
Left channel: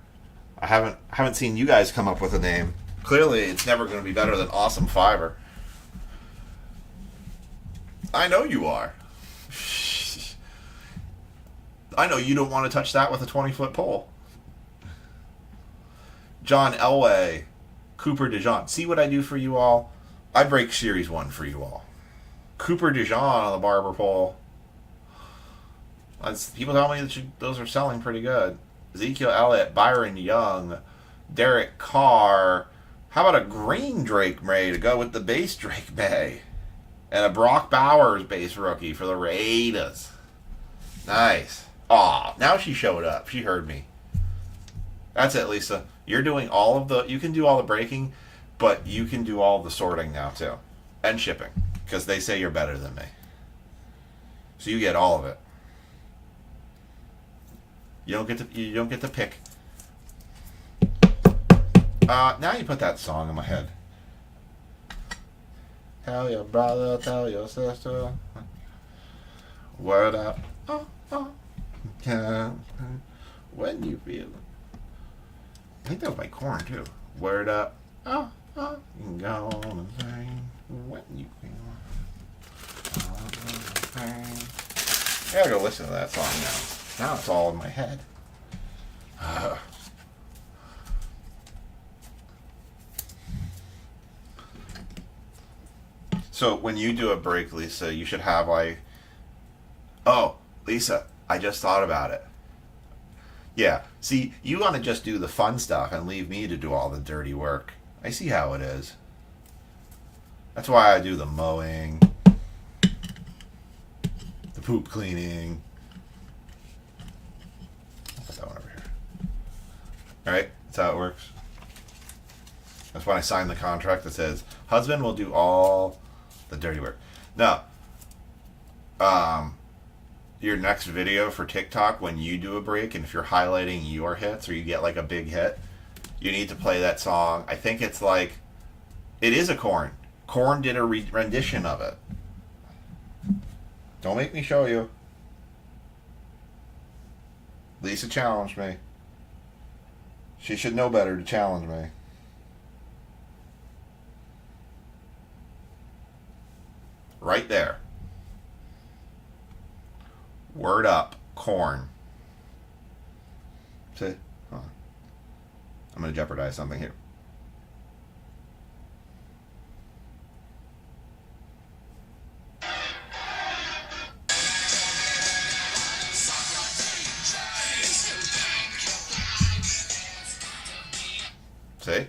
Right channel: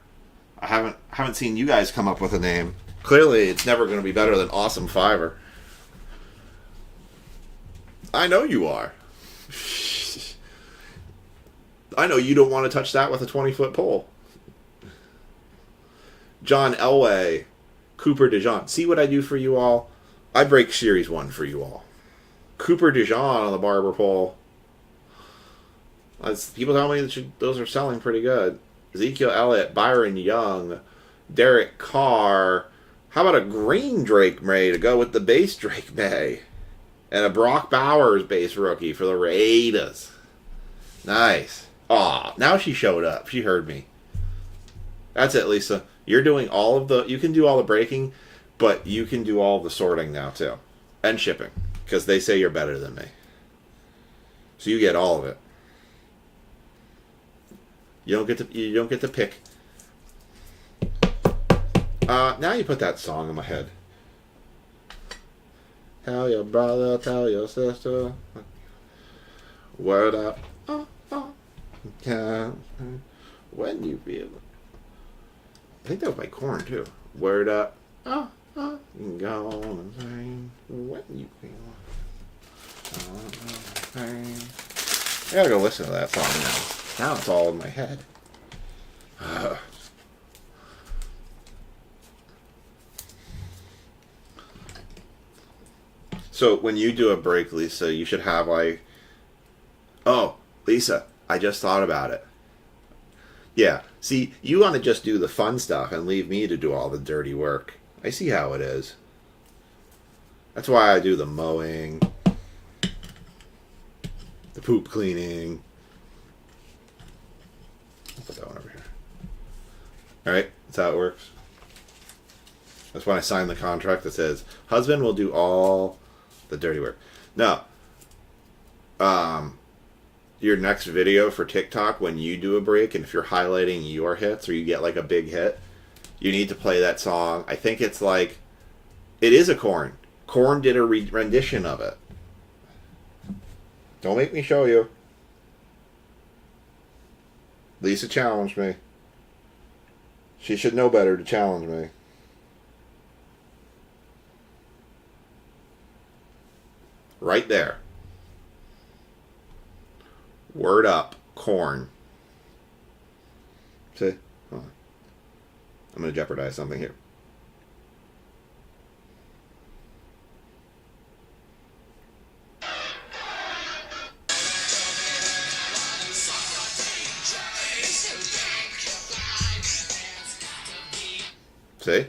I haven't seen you guys come up with a name. Clearly, it's never going to be better than Awesome Fiver. I know you are. I know you don't want to touch that with a 20-foot pole. John Elway, Cooper DeJean. See what I do for you all? I break Series 1 for you all. Cooper DeJean on the barber pole. People tell me that those are selling pretty good. Ezekiel Elliott, Byron Young, Derek Carr. How about a green Drake May to go with the base Drake May? And a Brock Bowers base rookie for the Raiders. Nice. Aw, now she showed up. She heard me. That's it, Lisa. You're doing all of the... You can do all the breaking, but you can do all of the sorting now, too. And shipping. Because they say you're better than me. So you get all of it. You don't get to pick. Now you put that song in my head. Tell your brother, tell your sister. Word up. When you feel it. I think that was by Korn too. Word up. You can go on and sing when you feel it. I gotta go listen to that song now. Now it's all in my head. So when you do a break, Lisa, you should have like... Oh, Lisa, I just thought about it. Yeah, see, you want to just do the fun stuff and leave me to do all the dirty work. I see how it is. That's why I do the mowing, the poop cleaning, Right? That's how it works. That's when I signed the contract that says husband will do all the dirty work. No. Your next video for TikTok, when you do a break and if you're highlighting your hits or you get like a big hit, you need to play that song. I think it's like, it is a Korn. Korn did a rendition of it. Don't make me show you. Lisa challenged me. She should know better to challenge me. Right there. Word up, Korn. See? Hold on. I'm going to jeopardize something here. See?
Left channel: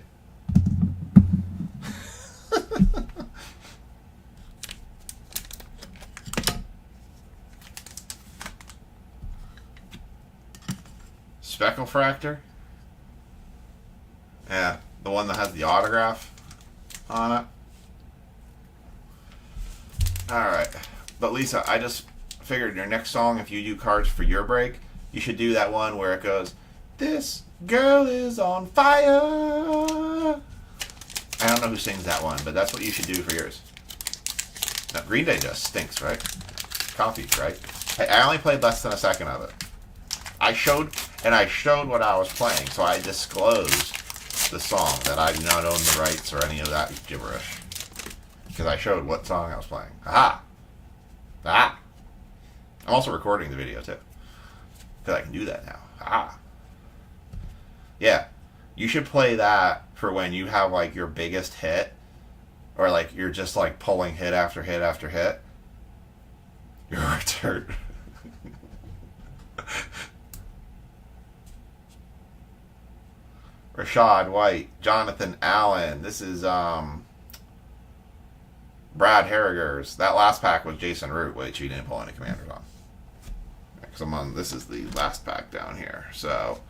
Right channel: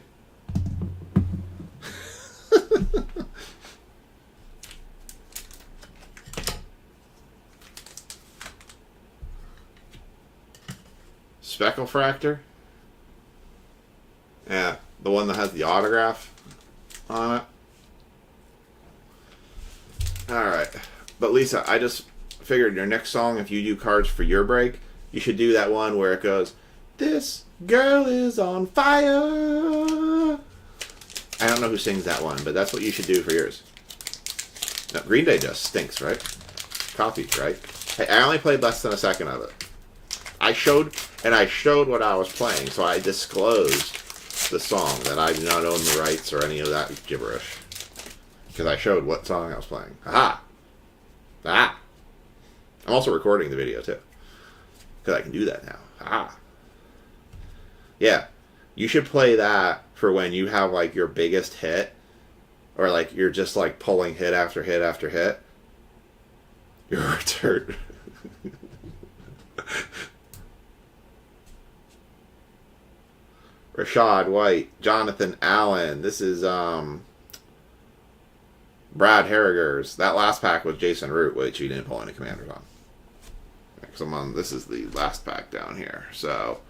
Speckle Fractor? Yeah, the one that has the autograph on it. Alright. But Lisa, I just figured your next song, if you do cards for your break, you should do that one where it goes, "This girl is on fire." I don't know who sings that one, but that's what you should do for yours. No, Green Day just stinks, right? Copies, right? Hey, I only played less than a second of it. I showed what I was playing, so I disclosed the song that I do not own the rights or any of that gibberish. Because I showed what song I was playing. Aha! Ah! I'm also recording the video, too. Because I can do that now. Ah! Yeah. You should play that for when you have, like, your biggest hit. Or, like, you're just, like, pulling hit after hit after hit. Your return. Rashad White, Jonathan Allen. This is Brad Harrigers. That last pack was Jason Root, which we didn't pull any commanders on. Because this is the last pack down here. So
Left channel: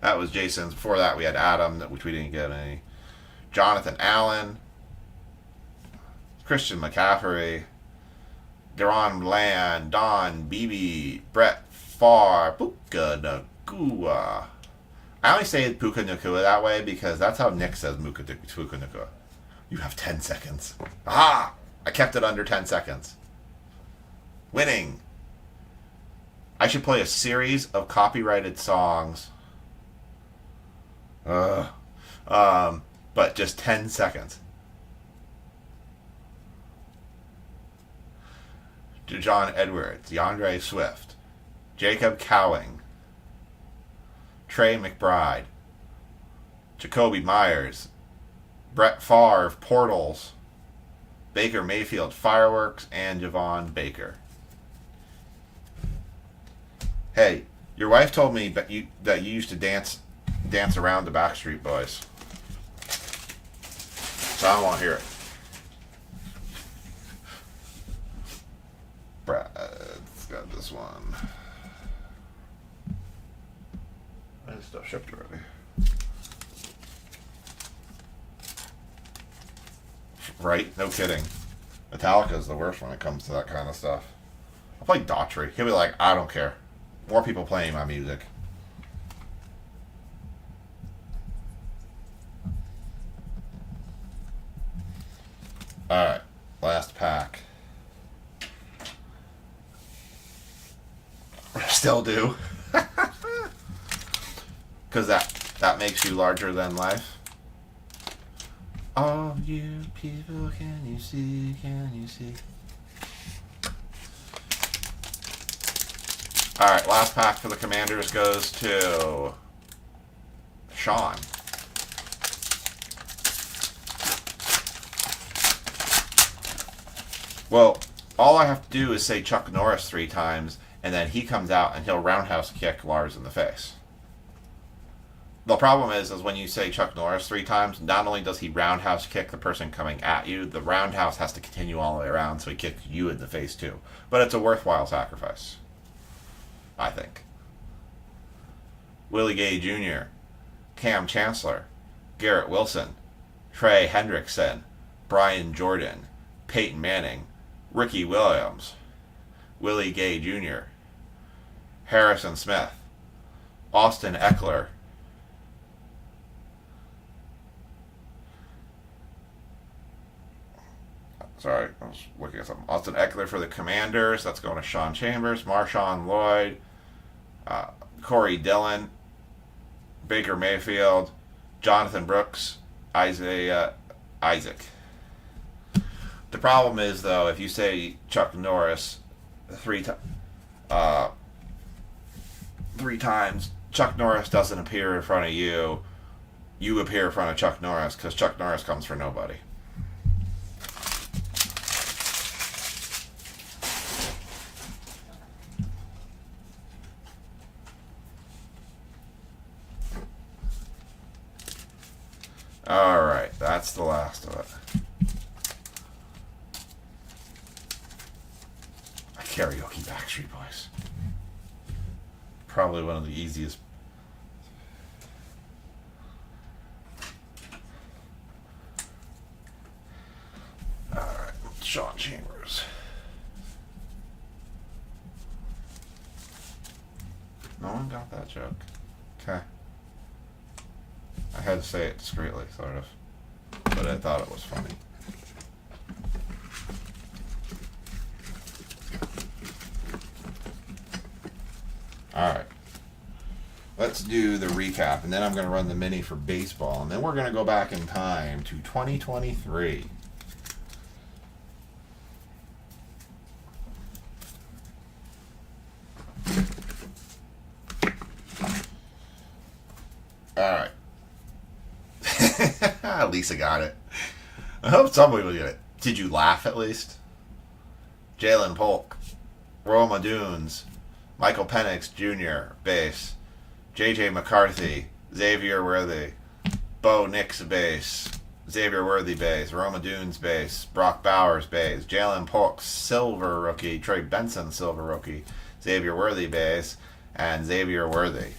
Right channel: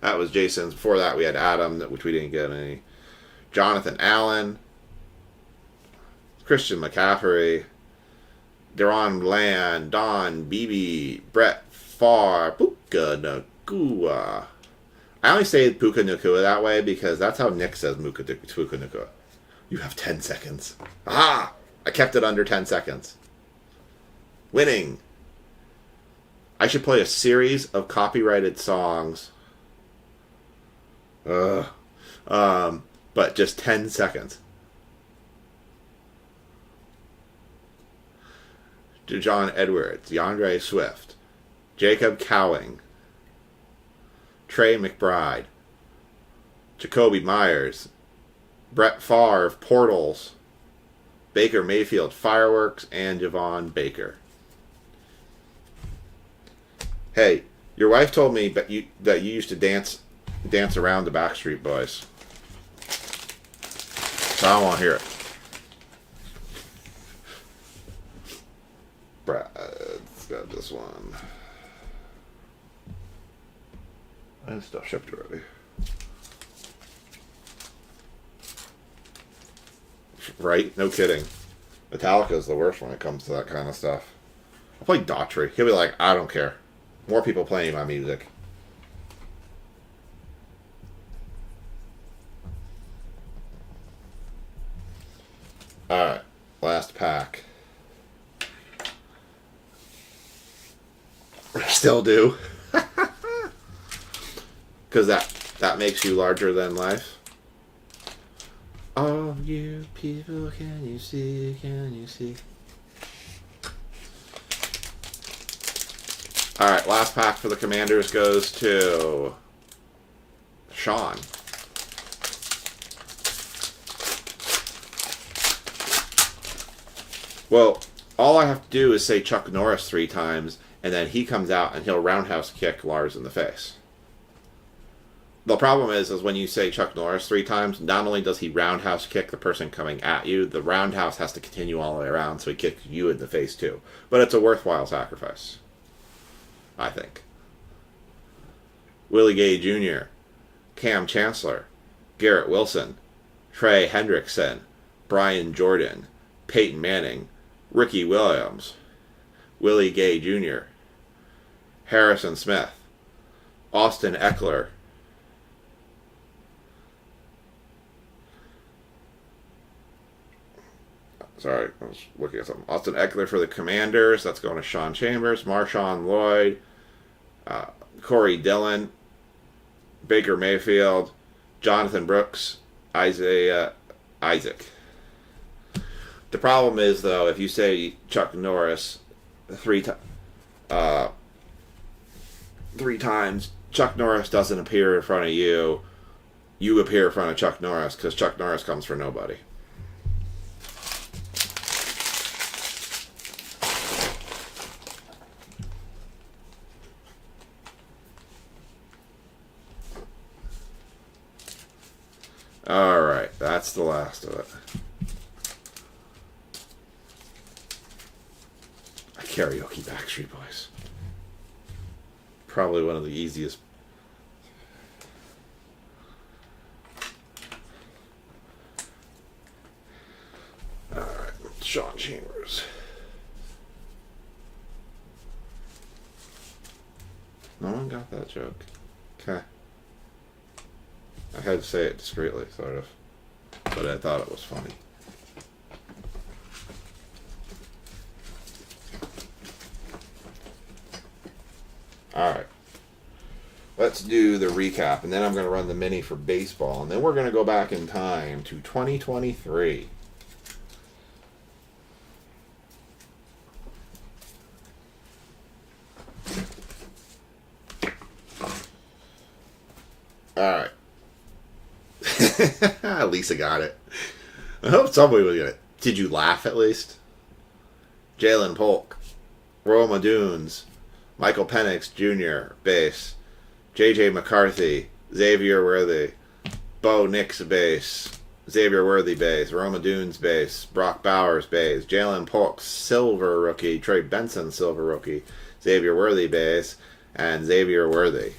that was Jason's. Before that, we had Adam, which we didn't get any. Jonathan Allen, Christian McCaffrey, Deron Bland, Don Beebe, Brett Favre, Puka Nakua. I only say Puka Nakua that way because that's how Nick says Puka Nakua. You have 10 seconds. Ah! I kept it under 10 seconds. Winning. I should play a series of copyrighted songs. But just 10 seconds. John Edwards, DeAndre Swift, Jacob Cowing, Trey McBride, Jacoby Myers, Brett Favre, Portals, Baker Mayfield, Fireworks, and Javon Baker. Hey, your wife told me that you used to dance around the Backstreet Boys. So I want to hear it. Brad's got this one. And stuff shipped already. Right? No kidding. Metallica's the worst when it comes to that kind of stuff. I'll play Daughtry. He'll be like, I don't care. More people playing my music. Alright. Last pack. Still do. Because that makes you larger than life. All you people, can you see, can you see? Alright, last pack for the Commanders goes to Sean. Well, all I have to do is say Chuck Norris 3 times, and then he comes out and he'll roundhouse kick Lars in the face. The problem is when you say Chuck Norris 3 times, not only does he roundhouse kick the person coming at you, the roundhouse has to continue all the way around, so he kicks you in the face too. But it's a worthwhile sacrifice, I think. Willie Gay Jr., Cam Chancellor, Garrett Wilson, Trey Hendrickson, Brian Jordan, Peyton Manning, Ricky Williams, Willie Gay Jr., Harrison Smith, Austin Eckler, sorry, I was looking at something. Austin Eckler for the Commanders. That's going to Sean Chambers, Marshawn Lloyd, Corey Dillon, Baker Mayfield, Jonathan Brooks, Isaiah Isaac. The problem is, though, if you say Chuck Norris three times, Chuck Norris doesn't appear in front of you. You appear in front of Chuck Norris because Chuck Norris comes for nobody. Alright, that's the last of it. Karaoke Backstreet Boys. Probably one of the easiest. Alright, Sean Chambers. No one got that joke. Okay. I had to say it discreetly, sort of. But I thought it was funny. Alright. Let's do the recap, and then I'm going to run the mini for baseball, and then we're going to go back in time to 2023. Alright. Lisa got it. I hope somebody will get it. Did you laugh at least? Jalen Polk, Roma Dunes, Michael Penix Jr., base, J.J. McCarthy, Xavier Worthy, Bo Nix, base, Xavier Worthy, base, Roma Dunes, base, Brock Bowers, base, Jalen Polk, silver rookie, Trey Benson, silver rookie, Xavier Worthy, base, and Xavier Worthy.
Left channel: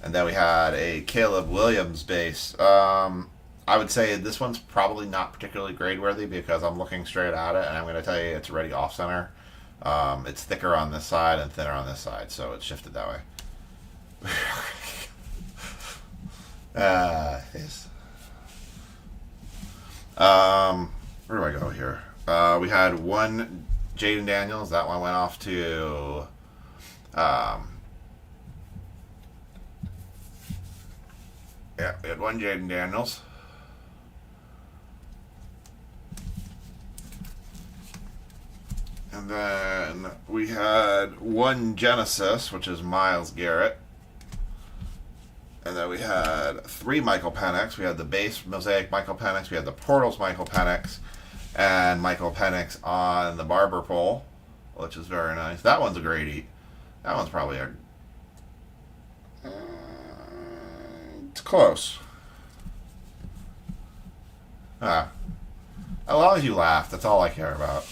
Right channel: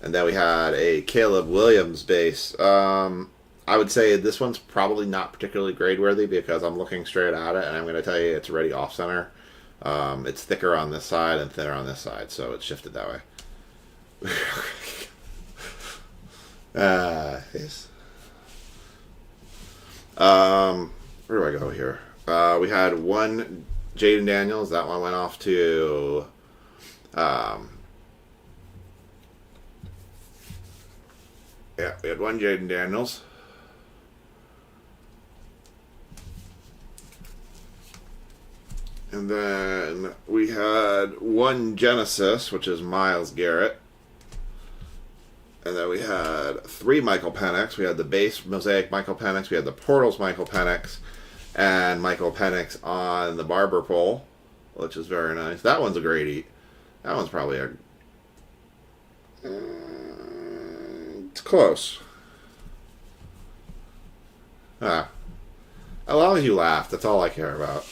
And then we had a Caleb Williams base. I would say this one's probably not particularly grade worthy because I'm looking straight at it, and I'm going to tell you it's already off center. It's thicker on this side and thinner on this side, so it's shifted that way. Yes. Where do I go here? We had one Jaden Daniels. That one went off to yeah, we had one Jaden Daniels. And then we had one Genesis, which is Myles Garrett. And then we had three Michael Penix. We had the base Mosaic Michael Penix. We had the Portals Michael Penix. And Michael Penix on the Barber pole, which is very nice. That one's a great eat. That one's probably a... it's close. As long as you laugh, that's all I care about.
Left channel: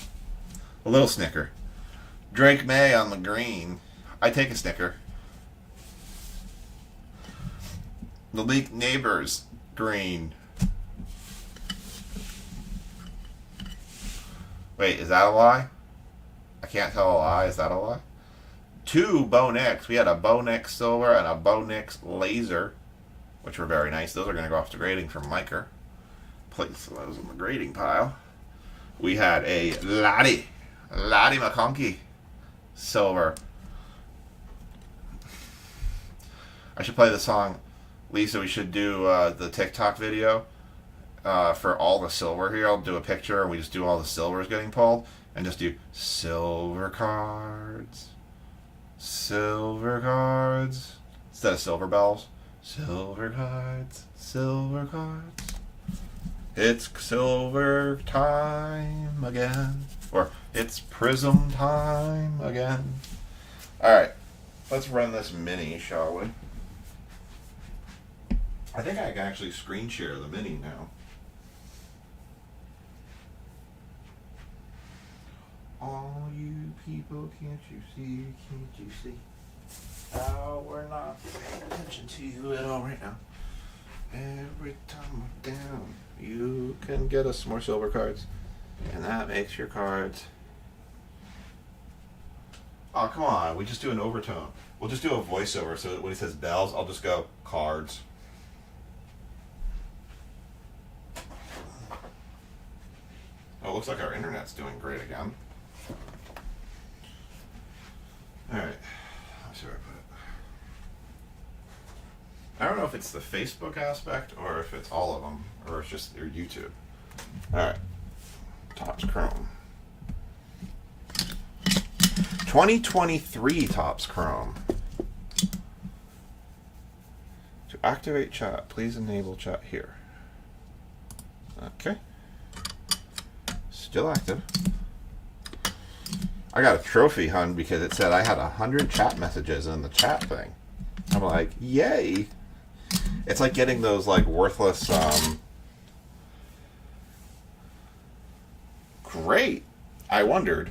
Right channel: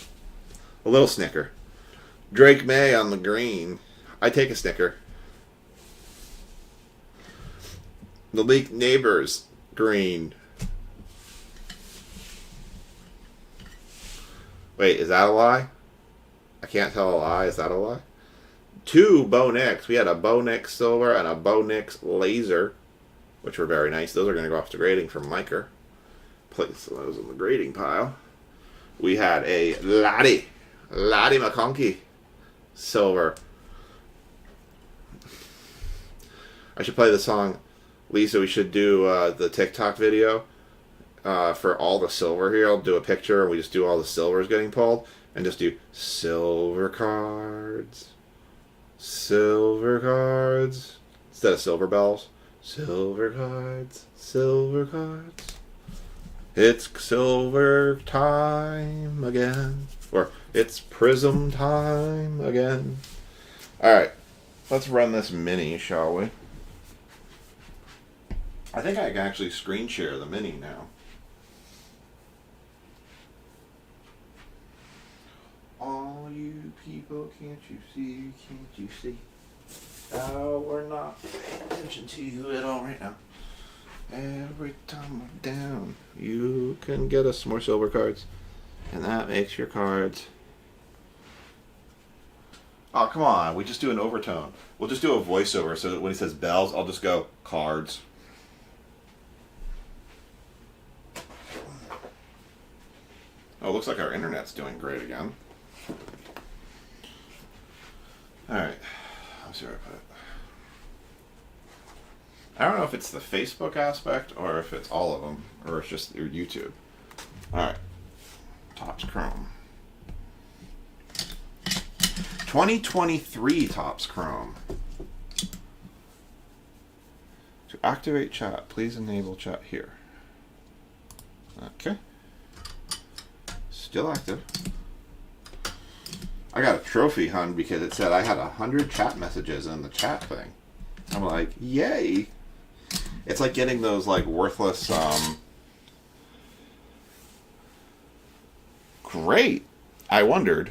A little snicker. Drake May on the green. I take a snicker. Malik Neighbors green. Wait, is that a lie? I can't tell a lie. Is that a lie? Two Bo Nix. We had a Bo Nix silver and a Bo Nix laser, which were very nice. Those are going to go off to grading from Miker. Place those in the grading pile. We had a Laddie McConkey silver. I should play the song. Lisa, we should do the TikTok video for all the silver here. I'll do a picture and we just do all the silvers getting pulled and just do silver cards. Silver cards. Instead of silver bells. Silver cards. Silver cards. It's silver time again. Or it's prism time again. Alright. Let's run this mini, shall we? I think I can actually screen share the mini now. All you people, can't you see? Can't you see? Oh, we're not paying attention to you at all right now. Every time I'm down, you can get us more silver cards. And that makes your cards. Oh, come on. We just do an overtone. We'll just do a voiceover so that when he says bells, I'll just go cards. Oh, looks like our internet's doing great again. Alright. Let's see where I put it. I don't know if it's the Facebook aspect or if it's all of them or it's just your YouTube. Alright. Topps Chrome. 2023 Topps Chrome. To activate chat, please enable chat here. Okay. Still active. I got a trophy, hun, because it said I had 100 chat messages in the chat thing. I'm like, yay! It's like getting those like worthless. Great. I wondered.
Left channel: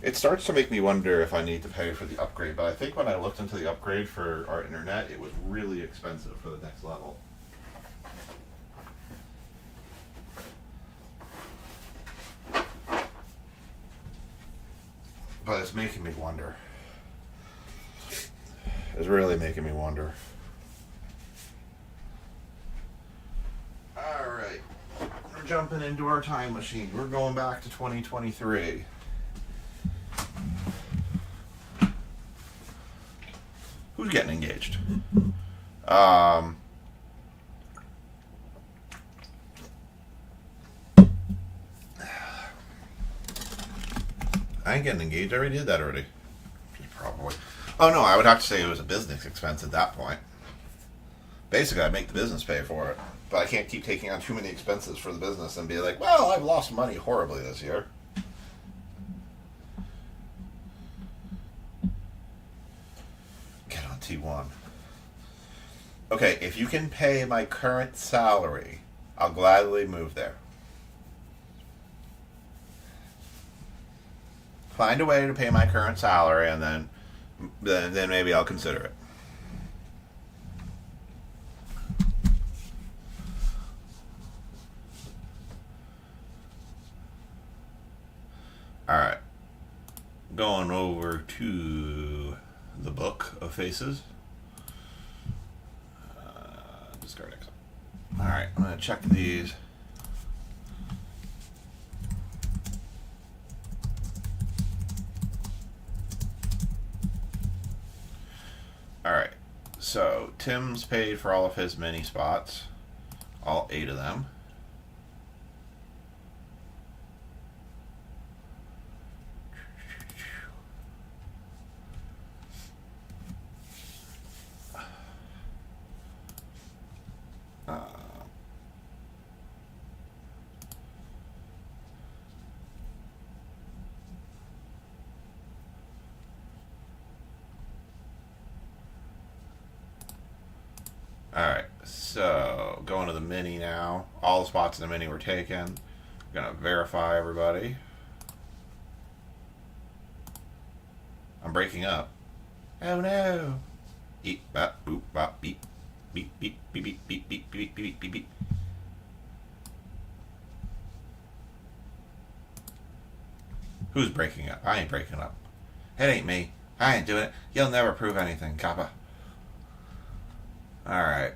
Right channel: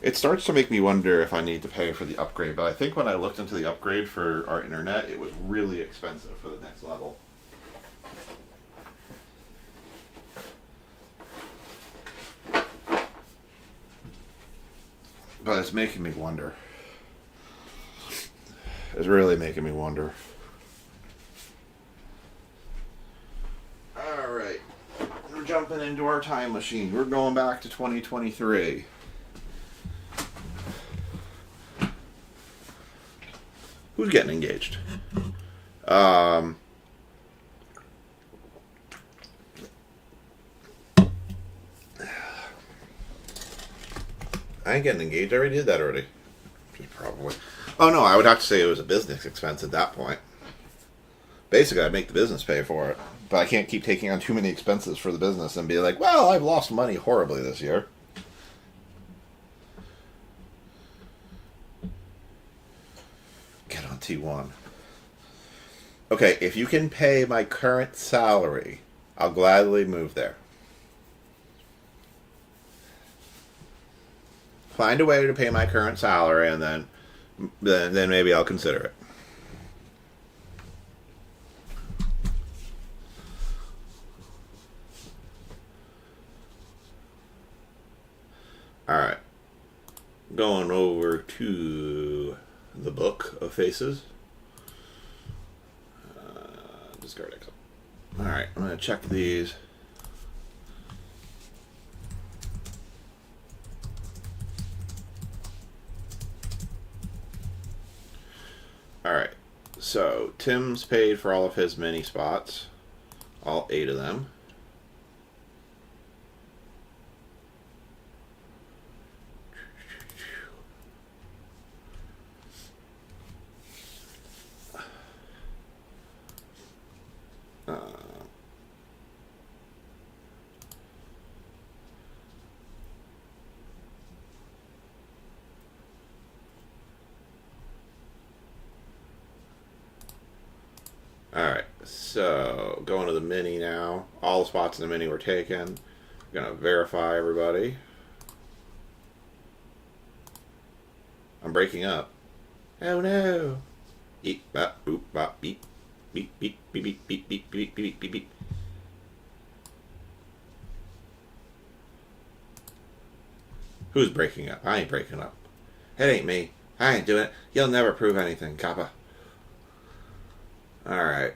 It starts to make me wonder if I need to pay for the upgrade, but I think when I looked into the upgrade for our internet, it was really expensive for the next level. But it's making me wonder. It's really making me wonder. Alright. We're jumping into our time machine. We're going back to 2023. Who's getting engaged? I ain't getting engaged. I already did that already. Probably. Oh no, I would have to say it was a business expense at that point. Basically, I'd make the business pay for it. But I can't keep taking on too many expenses for the business and be like, well, I've lost money horribly this year. Get on T1. Okay, if you can pay my current salary, I'll gladly move there. Find a way to pay my current salary, and then maybe I'll consider it. All right, going over to the book of faces. Discard exit. All right, I'm gonna check these. Alright, so Tim's paid for all of his mini spots, all 8 of them. Alright, so going to the mini now. All the spots in the mini were taken. I'm going to verify everybody. I'm breaking up. Oh no! Beep, bop, boop, bop, beep. Beep, beep, beep, beep, beep, beep, beep, beep, beep, beep. Who's breaking up? I ain't breaking up. It ain't me. I ain't doing it. You'll never prove anything, Kappa. Alright.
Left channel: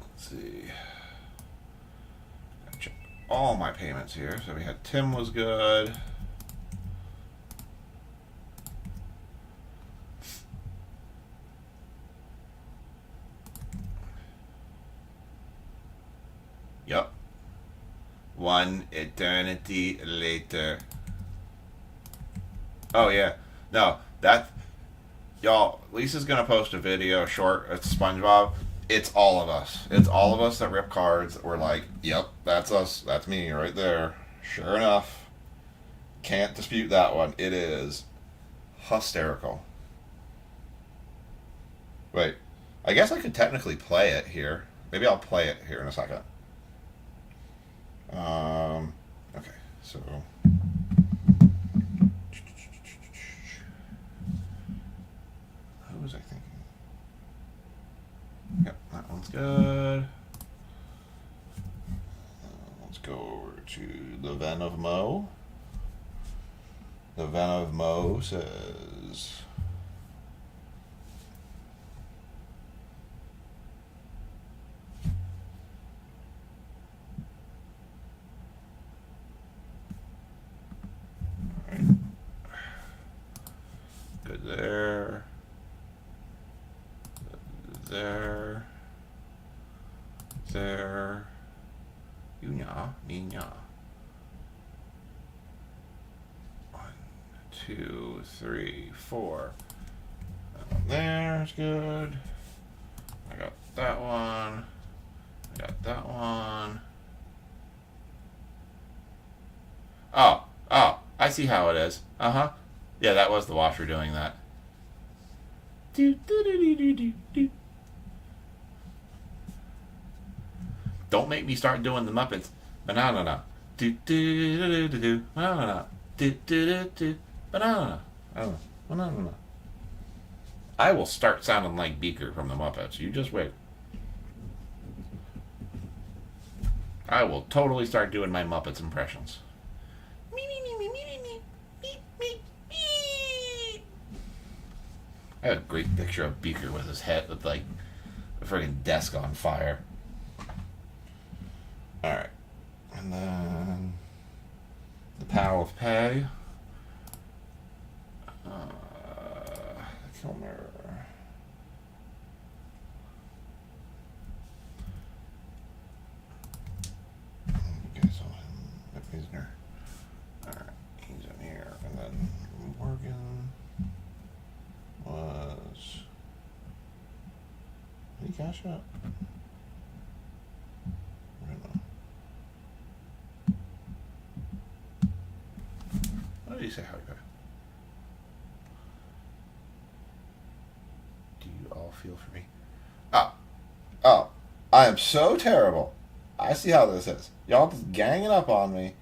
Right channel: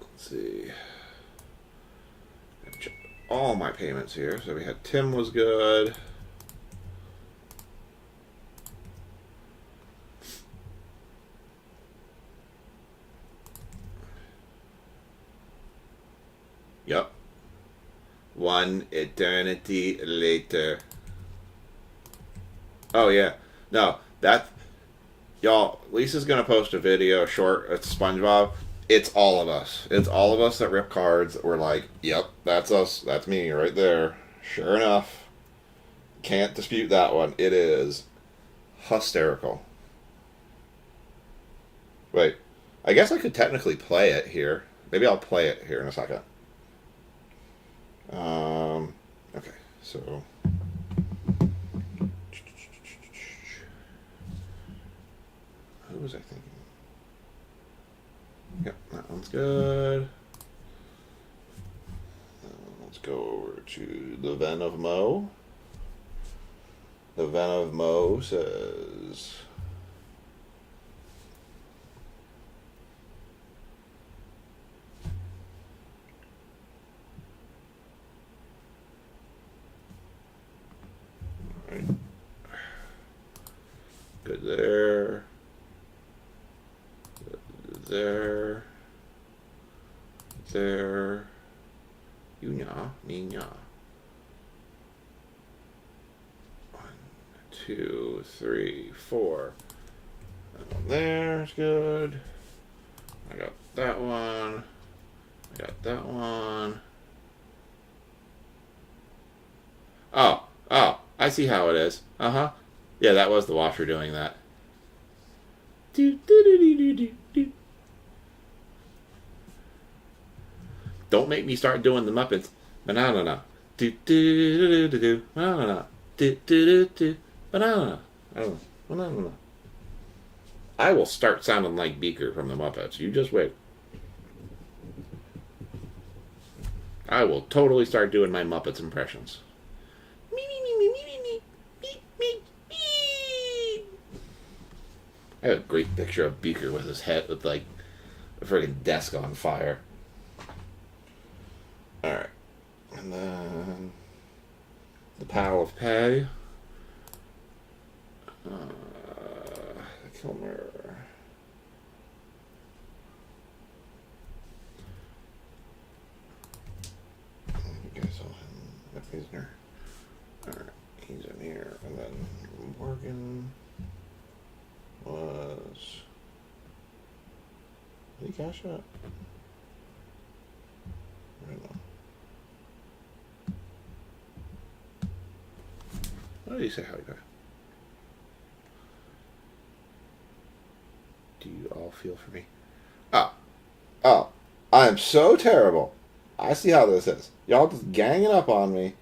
Let's see. Check all my payments here. So we had Tim was good. Yep. One eternity later. Oh yeah. No, that... Y'all, Lisa's going to post a video short. It's SpongeBob. It's all of us. It's all of us that rip cards. We're like, yep, that's us. That's me right there. Sure enough. Can't dispute that one. It is hysterical. Wait. I guess I could technically play it here. Maybe I'll play it here in a second. Okay, so... What was I thinking? Yep, that one's good. Let's go over to the Ven of Mo. The Ven of Mo says, alright, good there, good there, there, you nya, me nya. 1, 2, 3, 4. There's good. I got that one. I got that one. Oh, I see how it is. Uh-huh. Yeah, that was the washer doing that. Don't make me start doing the Muppets. Banana. Banana. Banana. Banana. I will start sounding like Beaker from the Muppets. You just wait. I will totally start doing my Muppets impressions. I have a great picture of Beaker with his head, with like a friggin' desk on fire. Alright. And then the Pal of Pay. The Kill Mirror. Okay, so Wisner. Alright, he's in here. And then Morgan was. Did he cash out? I don't know. What did he say? How you go? Do you all feel for me? Oh, I am so terrible. I see how this is. Y'all just ganging up on me.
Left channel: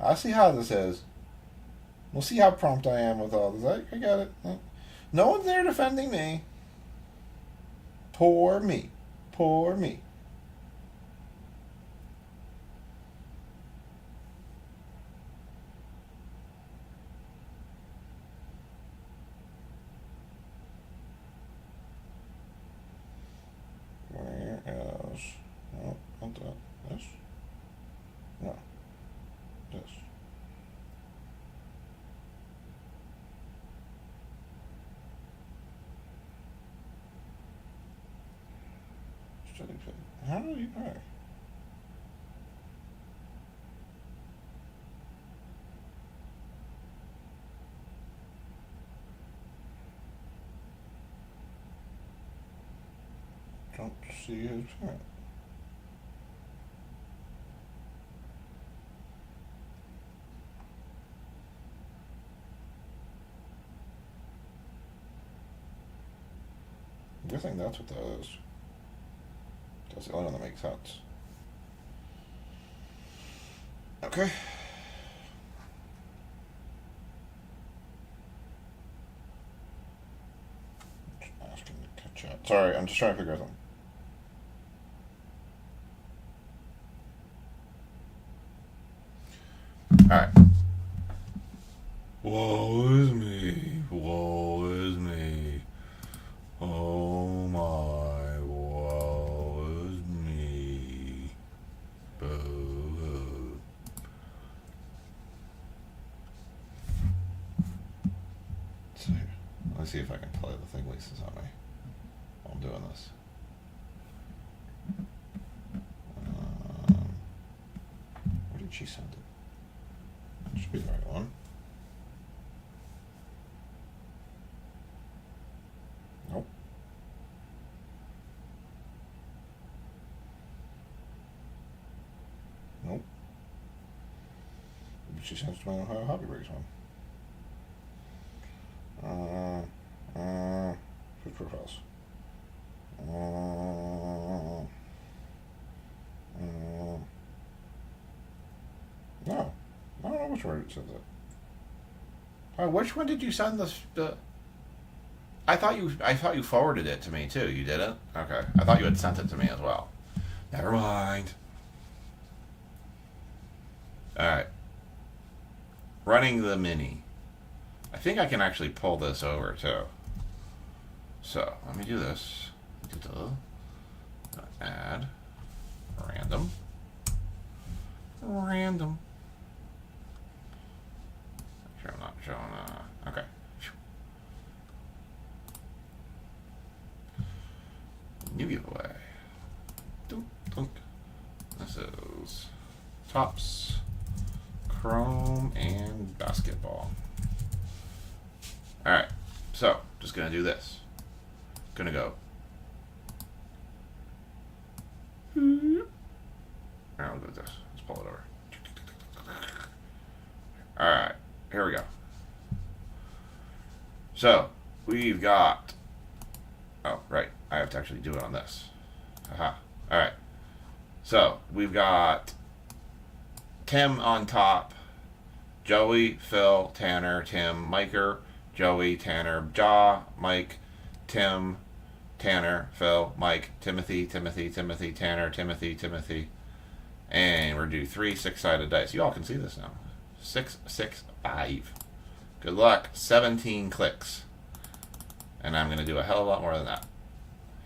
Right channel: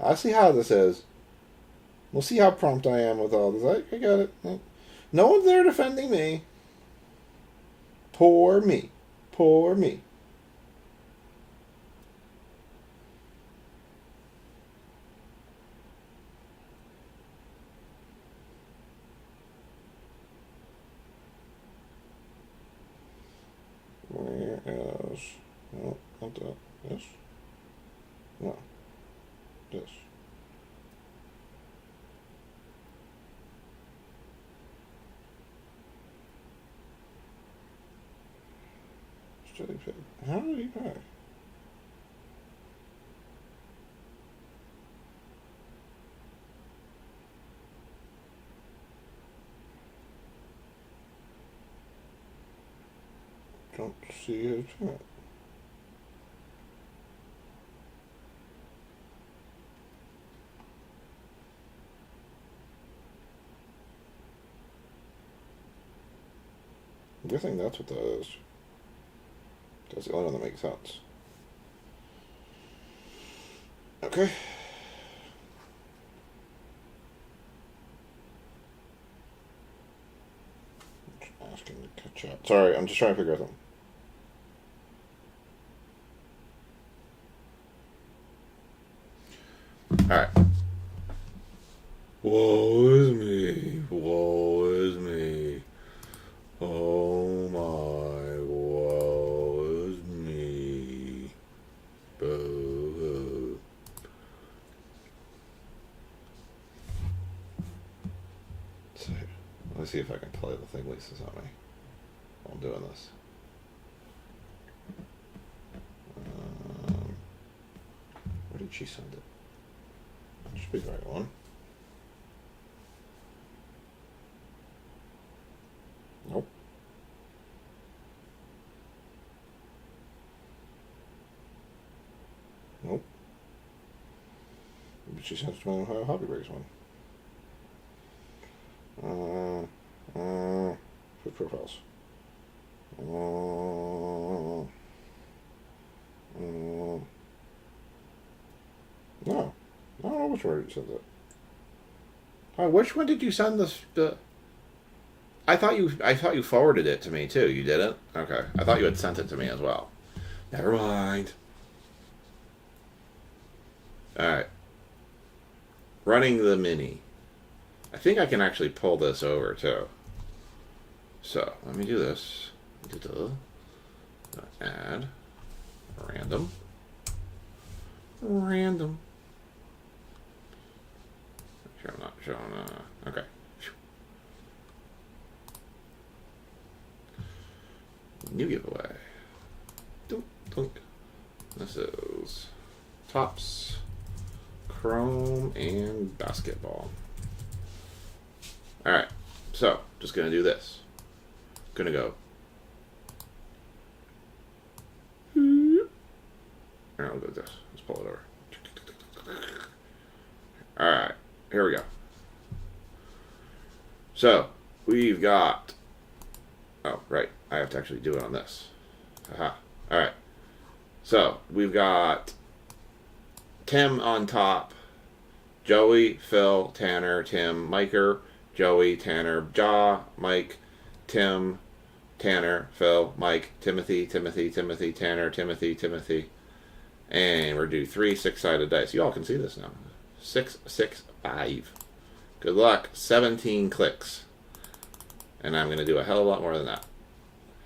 I see how this is. We'll see how prompt I am with all this. I got it. No one's there defending me. Poor me. Poor me. Where is... No, not that. This? No. This. How did he pay? Don't see his chart. I'm guessing that's what that is. That's the only one that makes sense. Okay. Asking to catch up. Sorry, I'm just trying to figure out something. Alright. Woe is me. Woe is me. Oh my. Woe is me. Boo-hoo. So, let's see if I can play the thing Lisa's on me while I'm doing this. Where did she send it? That should be the right one. Nope. Nope. Maybe she sent it to my Ohio Hobby Breaks one. Switch profiles. No. I don't know which one you sent it. Which one did you send this? I thought you forwarded it to me too. You didn't? Okay. I thought you had sent it to me as well. Never mind. All right. Running the mini. I think I can actually pull this over too. So let me do this. Add random. Random. Make sure I'm not showing. Okay. New giveaway. Dunk, dunk. This is Tops, Chrome, and Basketball. Alright, so just gonna do this. Gonna go. Alright, I'll go with this. Let's pull it over. Alright, here we go. So, we've got. Oh, right. I have to actually do it on this. Aha. Alright. So, we've got Tim on top, Joey, Phil, Tanner, Tim, Miker, Joey, Tanner, Ja, Mike, Tim, Tanner, Phil, Mike, Timothy, Timothy, Timothy, Tanner, Timothy, Timothy. And we're due 3 6-sided dice. You all can see this now. 6, 6, 5. Good luck. 17 clicks. And I'm going to do a hell of a lot more than that.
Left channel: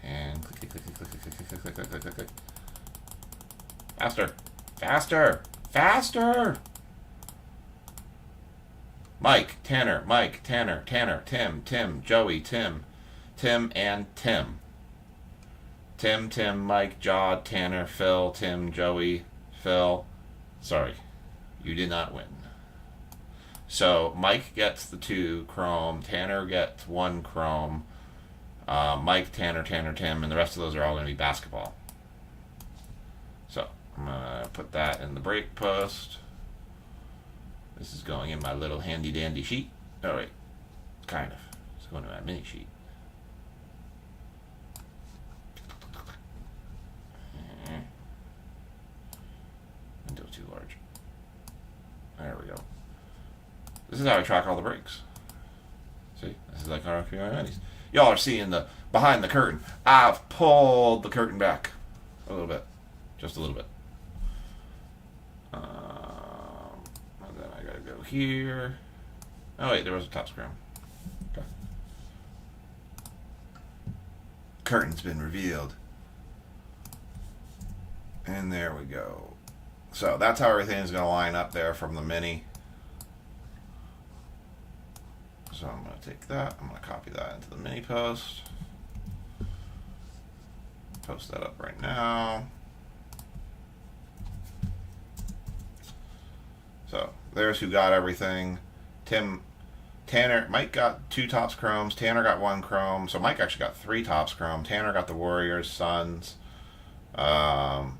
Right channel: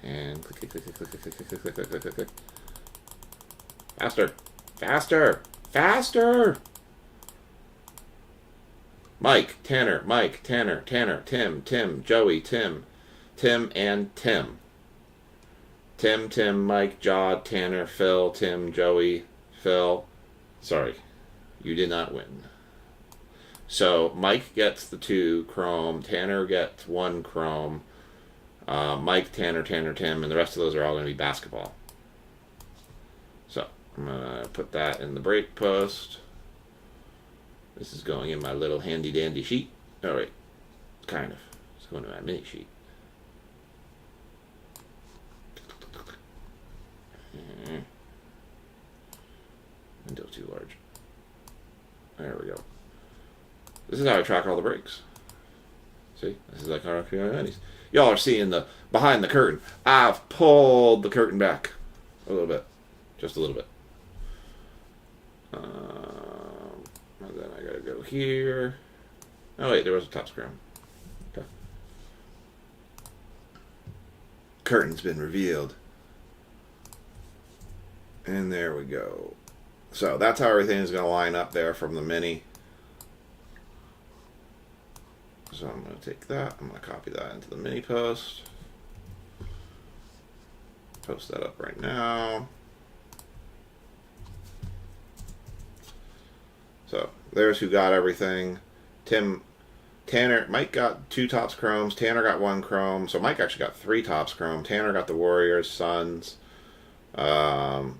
And click, click, click, click, click, click, click, click, click, click, click, click. Faster. Faster. Faster. Mike, Tanner, Tanner, Tim, Tim, Joey, Tim, Tim, and Tim. Tim, Tim, Mike, Ja, Tanner, Phil, Tim, Joey, Phil. Sorry, you did not win. So Mike gets the 2 Chrome, Tanner gets 1 Chrome, Mike, Tanner, Tanner, Tim, and the rest of those are all going to be Basketball. So I'm going to put that in the break post. This is going in my little handy dandy sheet. Oh wait, kind of. It's going to my mini sheet. Window too large. There we go. This is how I track all the breaks. See, this is like our minis. Y'all are seeing the behind the curtain. I've pulled the curtain back a little bit, just a little bit. And then I gotta go here. Oh wait, there was a top scrum. Okay. Curtain's been revealed. And there we go. So that's how everything is going to line up there from the mini. So I'm going to take that. I'm going to copy that into the mini post. Post that up right now. So there's who got everything. Tanner, Mike got 2 Tops Chromes. Tanner got 1 Chrome. So Mike actually got 3 Tops Chrome. Tanner got the Warriors, Suns. And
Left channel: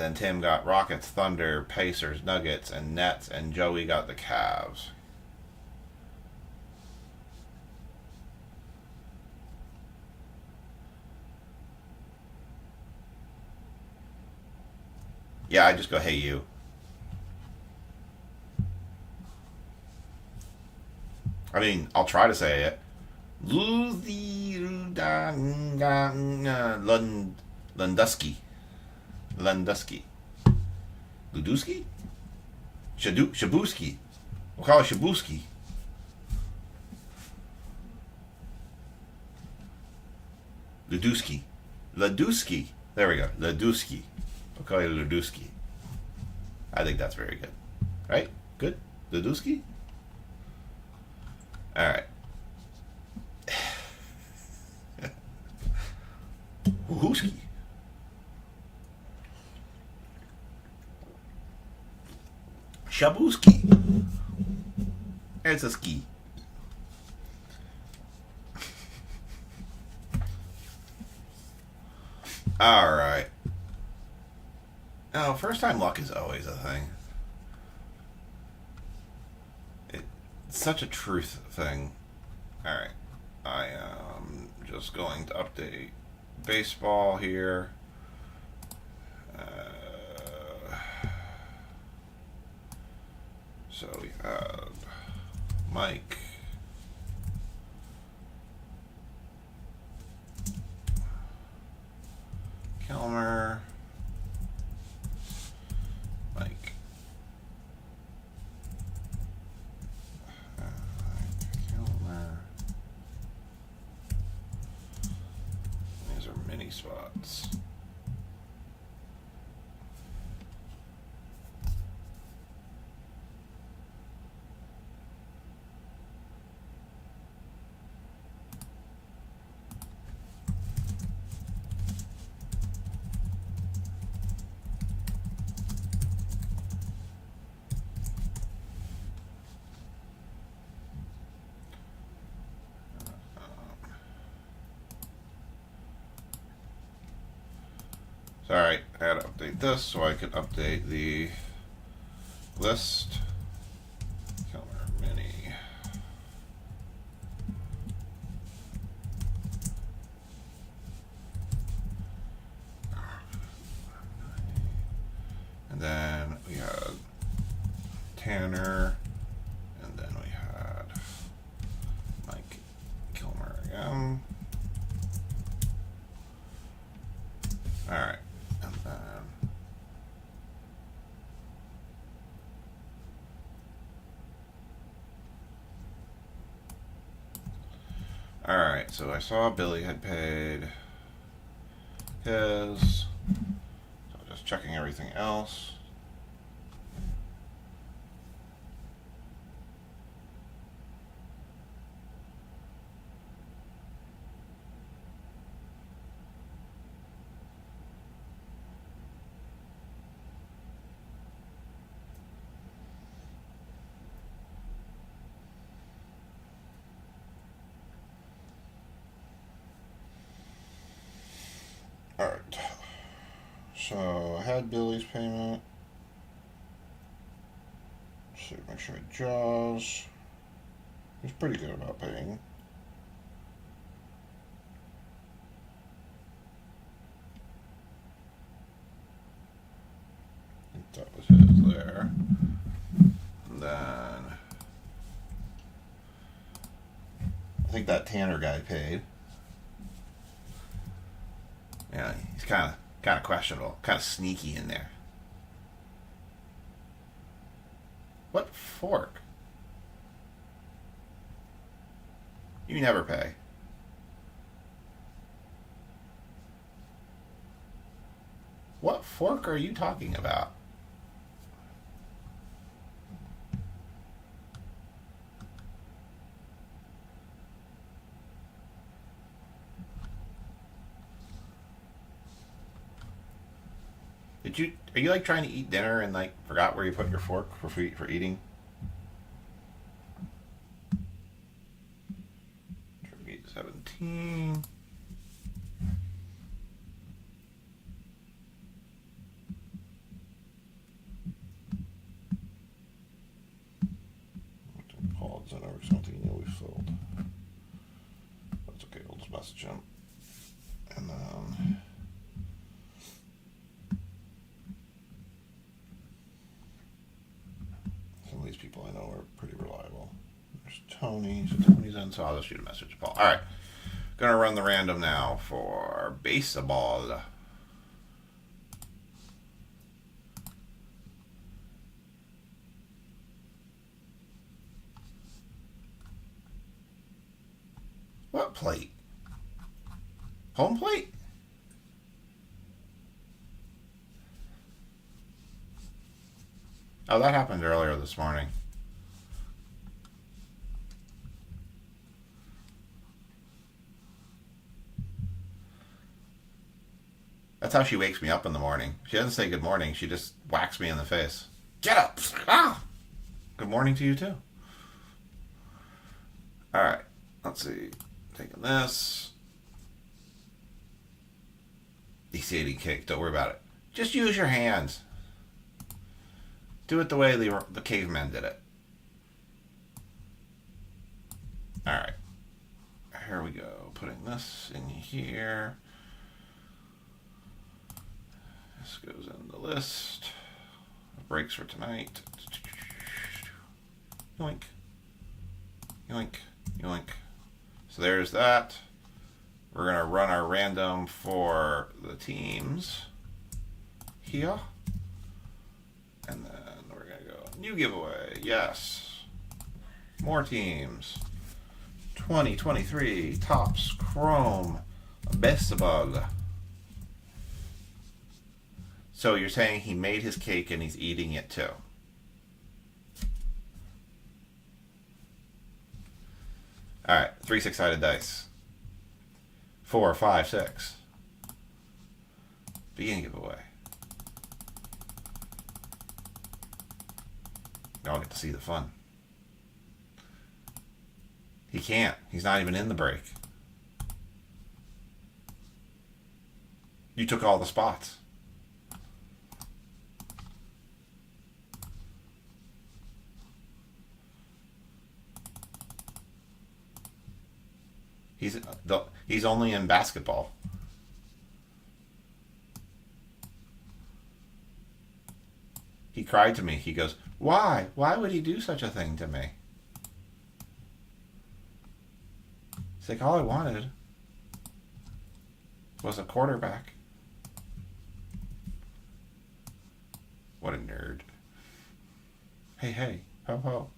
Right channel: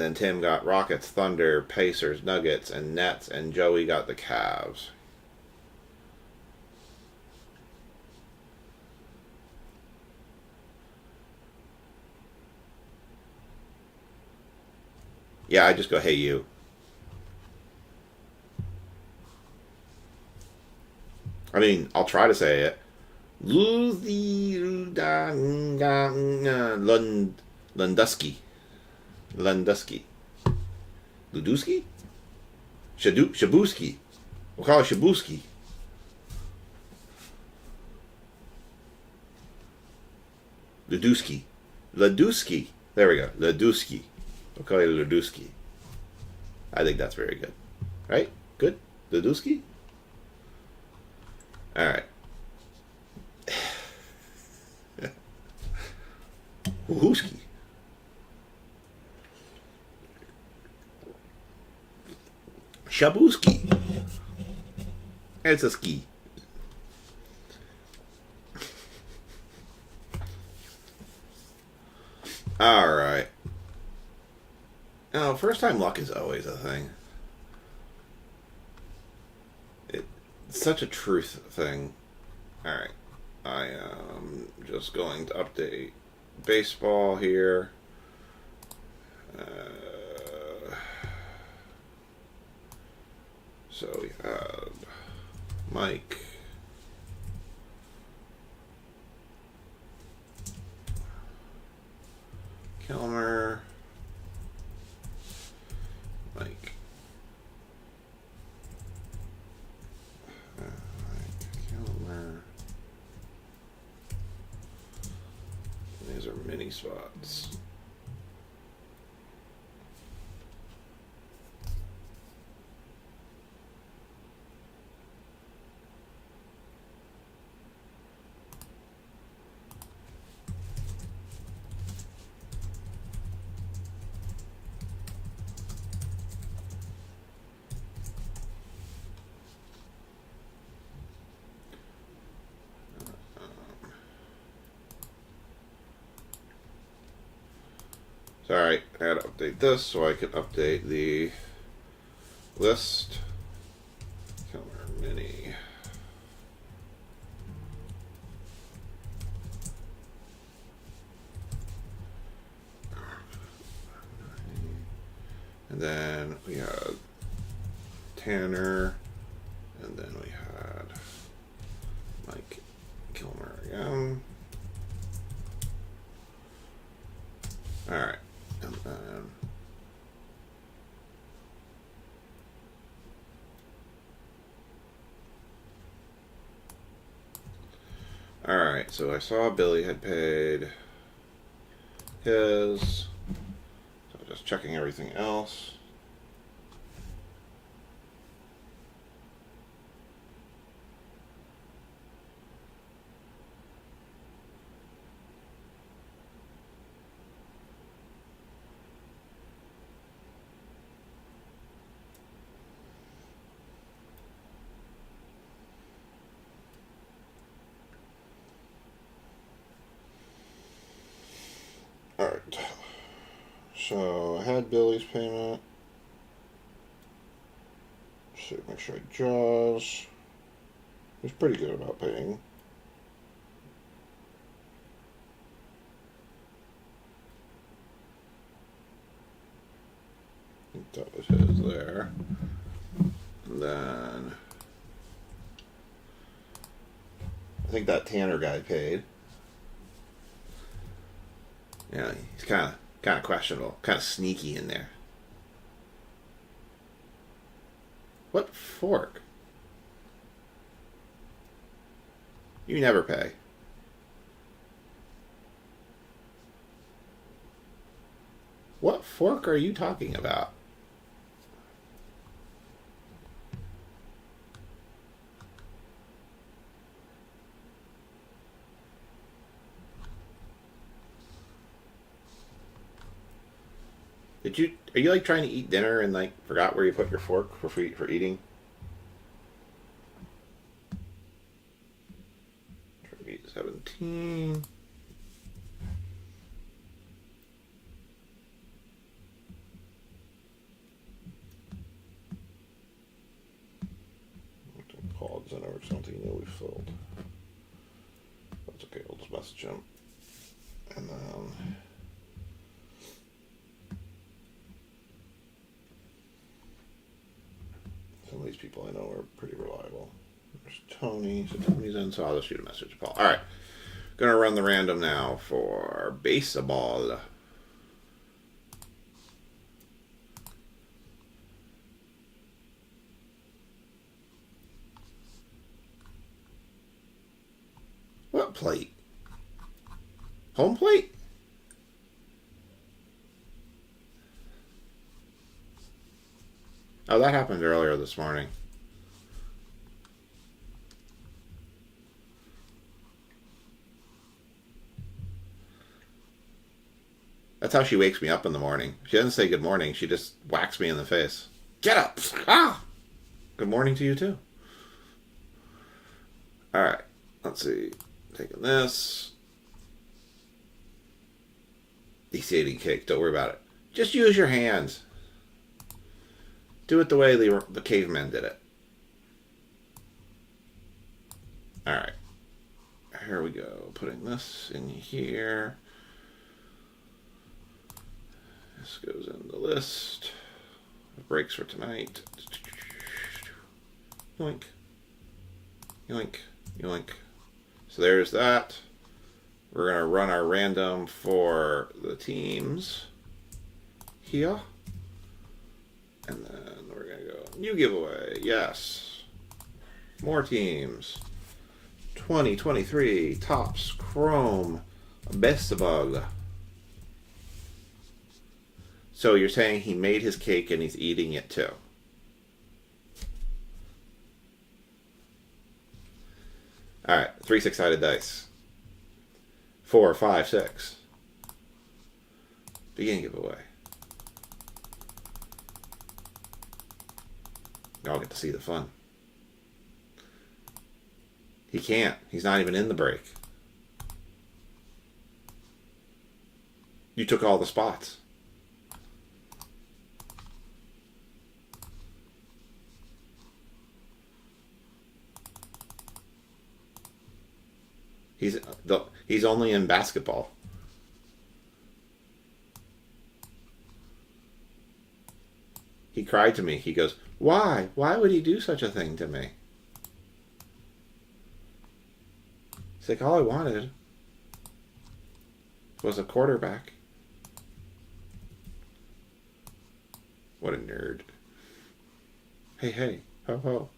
then Tim got Rockets, Thunder, Pacers, Nuggets, and Nets. And Joey got the Cavs. Yeah, I just go, hey, you. I mean, I'll try to say it. Lundusky. Lundusky. Ludusky? Shabuski. We'll call it Shabuski. Ludusky. Ladusky. There we go. Ladusky. We'll call it Ladusky. I think that's very good. Right? Good? Ladusky? Alright. Woohooski. Shabuski. It's a ski. Alright. Now, first time luck is always a thing. It's such a truth thing. Alright. I am just going to update baseball here. So we have Mike, Kilmer. Mike. Kilmer. These are mini spots. Sorry, I had to update this so I could update the list. Kilmer Mini. And then we had Tanner, and then we had Mike Kilmer again. All right, and then all right. So I saw Billy had paid his. So just checking everything else. Alright, so I had Billy's payment. So make sure I jaws. He's pretty good about paying. I think that was his there. And then I think that Tanner guy paid. Yeah, he's kind of questionable, kind of sneaky in there. What fork? You never pay. What fork are you talking about? Are you like trying to eat dinner and like forgot where you put your fork for eating? 17. Paul's in over something we filled. That's okay, we'll just message him. And then some of these people I know are pretty reliable. There's Tony. So Tony's in, so I'll just shoot a message to Paul. All right. Gonna run the random now for baseball. What plate? Home plate? Oh, that happened earlier this morning. That's how she wakes me up in the morning. She doesn't say good morning. She just whacks me in the face. Get up! Ah! Good morning to you, too. All right. Let's see. Taking this. Eating cake. Don't worry about it. Just use your hands. Do it the way the cavemen did it. All right. Here we go. Putting this in here. This goes in the list. Breaks for tonight. Yoink. Yoink. Yoink. So there's that. We're going to run our random for the teams here. And then we're going to go new giveaway. Yes. More teams. 2023 Topps Chrome Baseball. So you're saying he made his cake and he's eating it too? All right, 3 6-sided dice. 4, 5, 6. Beginning giveaway. Y'all get to see the fun. He can't. He's not even in the break. You took all the spots. He's only in basketball. He cried to me. He goes, "Why? Why would he do such a thing to me?" It's like, all I wanted was a quarterback. What a nerd. Hey, hey, ho, ho.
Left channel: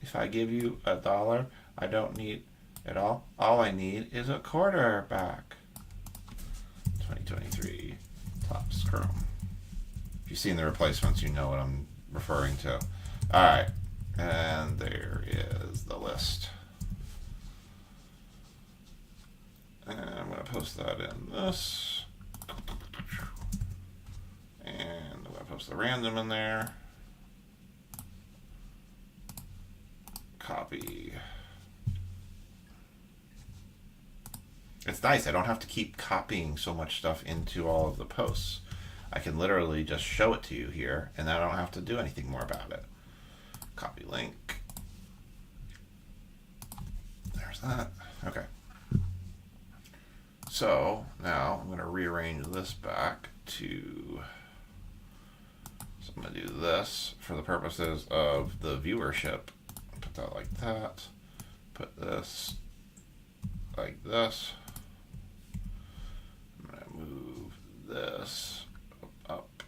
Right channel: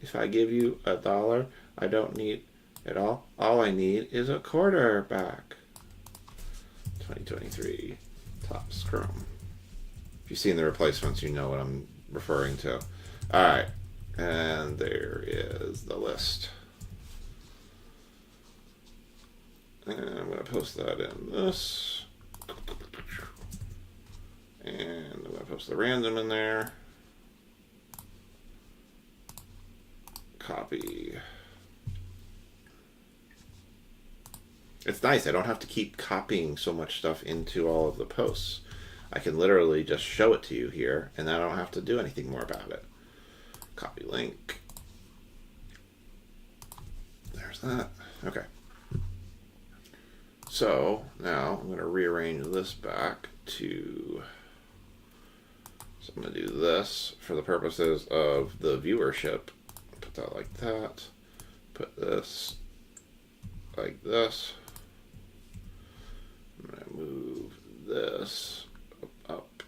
If I give you $1, I don't need it all. All I need is a quarterback. 2023 Topps Chrome. If you've seen the replacements, you know what I'm referring to. All right. And there is the list. And I'm going to post that in this. And I'm going to post the random in there. Copy. It's nice. I don't have to keep copying so much stuff into all of the posts. I can literally just show it to you here, and I don't have to do anything more about it. Copy link. There's that. Okay. So now I'm going to rearrange this back to, so I'm going to do this for the purposes of the viewership. Put that like that. Put this like this. I'm going to move this up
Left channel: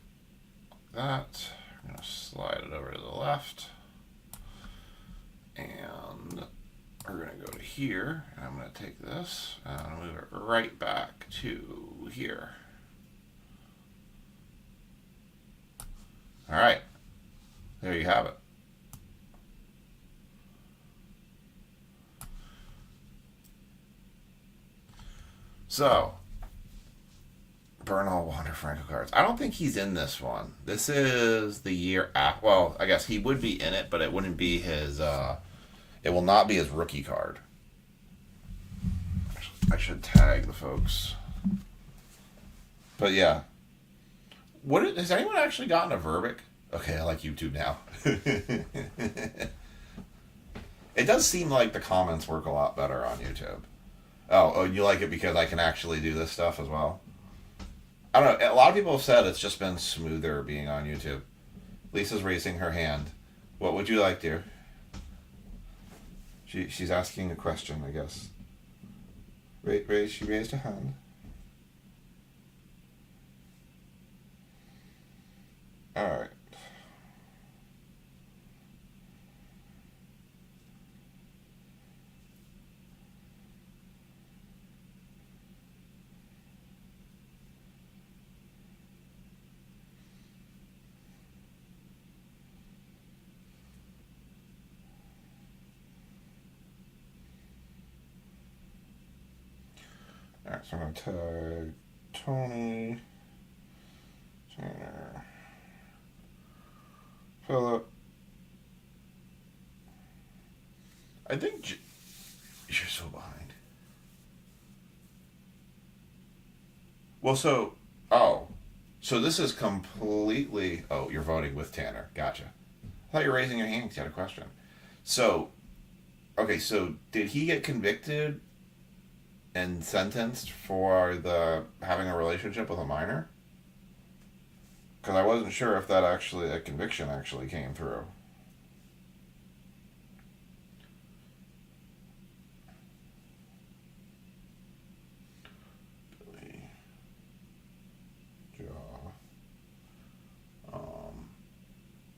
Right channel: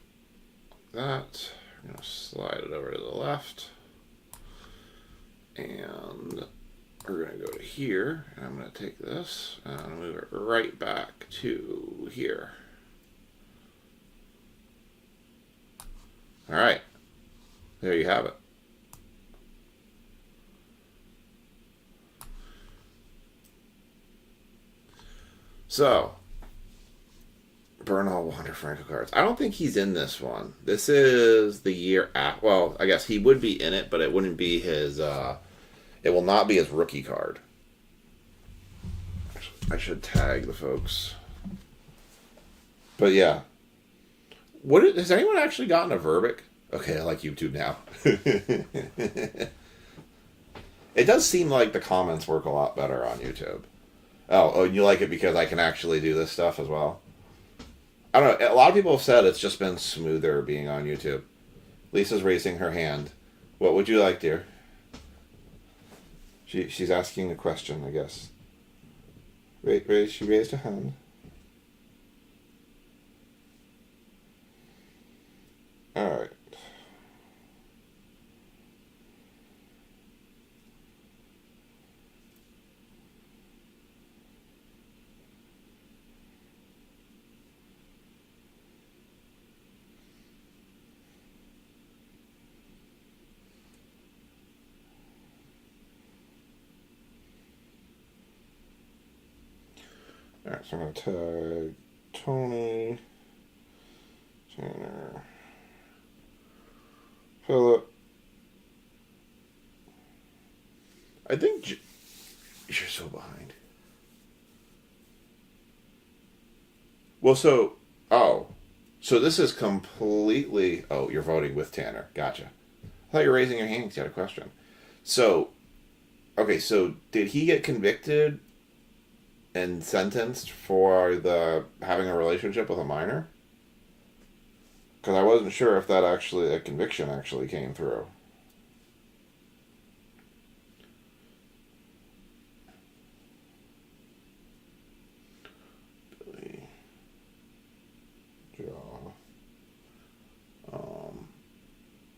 like that. I'm going to slide it over to the left. And we're going to go to here, and I'm going to take this and move it right back to here. All right. There you have it. So, burn all Wander Franco cards. I don't think he's in this one. This is the year after. Well, I guess he would be in it, but it wouldn't be his. It will not be his rookie card. I should tag the folks. But yeah. Has anyone actually gotten a Verbic? Okay, I like YouTube now. It does seem like the comments work a lot better on YouTube. Oh, you like it because I can actually do this stuff as well? I don't know. A lot of people have said it's just been smoother being on YouTube. Lisa's raising her hand. What would you like, dear? She's asking a question, I guess. She raised her hand. All right. Alright, so I'm going to tag Tony, Tanner, Philip. I think you're so behind. Well, so this is completely. Oh, you're voting with Tanner. Gotcha. I thought you were raising your hand because you had a question. So, okay, so did he get convicted and sentenced for having a relationship with a minor? Because I wasn't sure if a conviction actually came through. Jaw.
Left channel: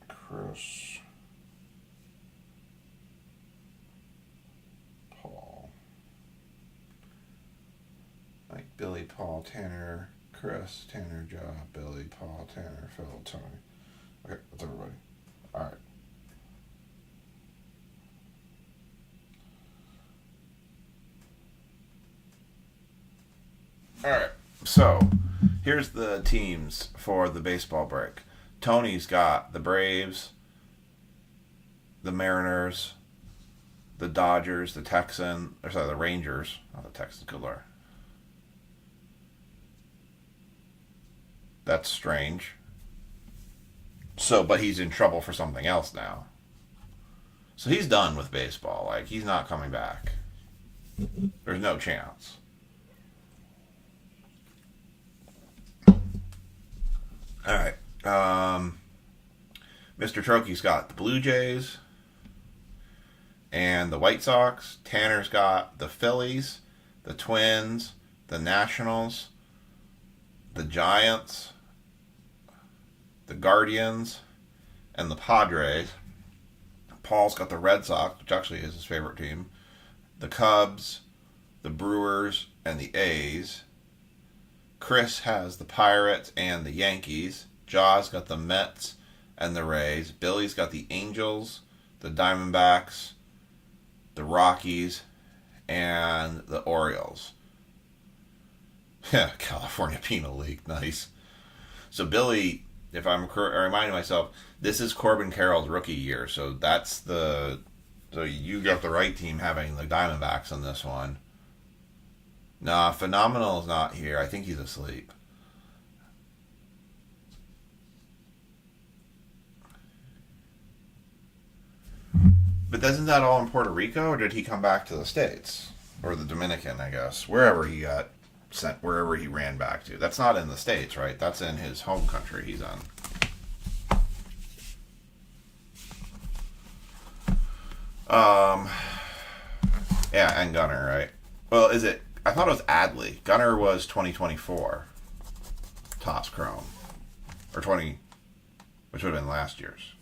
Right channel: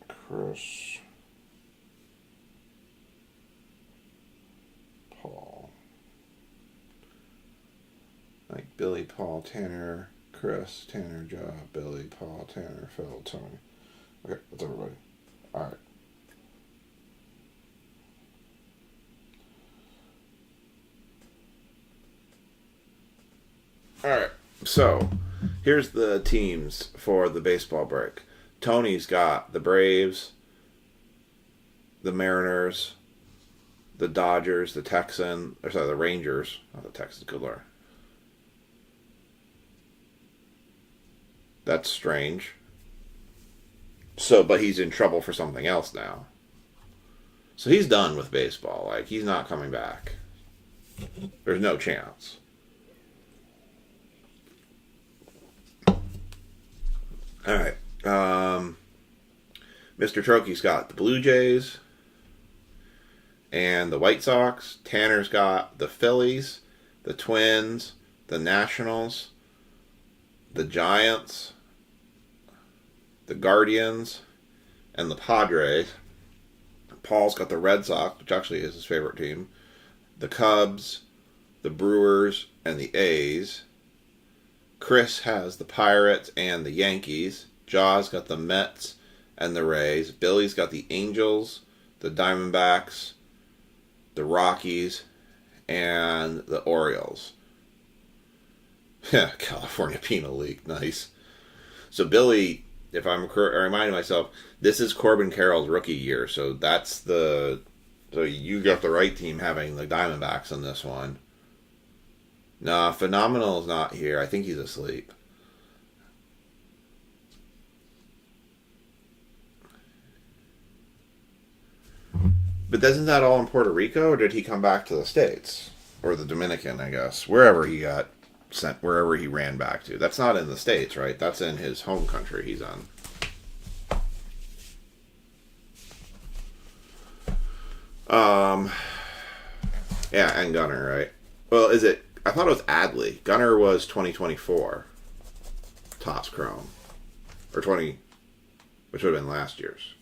Chris. Paul. Like Billy, Paul, Tanner, Chris, Tanner, Jaw, Billy, Paul, Tanner, Phil, Tony. Okay, that's everybody. Alright. Alright, so here's the teams for the baseball break. Tony's got the Braves, the Mariners, the Dodgers, the the Rangers. Not the Texans, good lord. That's strange. So, but he's in trouble for something else now. So he's done with baseball. Like, he's not coming back. There's no chance. Alright. Mr. Trokey's got the Blue Jays and the White Sox. Tanner's got the Phillies, the Twins, the Nationals, the Giants, the Guardians, and the Padres. Paul's got the Red Sox, which actually is his favorite team, the Cubs, the Brewers, and the A's. Chris has the Pirates and the Yankees. Jaw's got the Mets and the Rays. Billy's got the Angels, the Diamondbacks, the Rockies, and the Orioles. Yeah, California Penal League, nice. So Billy, if I'm reminding myself, this is Corbin Carroll's rookie year, so so you got the right team having the Diamondbacks in this one. Nah, Phenomenal's not here. I think he's asleep. But isn't that all in Puerto Rico, or did he come back to the States? Or the Dominican, I guess. Wherever he got sent, wherever he ran back to. That's not in the States, right? That's in his home country he's in. Yeah, and Gunner, right? Well, is it... I thought it was Adley. Gunner was 2024. Topps Chrome. Or 20... Which would have been last year's.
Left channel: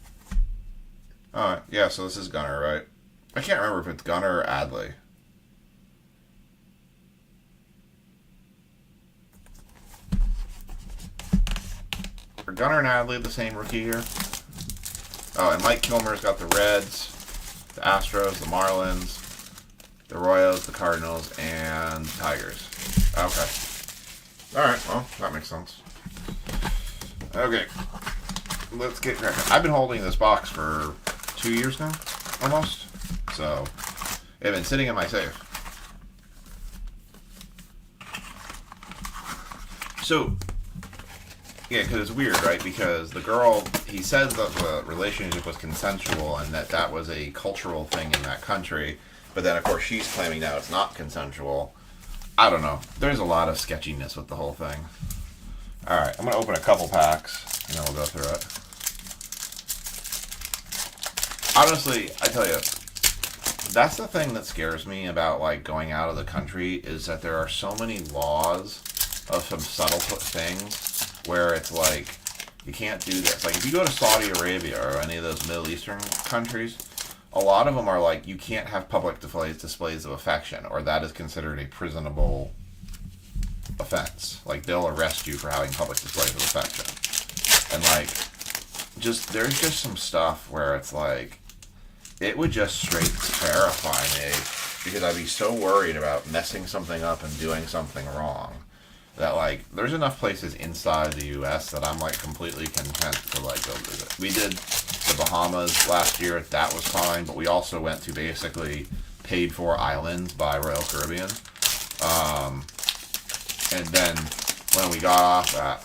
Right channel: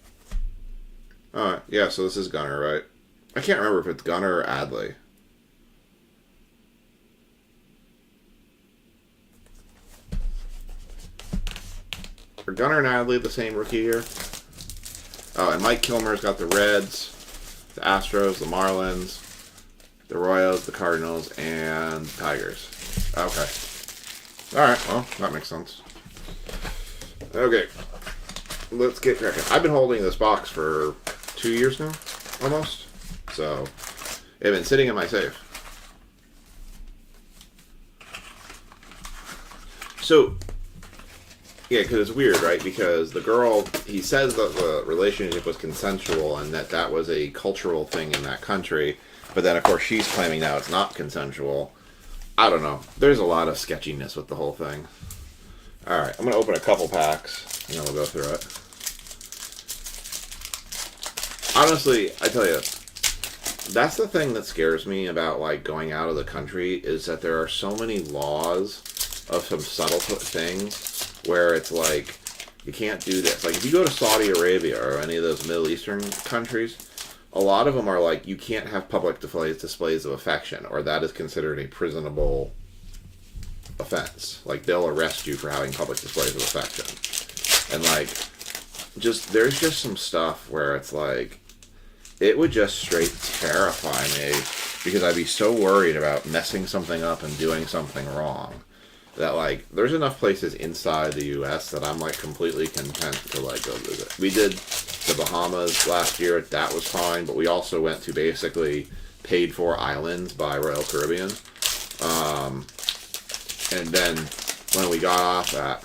Alright, yeah, so this is Gunner, right? I can't remember if it's Gunner or Adley. Are Gunner and Adley the same rookie year? Oh, and Mike Kilmer's got the Reds, the Astros, the Marlins, the Royals, the Cardinals, and the Tigers. Okay. Alright, well, that makes sense. Okay. Let's get cracking. I've been holding this box for 2 years now, almost. So, it's been sitting in my safe. So, yeah, because it's weird, right? Because the girl, he says that the relationship was consensual and that was a cultural thing in that country. But then, of course, she's claiming now it's not consensual. I don't know. There's a lot of sketchiness with the whole thing. Alright, I'm going to open a couple packs, and then we'll go through it. Honestly, I tell you, that's the thing that scares me about, like, going out of the country, is that there are so many laws of some subtle things where it's like, you can't do this. Like, if you go to Saudi Arabia or any of those Middle Eastern countries, a lot of them are like, you can't have public displays of affection, or that is considered a prisonable offense. Like, they'll arrest you for having public displays of affection. And, like, there's just some stuff where it's like, it would just straight terrify me, because I'd be so worried about messing something up and doing something wrong, that, like, there's enough places inside the U.S. that I'm, like, completely content to, like, go visit. We did the Bahamas last year. That was fine, but we also went to basically paid-for islands by Royal Caribbean. And then when we got off at...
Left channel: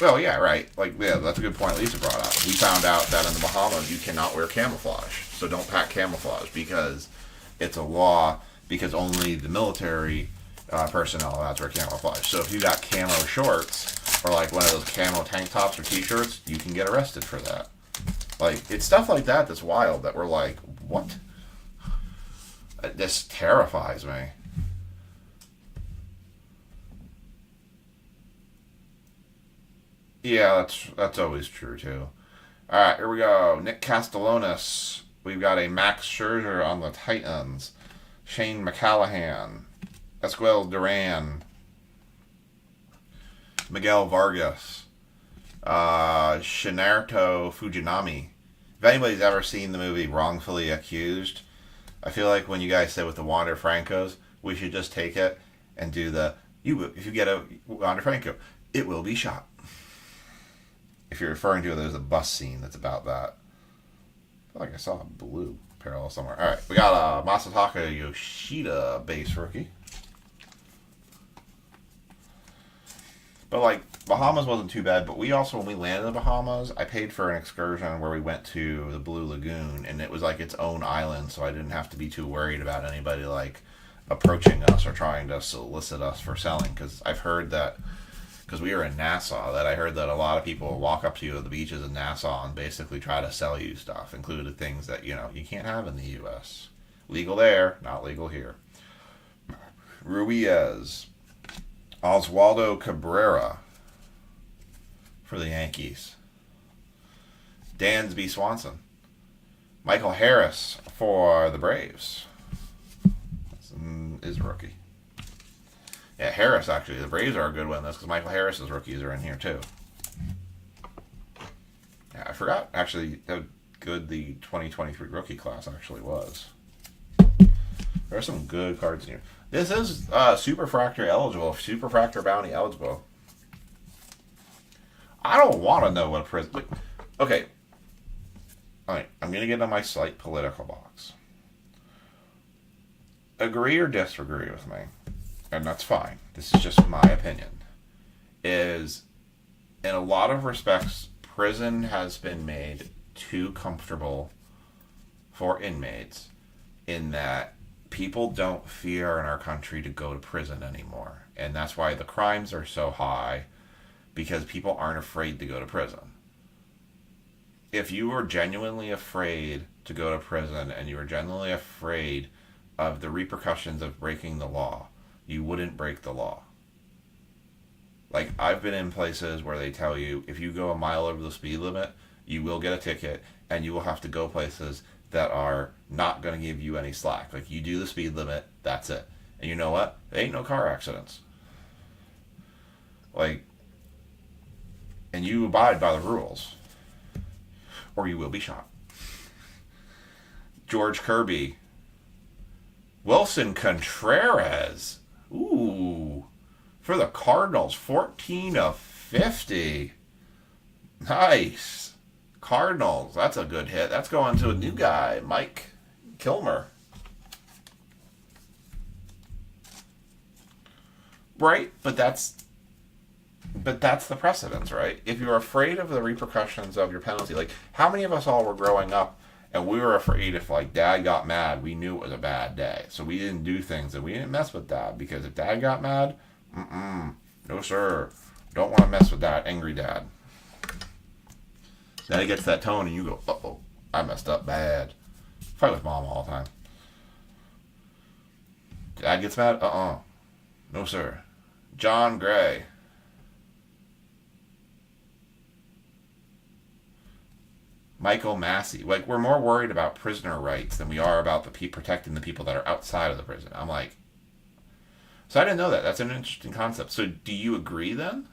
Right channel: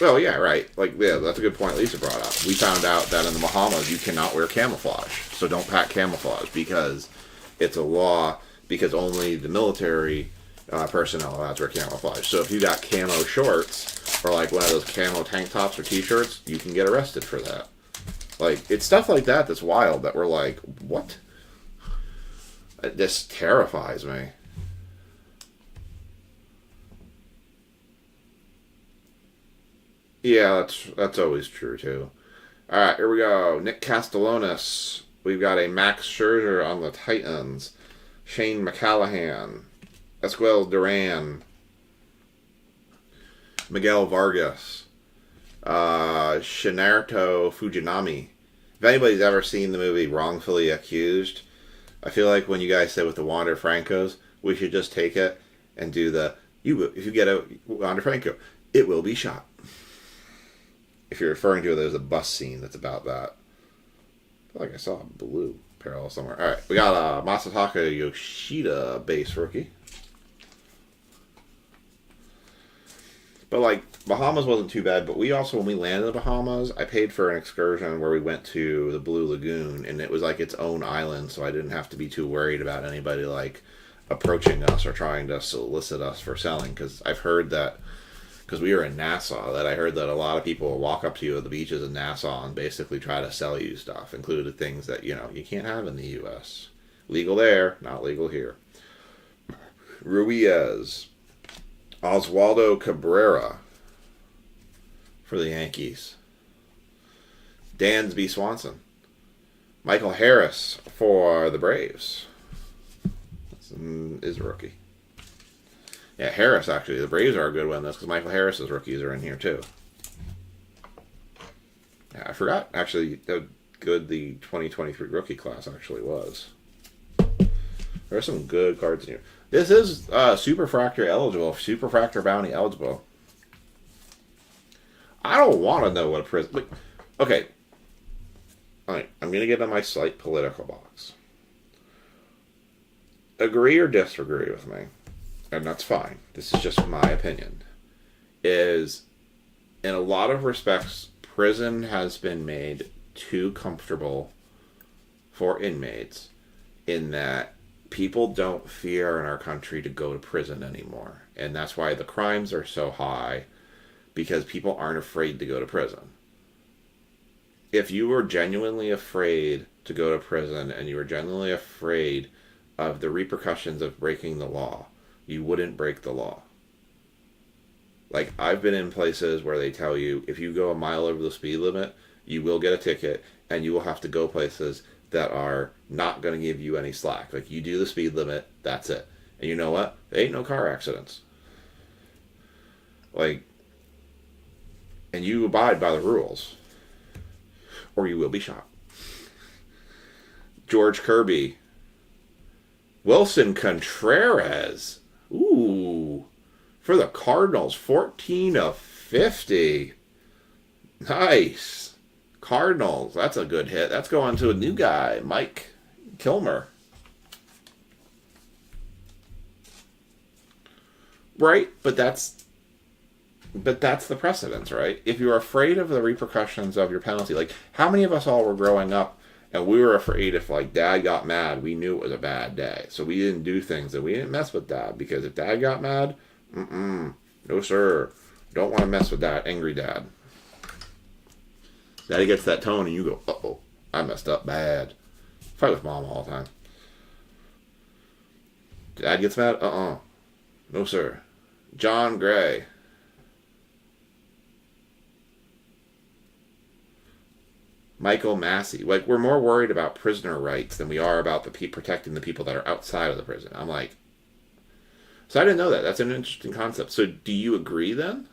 well, yeah, right. Like, yeah, that's a good point Lisa brought up. We found out that in the Bahamas, you cannot wear camouflage. So don't pack camouflage, because it's a law, because only the military personnel are allowed to wear camouflage. So if you got camo shorts, or like one of those camo tank tops or t-shirts, you can get arrested for that. Like, it's stuff like that that's wild, that we're like, what? This terrifies me. Yeah, that's always true too. All right, here we go. Nick Castellanos. We've got a Max Scherzer on the Titans. Shane McCallahan. Esquivel Duran. Miguel Vargas. Shinarto Fujinami. If anybody's ever seen the movie Wrongfully Accused, I feel like when you guys say with the Wander Francos, we should just take it and do the if you get a Wander Franco, it will be shot. If you're referring to it, there's a bus scene that's about that. I feel like I saw a blue parallel somewhere. All right, we got a Masataka Yoshida base rookie. But like Bahamas wasn't too bad, but we also, when we landed in the Bahamas, I paid for an excursion where we went to the Blue Lagoon, and it was like its own island, so I didn't have to be too worried about anybody like approaching us or trying to solicit us for selling. Because I've heard that, because we were in Nassau, that I heard that a lot of people will walk up to you at the beaches in Nassau and basically try to sell you stuff, including things that, you know, you can't have in the U.S. Legal there, not legal here. Ruiz. Oswaldo Cabrera for the Yankees. Dansby Swanson. Michael Harris for the Braves. Is a rookie. Yeah, Harris, actually. The Braves are a good one. That's because Michael Harris's rookies are in here, too. Yeah, I forgot, actually, how good the 2023 rookie class actually was. There are some good cards in here. This is Superfractor eligible. Superfractor Bounty eligible. I don't want to know what a prison... Like, okay. Alright, I'm going to get on my slight political box. Agree or disagree with me, and that's fine. This is just my opinion. Is, in a lot of respects, prison has been made too comfortable for inmates in that people don't fear in our country to go to prison anymore. And that's why the crimes are so high, because people aren't afraid to go to prison. If you were genuinely afraid to go to prison and you were genuinely afraid of the repercussions of breaking the law, you wouldn't break the law. Like, I've been in places where they tell you if you go a mile over the speed limit, you will get a ticket and you will have to go places that are not going to give you any slack. Like, you do the speed limit, that's it. And you know what? There ain't no car accidents. Like, and you abide by the rules, or you will be shot. George Kirby. Wilson Contreras. Ooh. For the Cardinals, 14/50. Nice. Cardinals, that's a good hit. That's going to a new guy, Mike Kilmer. Right? But that's the precedence, right? If you're afraid of the repercussions of your penalty, like, how many of us all were growing up and we were afraid if, like, Dad got mad, we knew it was a bad day. So we didn't do things, and we didn't mess with Dad, because if Dad got mad, no sir, don't want to mess with that angry Dad. Daddy gets that tone and you go, uh-oh, I messed up bad. Fight with Mom all the time. Dad gets mad, no sir. John Gray. Michael Massey. Like, we're more worried about prisoner rights than we are about protecting the people that are outside of the prison. I'm like, so I didn't know that. That's an interesting concept. So do you agree then?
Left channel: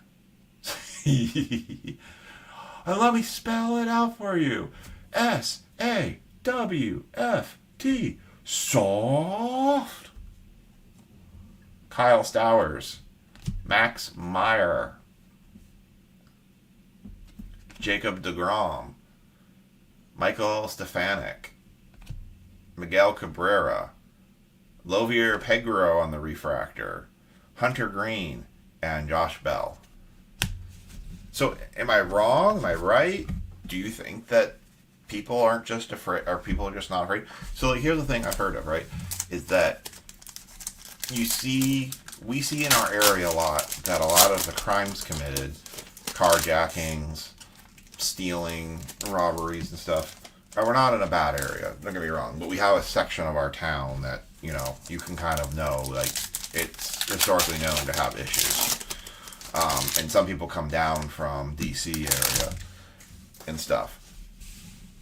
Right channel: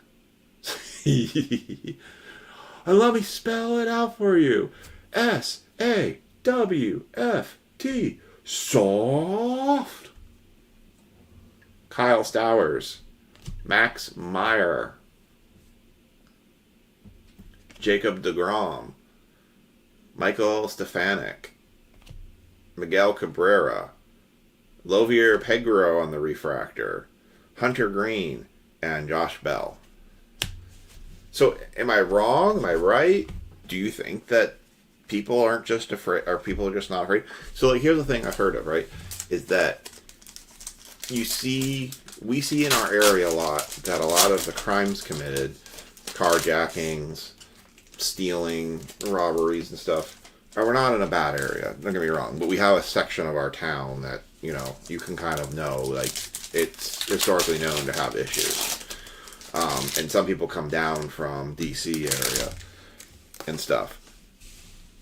And let me spell it out for you. SAWFT. Soft. Kyle Stowers. Max Meyer. Jacob deGrom. Michael Stefanik. Miguel Cabrera. Lovier Pegro on the refractor. Hunter Green. And Josh Bell. So, am I wrong? Am I right? Do you think that people aren't just afraid, or people are just not afraid? So, like, here's the thing I've heard of, right? Is that we see in our area a lot that a lot of the crimes committed, carjackings, stealing, robberies and stuff, we're not in a bad area. Don't get me wrong. But we have a section of our town that, you know, you can kind of know, like, it's historically known to have issues. And some people come down from DC area and stuff.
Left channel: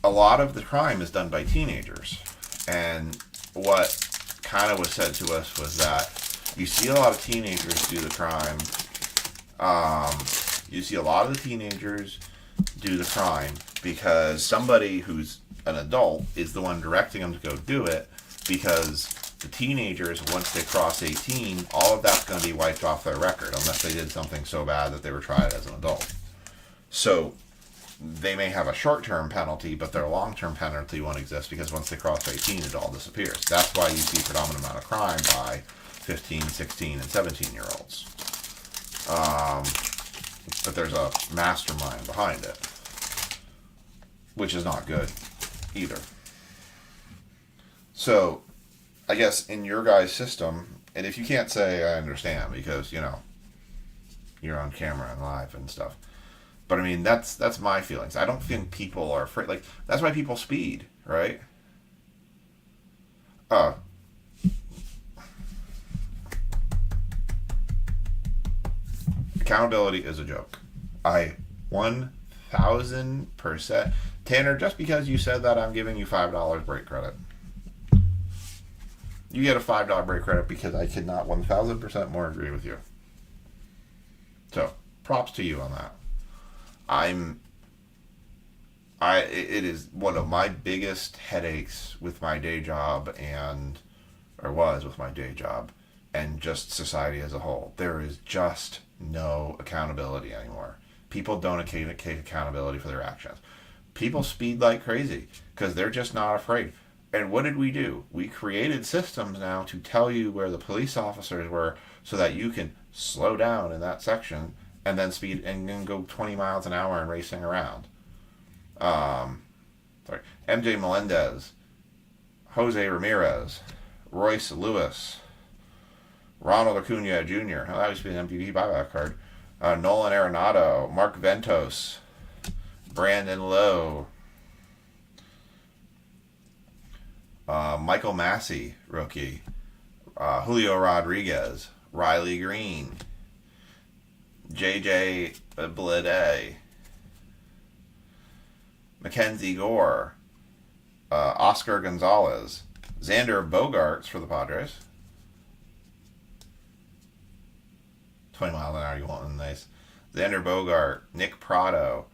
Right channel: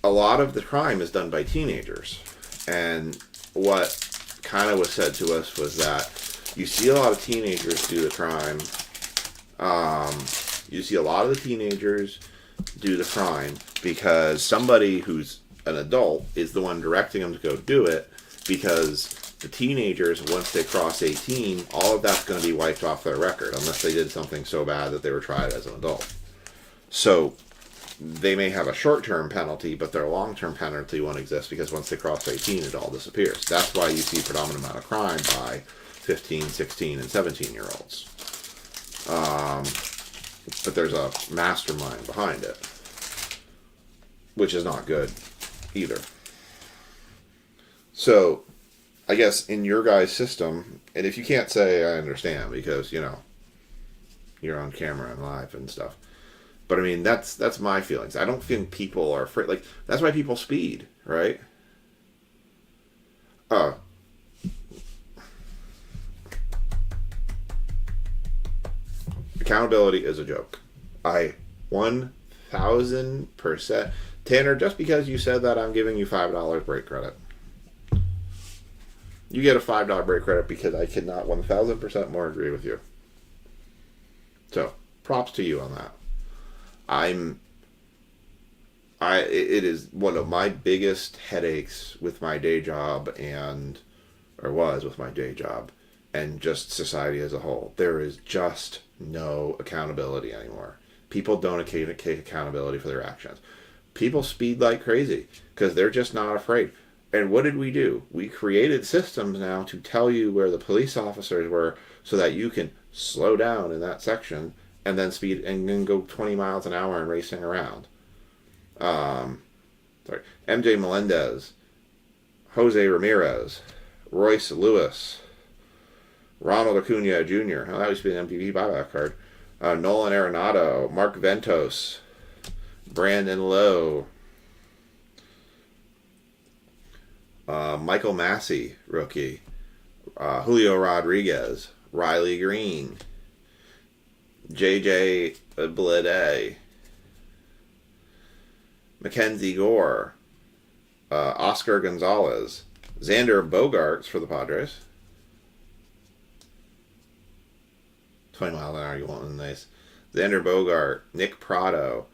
A lot of the crime is done by teenagers. And what kind of was said to us was that you see a lot of teenagers do the crime. You see a lot of the teenagers do the crime because somebody who's an adult is the one directing them to go do it, because the teenagers, once they cross 18, all of that's going to be wiped off their record unless they did something so bad that they were tried as an adult. So they may have a short-term penalty, but their long-term penalty won't exist because once they cross 18, it all disappears. That's why you see a predominant amount of crime by 15, 16, and 17-year-olds. But there's a mastermind behind it, which is not good either. So I guess in your guys' system, and if you can't say, I understand, because, you know, you're on camera and live and stuff. But I mean, that's my feelings. I don't think people are afraid. Like, that's why people speed, right? Accountability is a joke. I 1000%. Tanner, just because you said that, I'm giving you $5 break credit. You get a $5 break credit because I could not 1000% more agree with you. So, props to you on that. It is one of my biggest headaches with my day job was with my day job and just society as a whole. There is just no accountability anymore. People don't take accountability for their actions. People speed like crazy because they're just not afraid. And what did we do? We created systems now to tell you where the police officers were so that you can slow down in that section and then speed and then go 20 miles an hour and racing around. MJ Melendez, Jose Ramirez, Royce Lewis, Ronald Acuna Jr. Oh, that used to be an MVP buyback card. Nolan Arenado, Mark Ventos, Brandon Lowe, Michael Massey, rookie, Julio Rodriguez, Riley Green, JJ Blede, Mackenzie Gore, Oscar Gonzalez, Xander Bogaerts for the Padres. 20 miles an hour, you want nice. Xander Bogart, Nick Prado,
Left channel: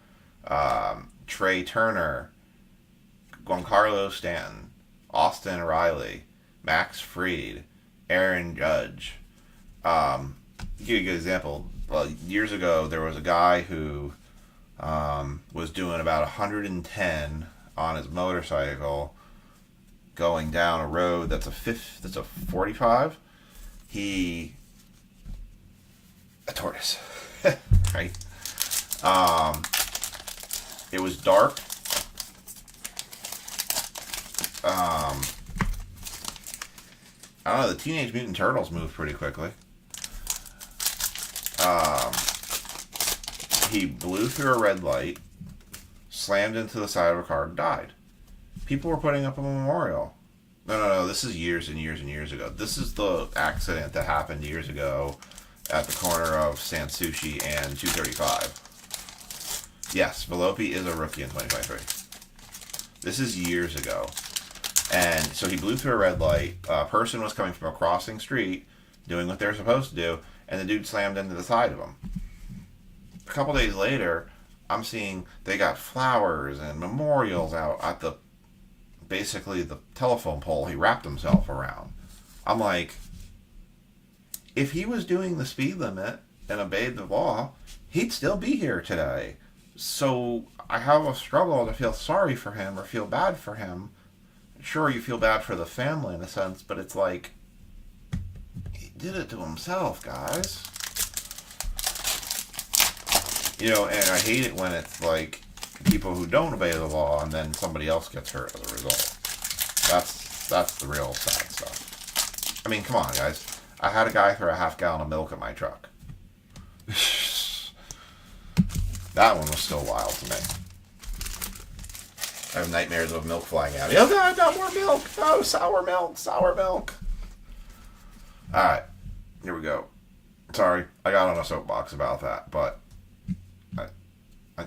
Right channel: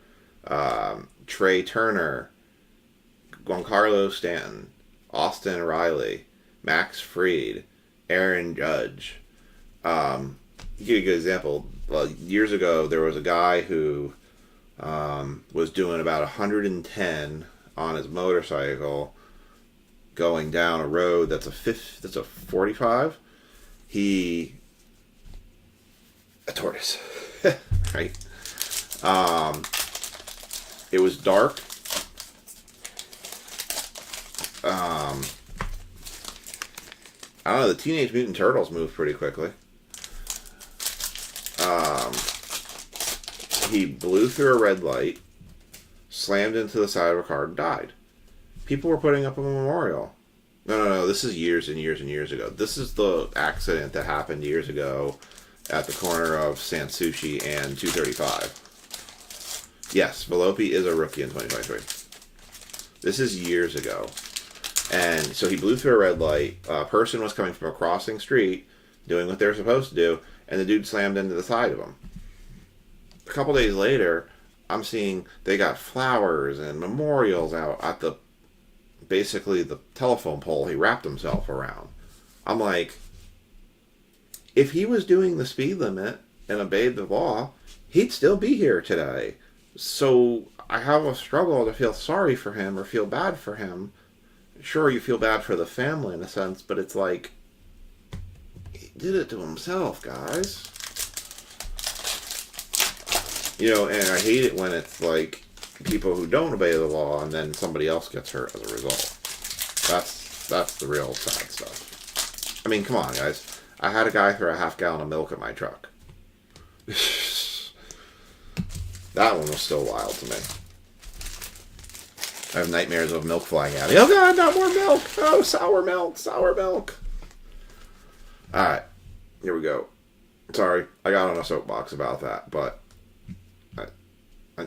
Trey Turner, Giancarlo Stanton, Austin Riley, Max Fried, Aaron Judge. To give you a good example, well, years ago there was a guy who was doing about 110 on his motorcycle going down a road that's a 45. A tortoise, right? It was dark. I don't know, the Teenage Mutant Turtles moved pretty quickly. He blew through a red light, slammed into the side of a car, and died. People were putting up a memorial. No, this is years and years and years ago. This is the accident that happened years ago at the corner of Sansushi and 235. Yes, Volpe is a rookie in 2023. This is years ago. And so he blew through a red light. A person was coming from a crossing street, doing what they were supposed to do, and the dude slammed into the side of him. A couple days later, I'm seeing they got flowers and memorials out at basically the telephone pole he wrapped himself around. I'm like, if he was doing the speed limit and obeyed the law, he'd still be here today. So I have a struggle to feel sorry for him or feel bad for him. Sure, you feel bad for the family in a sense, but it's like, he did it to himself, guys. You know, and I hate it when it's like people who don't obey the law and then somebody else gets hurt as a result. That's the real sad stuff. I mean, come on, guys. I had a guy throw a half gallon of milk at my truck. That one was still wild to me. I have nightmares of milk flying at me. Oh God, not more milk! Oh, sour milk, sour milk. Alright, here we go. Sorry, I got on a soapbox about that, but I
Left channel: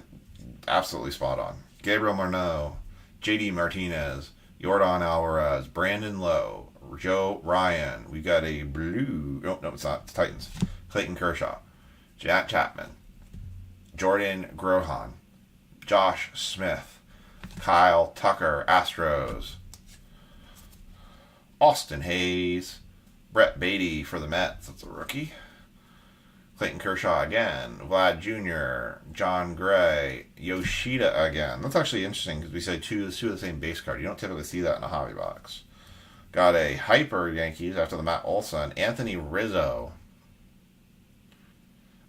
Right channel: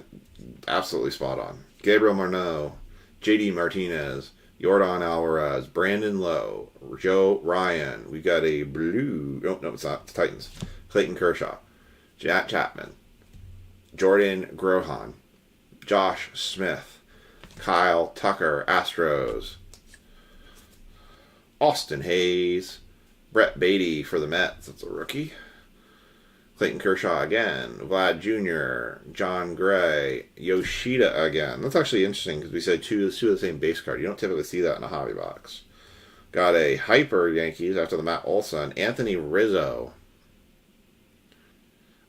absolutely spot on. Gabriel Marneau, JD Martinez, Jordan Alvarez, Brandon Lowe, Joe Ryan. We got a blue. No, it's not. It's Titans. Clayton Kershaw, Jack Chapman, Jordan Grohan, Josh Smith, Kyle Tucker, Astros, Austin Hayes, Brett Beatty for the Mets. That's a rookie. Clayton Kershaw again, Vlad Jr., John Gray, Yoshida again. That's actually interesting because we said two of the same base card. You don't typically see that in a hobby box. Got a hyper Yankees after the Matt Olson, Anthony Rizzo.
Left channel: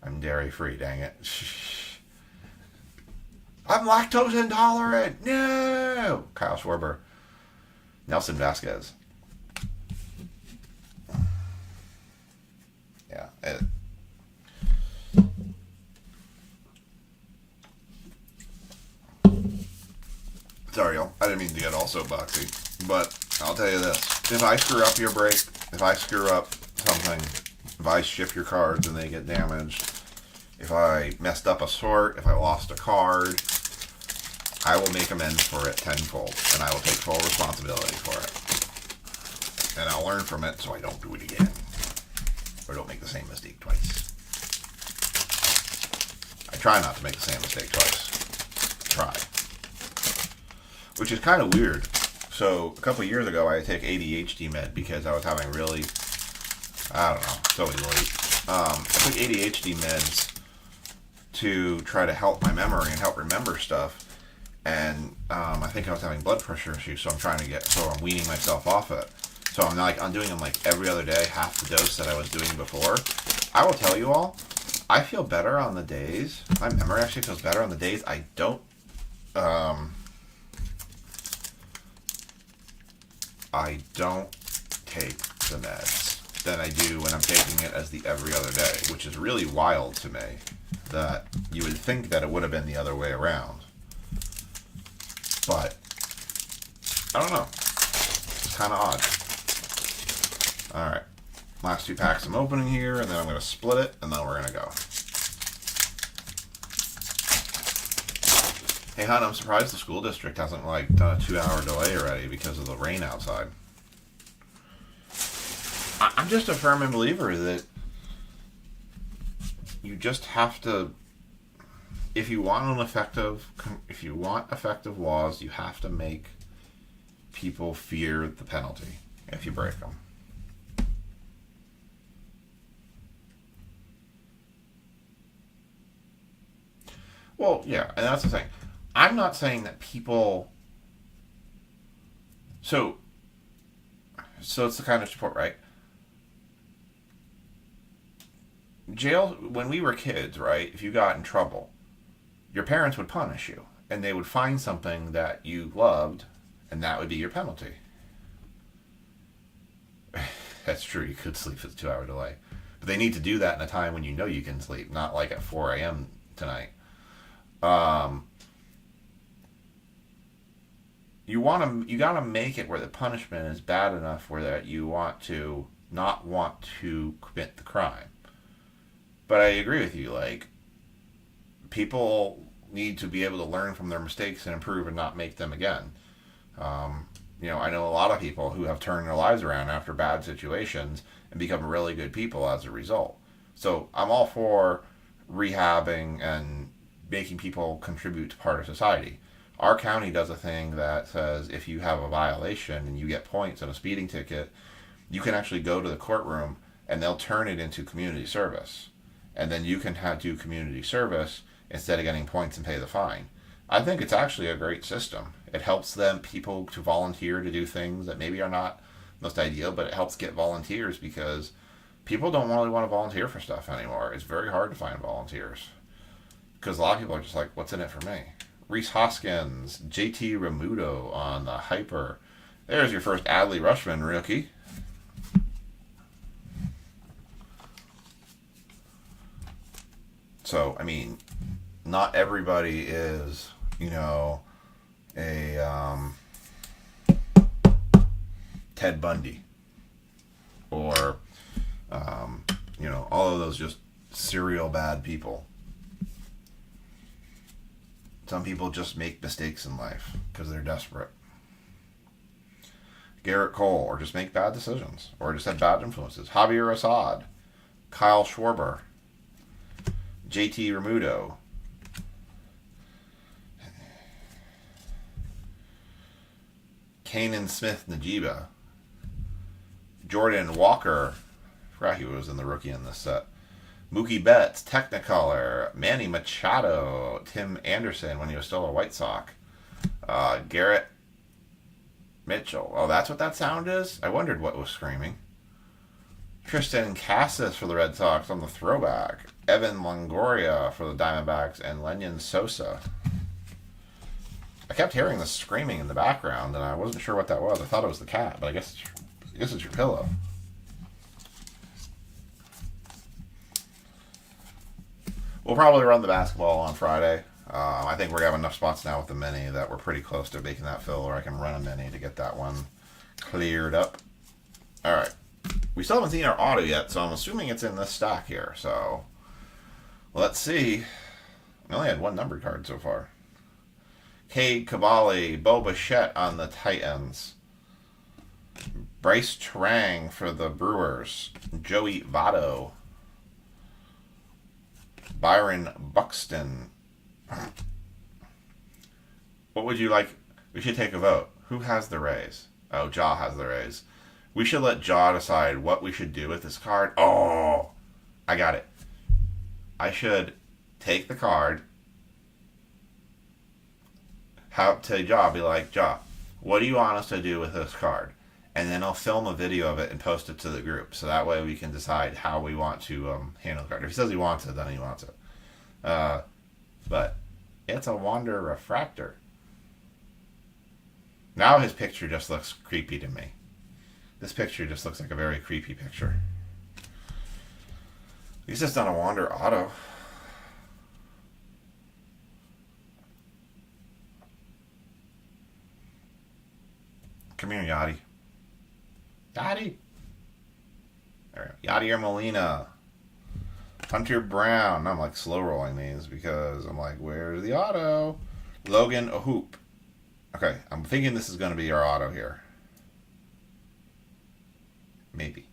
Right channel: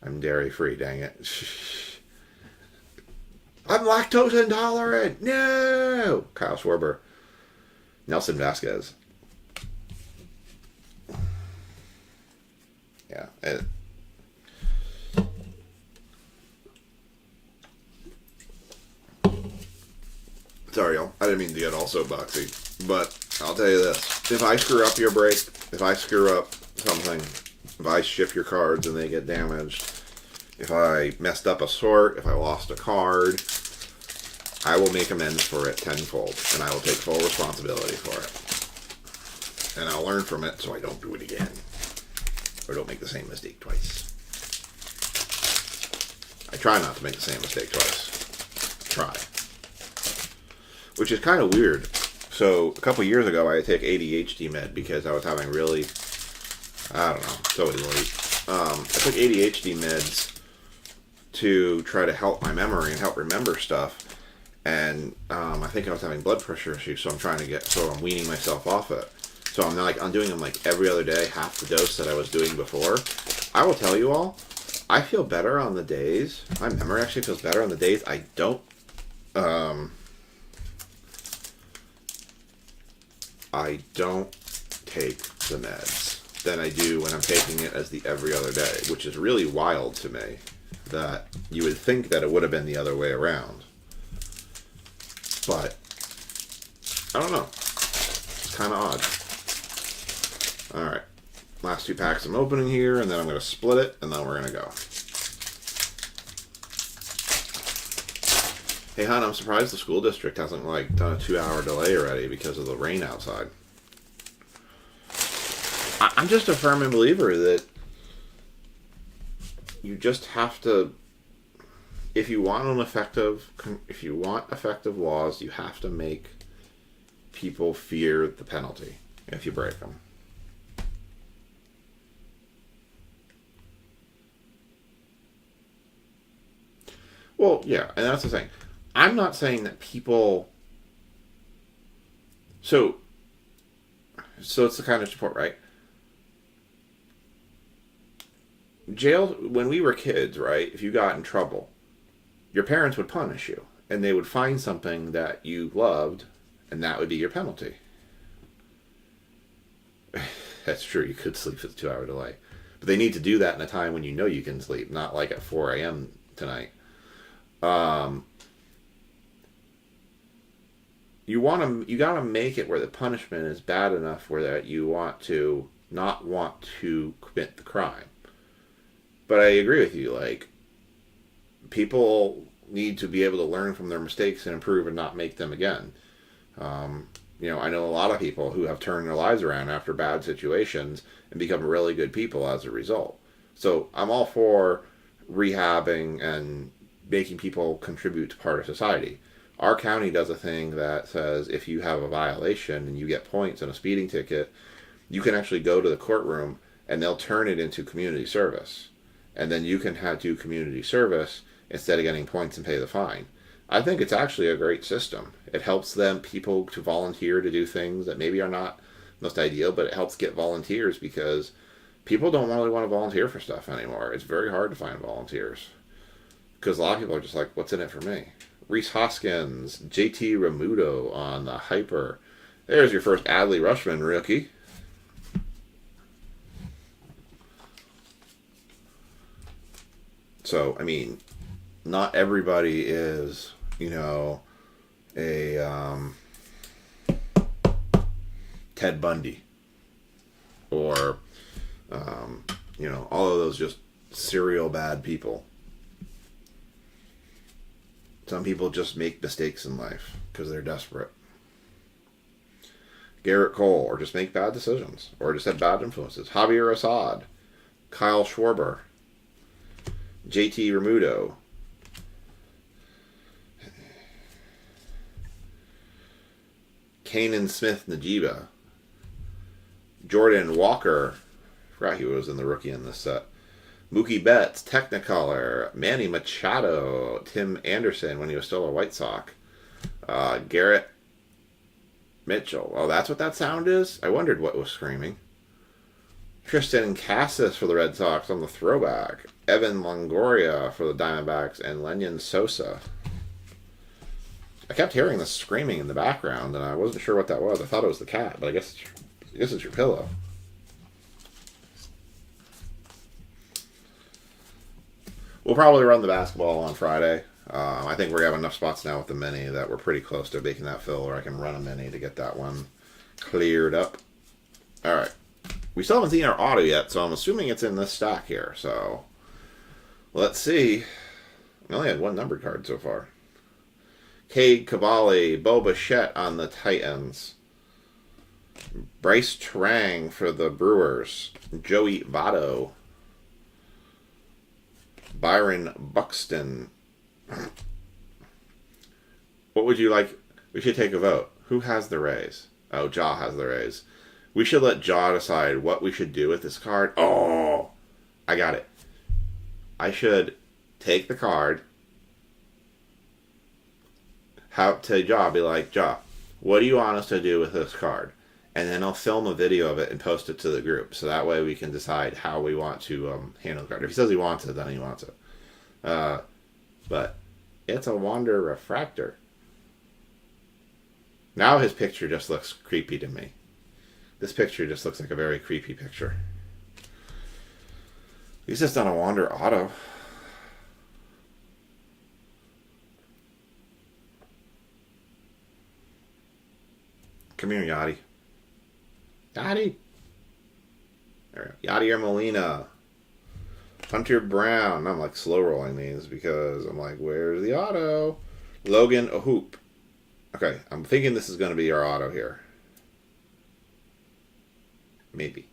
I'm dairy free, dang it. I'm lactose intolerant. No. Kyle Schwarber, Nelson Vasquez. Yeah. Sorry, y'all. I didn't mean to get all soapboxy, but I'll tell you this. If I screw up your break, if I screw up something, if I ship your cards and they get damaged, if I messed up a sort, if I lost a card, I will make amends for it tenfold, and I will take full responsibility for it. And I'll learn from it so I don't do it again. Or don't make the same mistake twice. I try not to make the same mistake twice. Try. Which is kind of weird. So, a couple years ago, I had to take ADHD med because I was having really, I don't know, so late. I took ADHD meds to try to help my memory and help remember stuff. And I think I was having blood pressure issues, so I'm weaning myself off it. So I'm doing them like every other day, half the dose that I was doing before. I will tell you all, I feel better on the days. My memory actually feels better on the days I don't take the meds than I do when I'm taking it as the every other day, which is really wild to me that you would think that it would have been the other way around. But I don't know. It's kind of odd. Alright. Last two packs I'm opening here, and then I'm going to split it, and then we're going to go. Hey, hon, I'm surprised the school district hasn't, done a 2-hour delay already because of the rain outside. I'm just a firm believer that you just have to, if you want effective laws, you have to make people fear the penalty if you break them. Well, yeah, and that's the thing. I'm not saying that people. So it's the kind of support, right? Jail, when we were kids, right? If you got in trouble, your parents would punish you, and they would find something that you loved, and that would be your penalty. That's true. You could sleep with a 2-hour delay, but they need to do that in a time when you know you can sleep, not like at 4 a.m. tonight. You gotta make it where the punishment is bad enough where that you want to not want to commit the crime. But I agree with you. People need to be able to learn from their mistakes and improve and not make them again. I know a lot of people who have turned their lives around after bad situations and become really good people as a result. So I'm all for rehabbing and making people contribute to part of society. Our county does a thing that says if you have a violation and you get points and a speeding ticket, you can actually go to the courtroom and they'll turn it into community service. And then you can do community service instead of getting points and pay the fine. I think it's actually a great system. It helps people to volunteer to do things that maybe are not most ideal, but it helps get volunteers because people don't really want to volunteer for stuff anymore. It's very hard to find volunteers. Because a lot of people are just like, what's in it for me? Reese Hoskins, JT Remuto on the Hyper. There's your first Adley Rutschman rookie. So, not everybody is, a Ted Bundy or, You know, all of those just serial bad people. Some people just make mistakes in life because they're desperate. Garrett Cole, or just make bad decisions, or just have bad influences. Javier Assad, Kyle Schwarber, JT Remuto, Kanan Smith Najiba, Jordan Walker, I forgot he was in the rookie in this set. Mookie Betts, Technicolor, Manny Machado, Tim Anderson when he was still a White Sox, Garrett Mitchell. Oh, that's what that sound is? I wondered what was screaming. Tristan Cassis for the Red Sox on the throwback. Evan Longoria for the Diamondbacks, and Lenyon Sosa. I kept hearing the screaming in the background, and I wasn't sure what that was. I thought it was the cat, but I guess it's your pillow. We'll probably run the basketball on Friday. I think we're going to have enough spots now with the mini that we're pretty close to making that fill, or I can run a mini to get that one cleared up. All right. We still haven't seen our auto yet, so I'm assuming it's in this stack here. So let's see. We only had one numbered card so far. Cade Cavalli, Bo Bichette on the Titans. Bryce Terang for the Brewers. Joey Votto. Byron Buxton. What would you like? We should take a vote. Who has the Rays? Oh, Jaw has the Rays. We should let Jaw decide what we should do with this card. Oh, I got it. I should take the card. To Jaw, be like, Jaw, what do you want us to do with this card? And then I'll film a video of it and post it to the group. So that way we can decide how we want to handle the card. If he says he wants it, then he wants it. But it's a Wander Refractor. Now his picture just looks creepy to me. This picture just looks like a very creepy picture. He's just on a Wander Auto. Come here, Yachty. Yachty. There we go. Yadier Molina. Hunter Brown. I'm like slow rolling these because I'm like, where's the auto? Logan Ahoop. Okay, I'm thinking this is going to be our auto here. Maybe.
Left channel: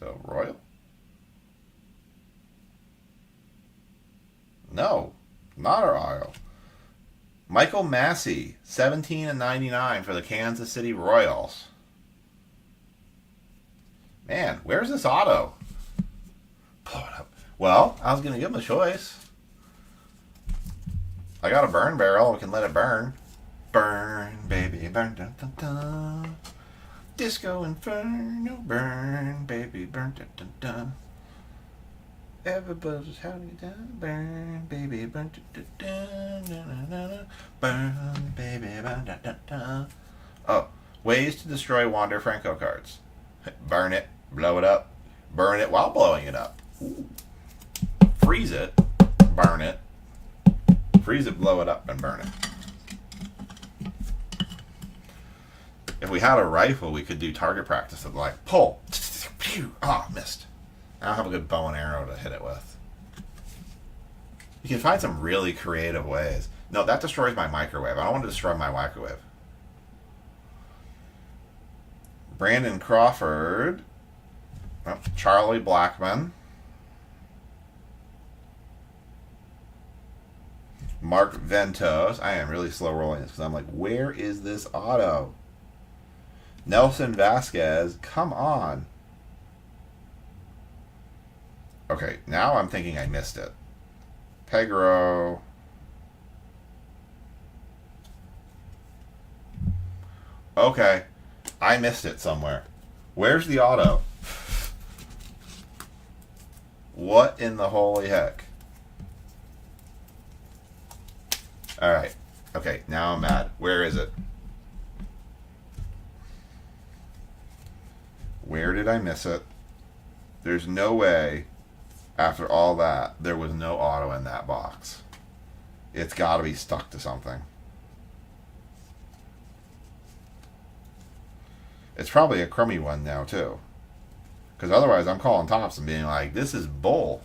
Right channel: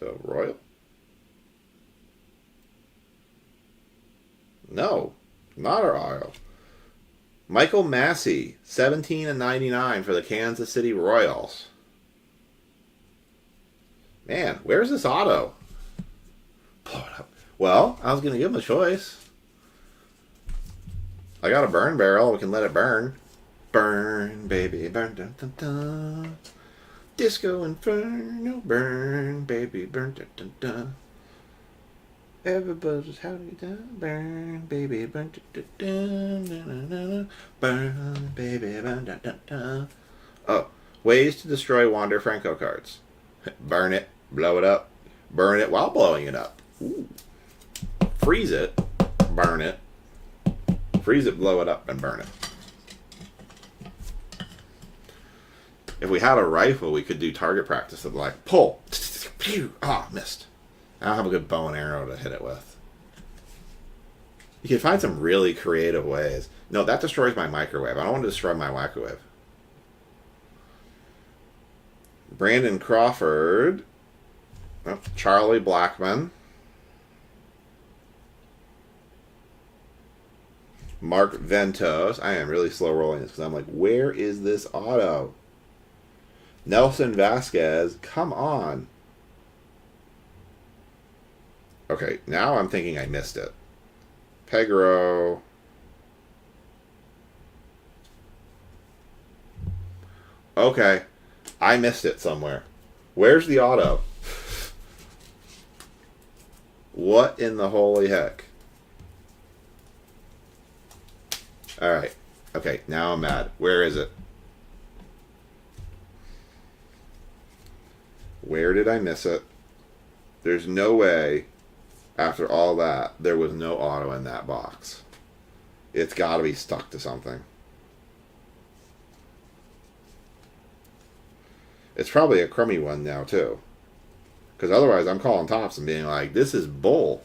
So, Royal? No, not our auto. Michael Massey, 17/99 for the Kansas City Royals. Man, where's this auto? Blow it up. Well, I was going to give him a choice. I got a burn barrel. We can let it burn. Burn, baby, burn, dun, dun, dun. Disco Inferno, burn, baby, burn, dun, dun, dun. Everybody's having done. Burn, baby, burn, dun, dun, dun, dun, dun. Burn, baby, burn, dun, dun, dun. Oh, ways to destroy Wander Franco cards. Burn it, blow it up, burn it while blowing it up. Ooh. Freeze it, burn it. Freeze it, blow it up, and burn it. If we had a rifle, we could do target practice of like, pull. Ah, missed. I don't have a good bow and arrow to hit it with. You can find some really creative ways. No, that destroys my microwave. I don't want to destroy my microwave. Brandon Crawford. Oh, Charlie Blackmon. Mark Ventos. I am really slow rolling this because I'm like, where is this auto? Nelson Vasquez. Come on. Okay, now I'm thinking I missed it. Pegro. Okay. I missed it somewhere. Where's the auto? What in the holy heck? Alright. Okay, now I'm mad. Where is it? Where did I miss it? There's no way, after all that, there was no auto in that box. It's got to be stuck to something. It's probably a crummy one now, too. Because otherwise, I'm calling Tops and being like, "This is bull."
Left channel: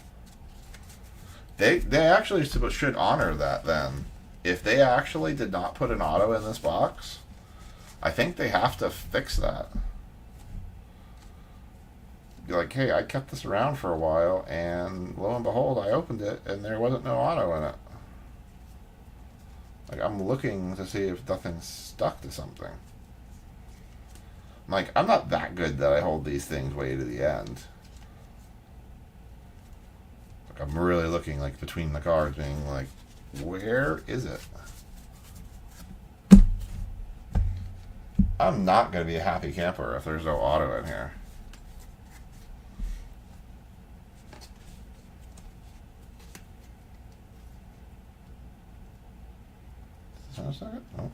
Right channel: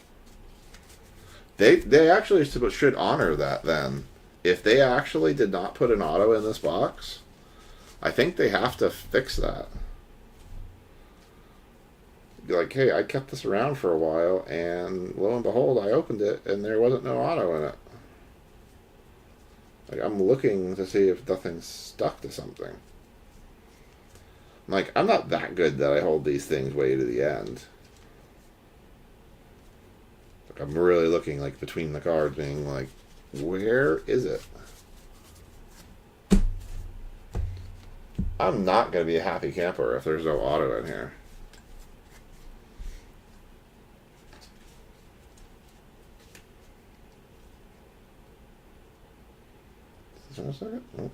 They actually should honor that then. If they actually did not put an auto in this box, I think they have to fix that. Be like, hey, I kept this around for a while, and lo and behold, I opened it, and there wasn't no auto in it. Like, I'm looking to see if nothing's stuck to something. Like, I'm not that good that I hold these things way to the end. Like, I'm really looking, like, between the cards, being like, where is it? I'm not going to be a happy camper if there's no auto in here. Just a second. Nope.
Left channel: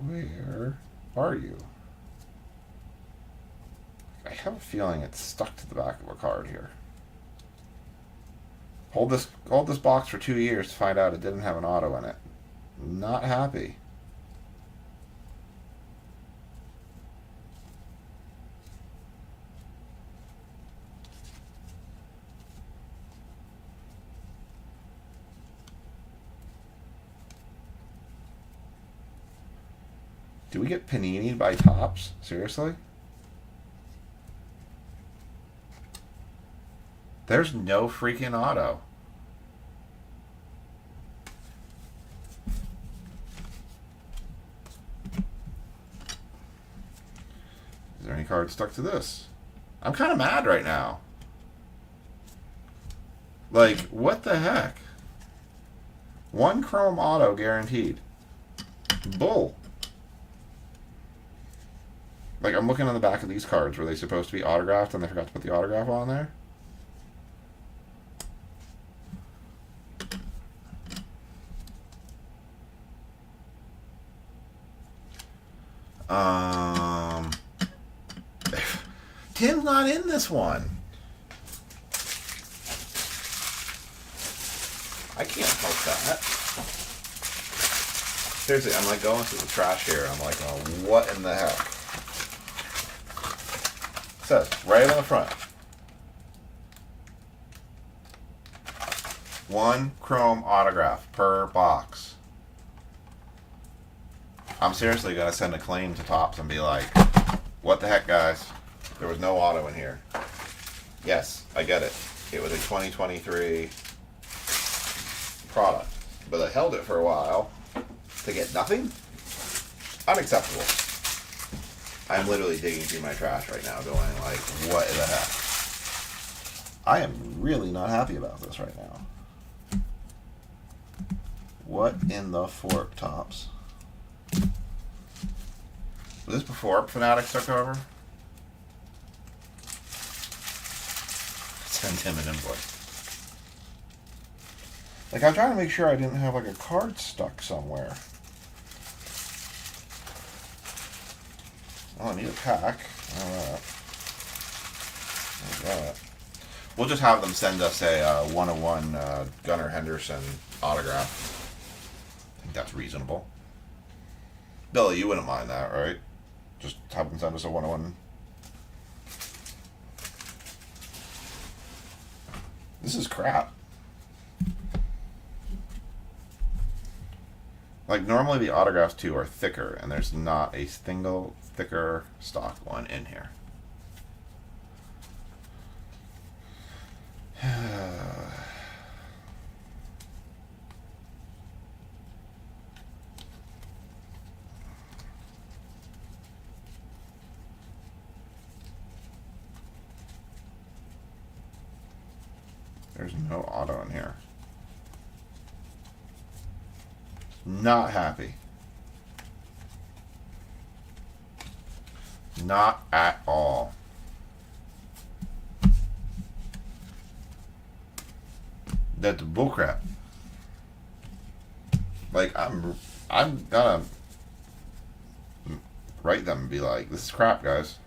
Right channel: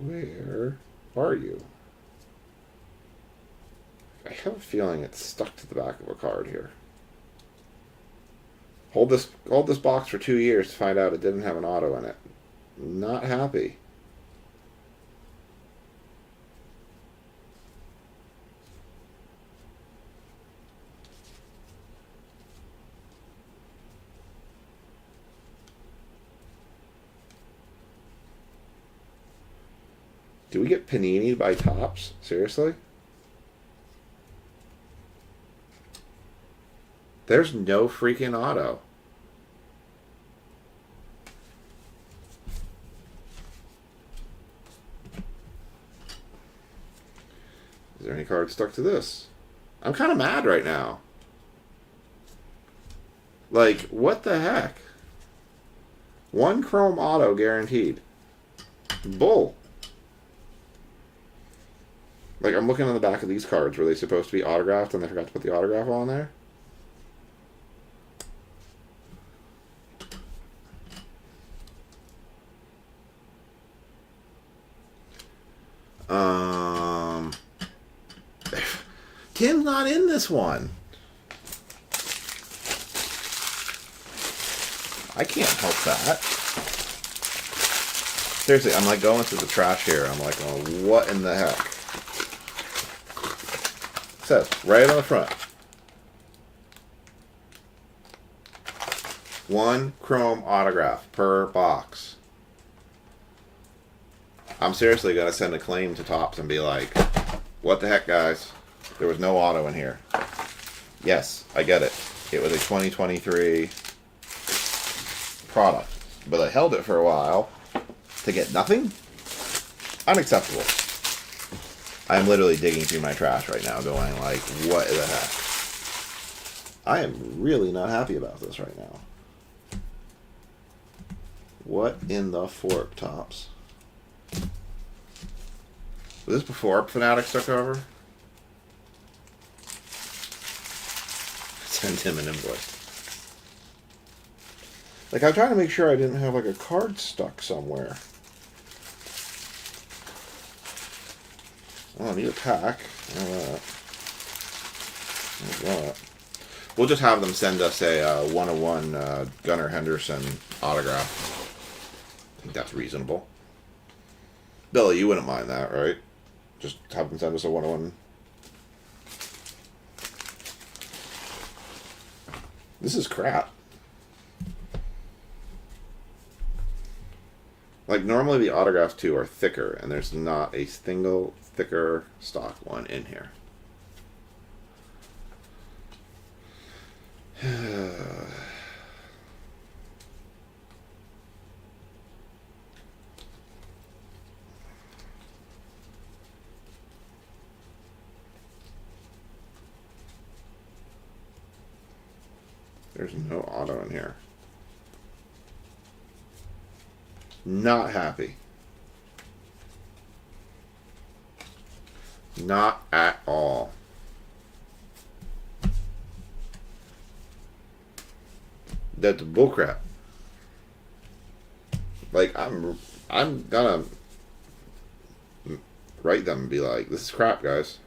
Where are you? I have a feeling it's stuck to the back of a card here. Hold this box for 2 years to find out it didn't have an auto in it. Not happy. Do we get panini'd by Tops? Seriously? There's no freaking auto. Is there any card stuck to this? I'm kind of mad right now. Like, what the heck? 1 chrome auto guaranteed. Bull. Like, I'm looking on the back of these cards. Were they supposed to be autographed and they forgot to put the autograph on there? Tim's not in this one. I can't help that. Seriously, I'm like going through the trash here. I'm like, oh, what in the heck? It says right on the front. 1 chrome autograph per box. I'm seriously going to send a claim to Tops and be like, what the heck, guys? There was no auto in here. Yes, I get it. It was a 2023 product. But I held it for a while to get nothing? Unacceptable. I'm literally digging through my trash right now going like, what the heck? I am really not happy about this right now. What in the fork, Tops? Was this before Fanatics took over? Send him an invoice. Like, I'm trying to make sure I didn't have, like, a card stuck somewhere. Oh, I need a pack. All that. We'll just have them send us a 101 Gunnar Henderson autograph. I think that's reasonable. Billy, you wouldn't mind that, right? Just have them send us a 101. This is crap. Like, normally the autographs too are thicker, and there's not a single thicker stock one in here. There's no auto in here. Not happy. Not at all. That's bullcrap. Like, I'm gonna write them and be like, this is crap, guys.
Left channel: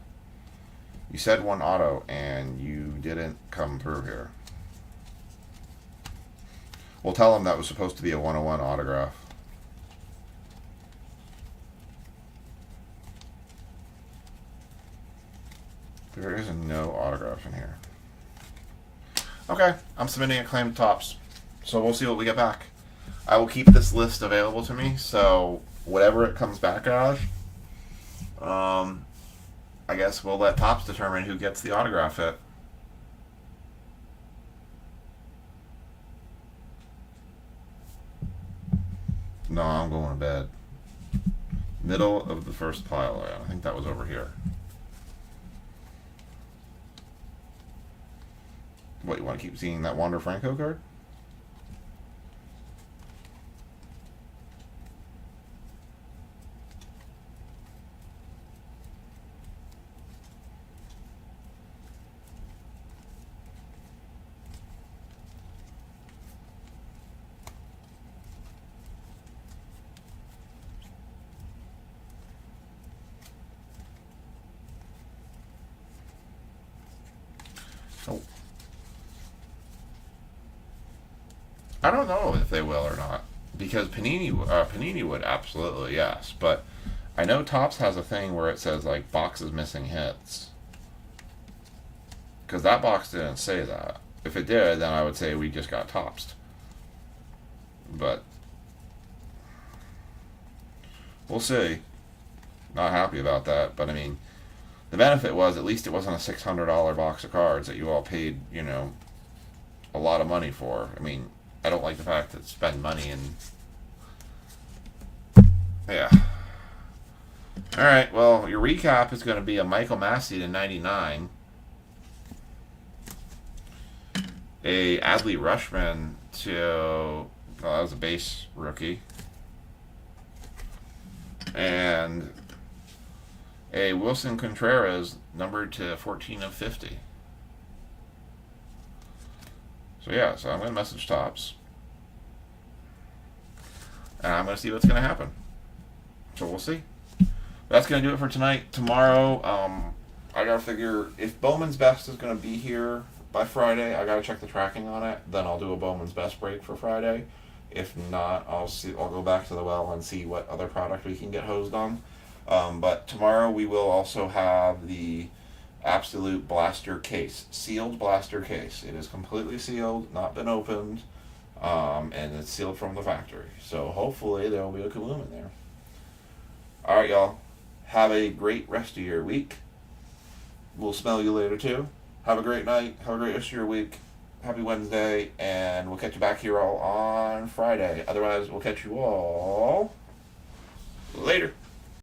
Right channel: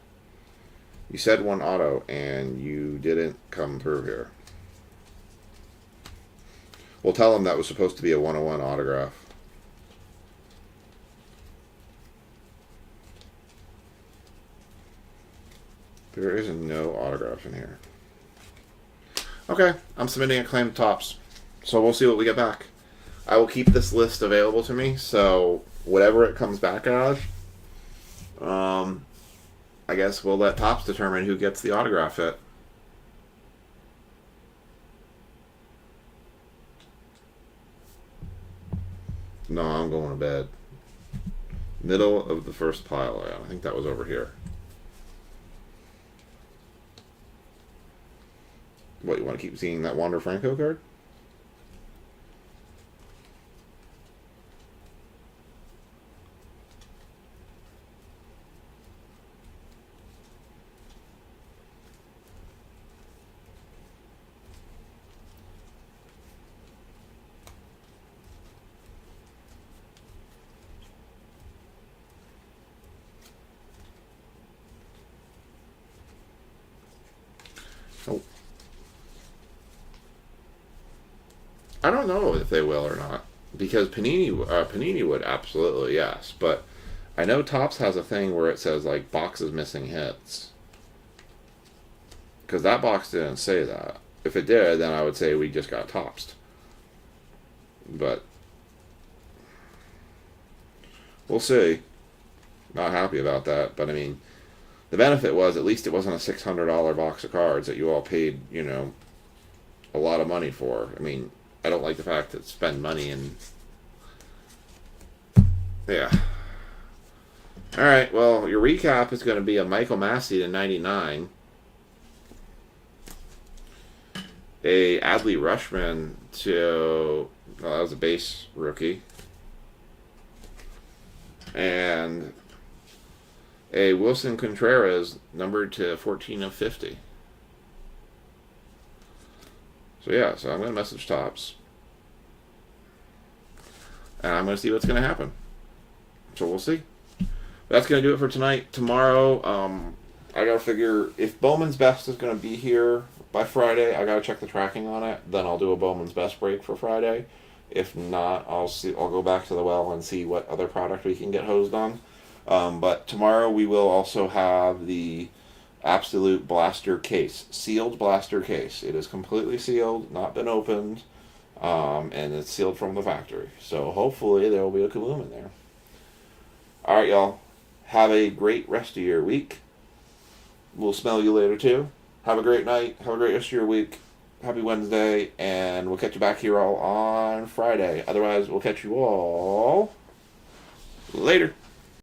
You said 1 auto and you didn't come through here. We'll tell them that was supposed to be a 101 autograph. There is no autograph in here. Okay, I'm submitting a claim to Topps. So we'll see what we get back. I will keep this list available to me, so whatever it comes back as, I guess we'll let Topps determine who gets the autograph hit. No, I'm going to bed. Middle of the first pile. I think that was over here. What, you want to keep seeing that Wander Franco card? Oh. I don't know if they will or not, because Panini would absolutely, yes, but I know Topps has a thing where it says like boxes missing hits, because that box didn't say that. If it did, then I would say we just got Toppsed. But we'll see. Not happy about that, but I mean, the benefit was at least it wasn't a $600 box of cards that you all paid, you know, a lot of money for. I mean, I don't like the fact that spend money and yeah. All right. Well, your recap is going to be a Michael Massey to 99, a Adley Rushman to well, that was a base rookie, and a Wilson Contreras numbered to 14 of 50. So yeah, so I'm going to message Topps. And I'm going to see what's going to happen. So we'll see. That's going to do it for tonight. Tomorrow, I got to figure if Bowman's Best is going to be here by Friday, I got to check the tracking on it. Then I'll do a Bowman's Best break for Friday. If not, I'll go back to the well and see what other product we can get hosed on. But tomorrow we will also have the Absolute Blaster case, sealed blaster case. It is completely sealed, not been opened, and it's sealed from the factory. So hopefully there will be a Kaloom in there. All right, y'all. Have a great rest of your week. We'll smell you later too. Have a great night. Have a great rest of your week. Happy Wednesday, and we'll catch you back here all on Friday. Otherwise, we'll catch you all later.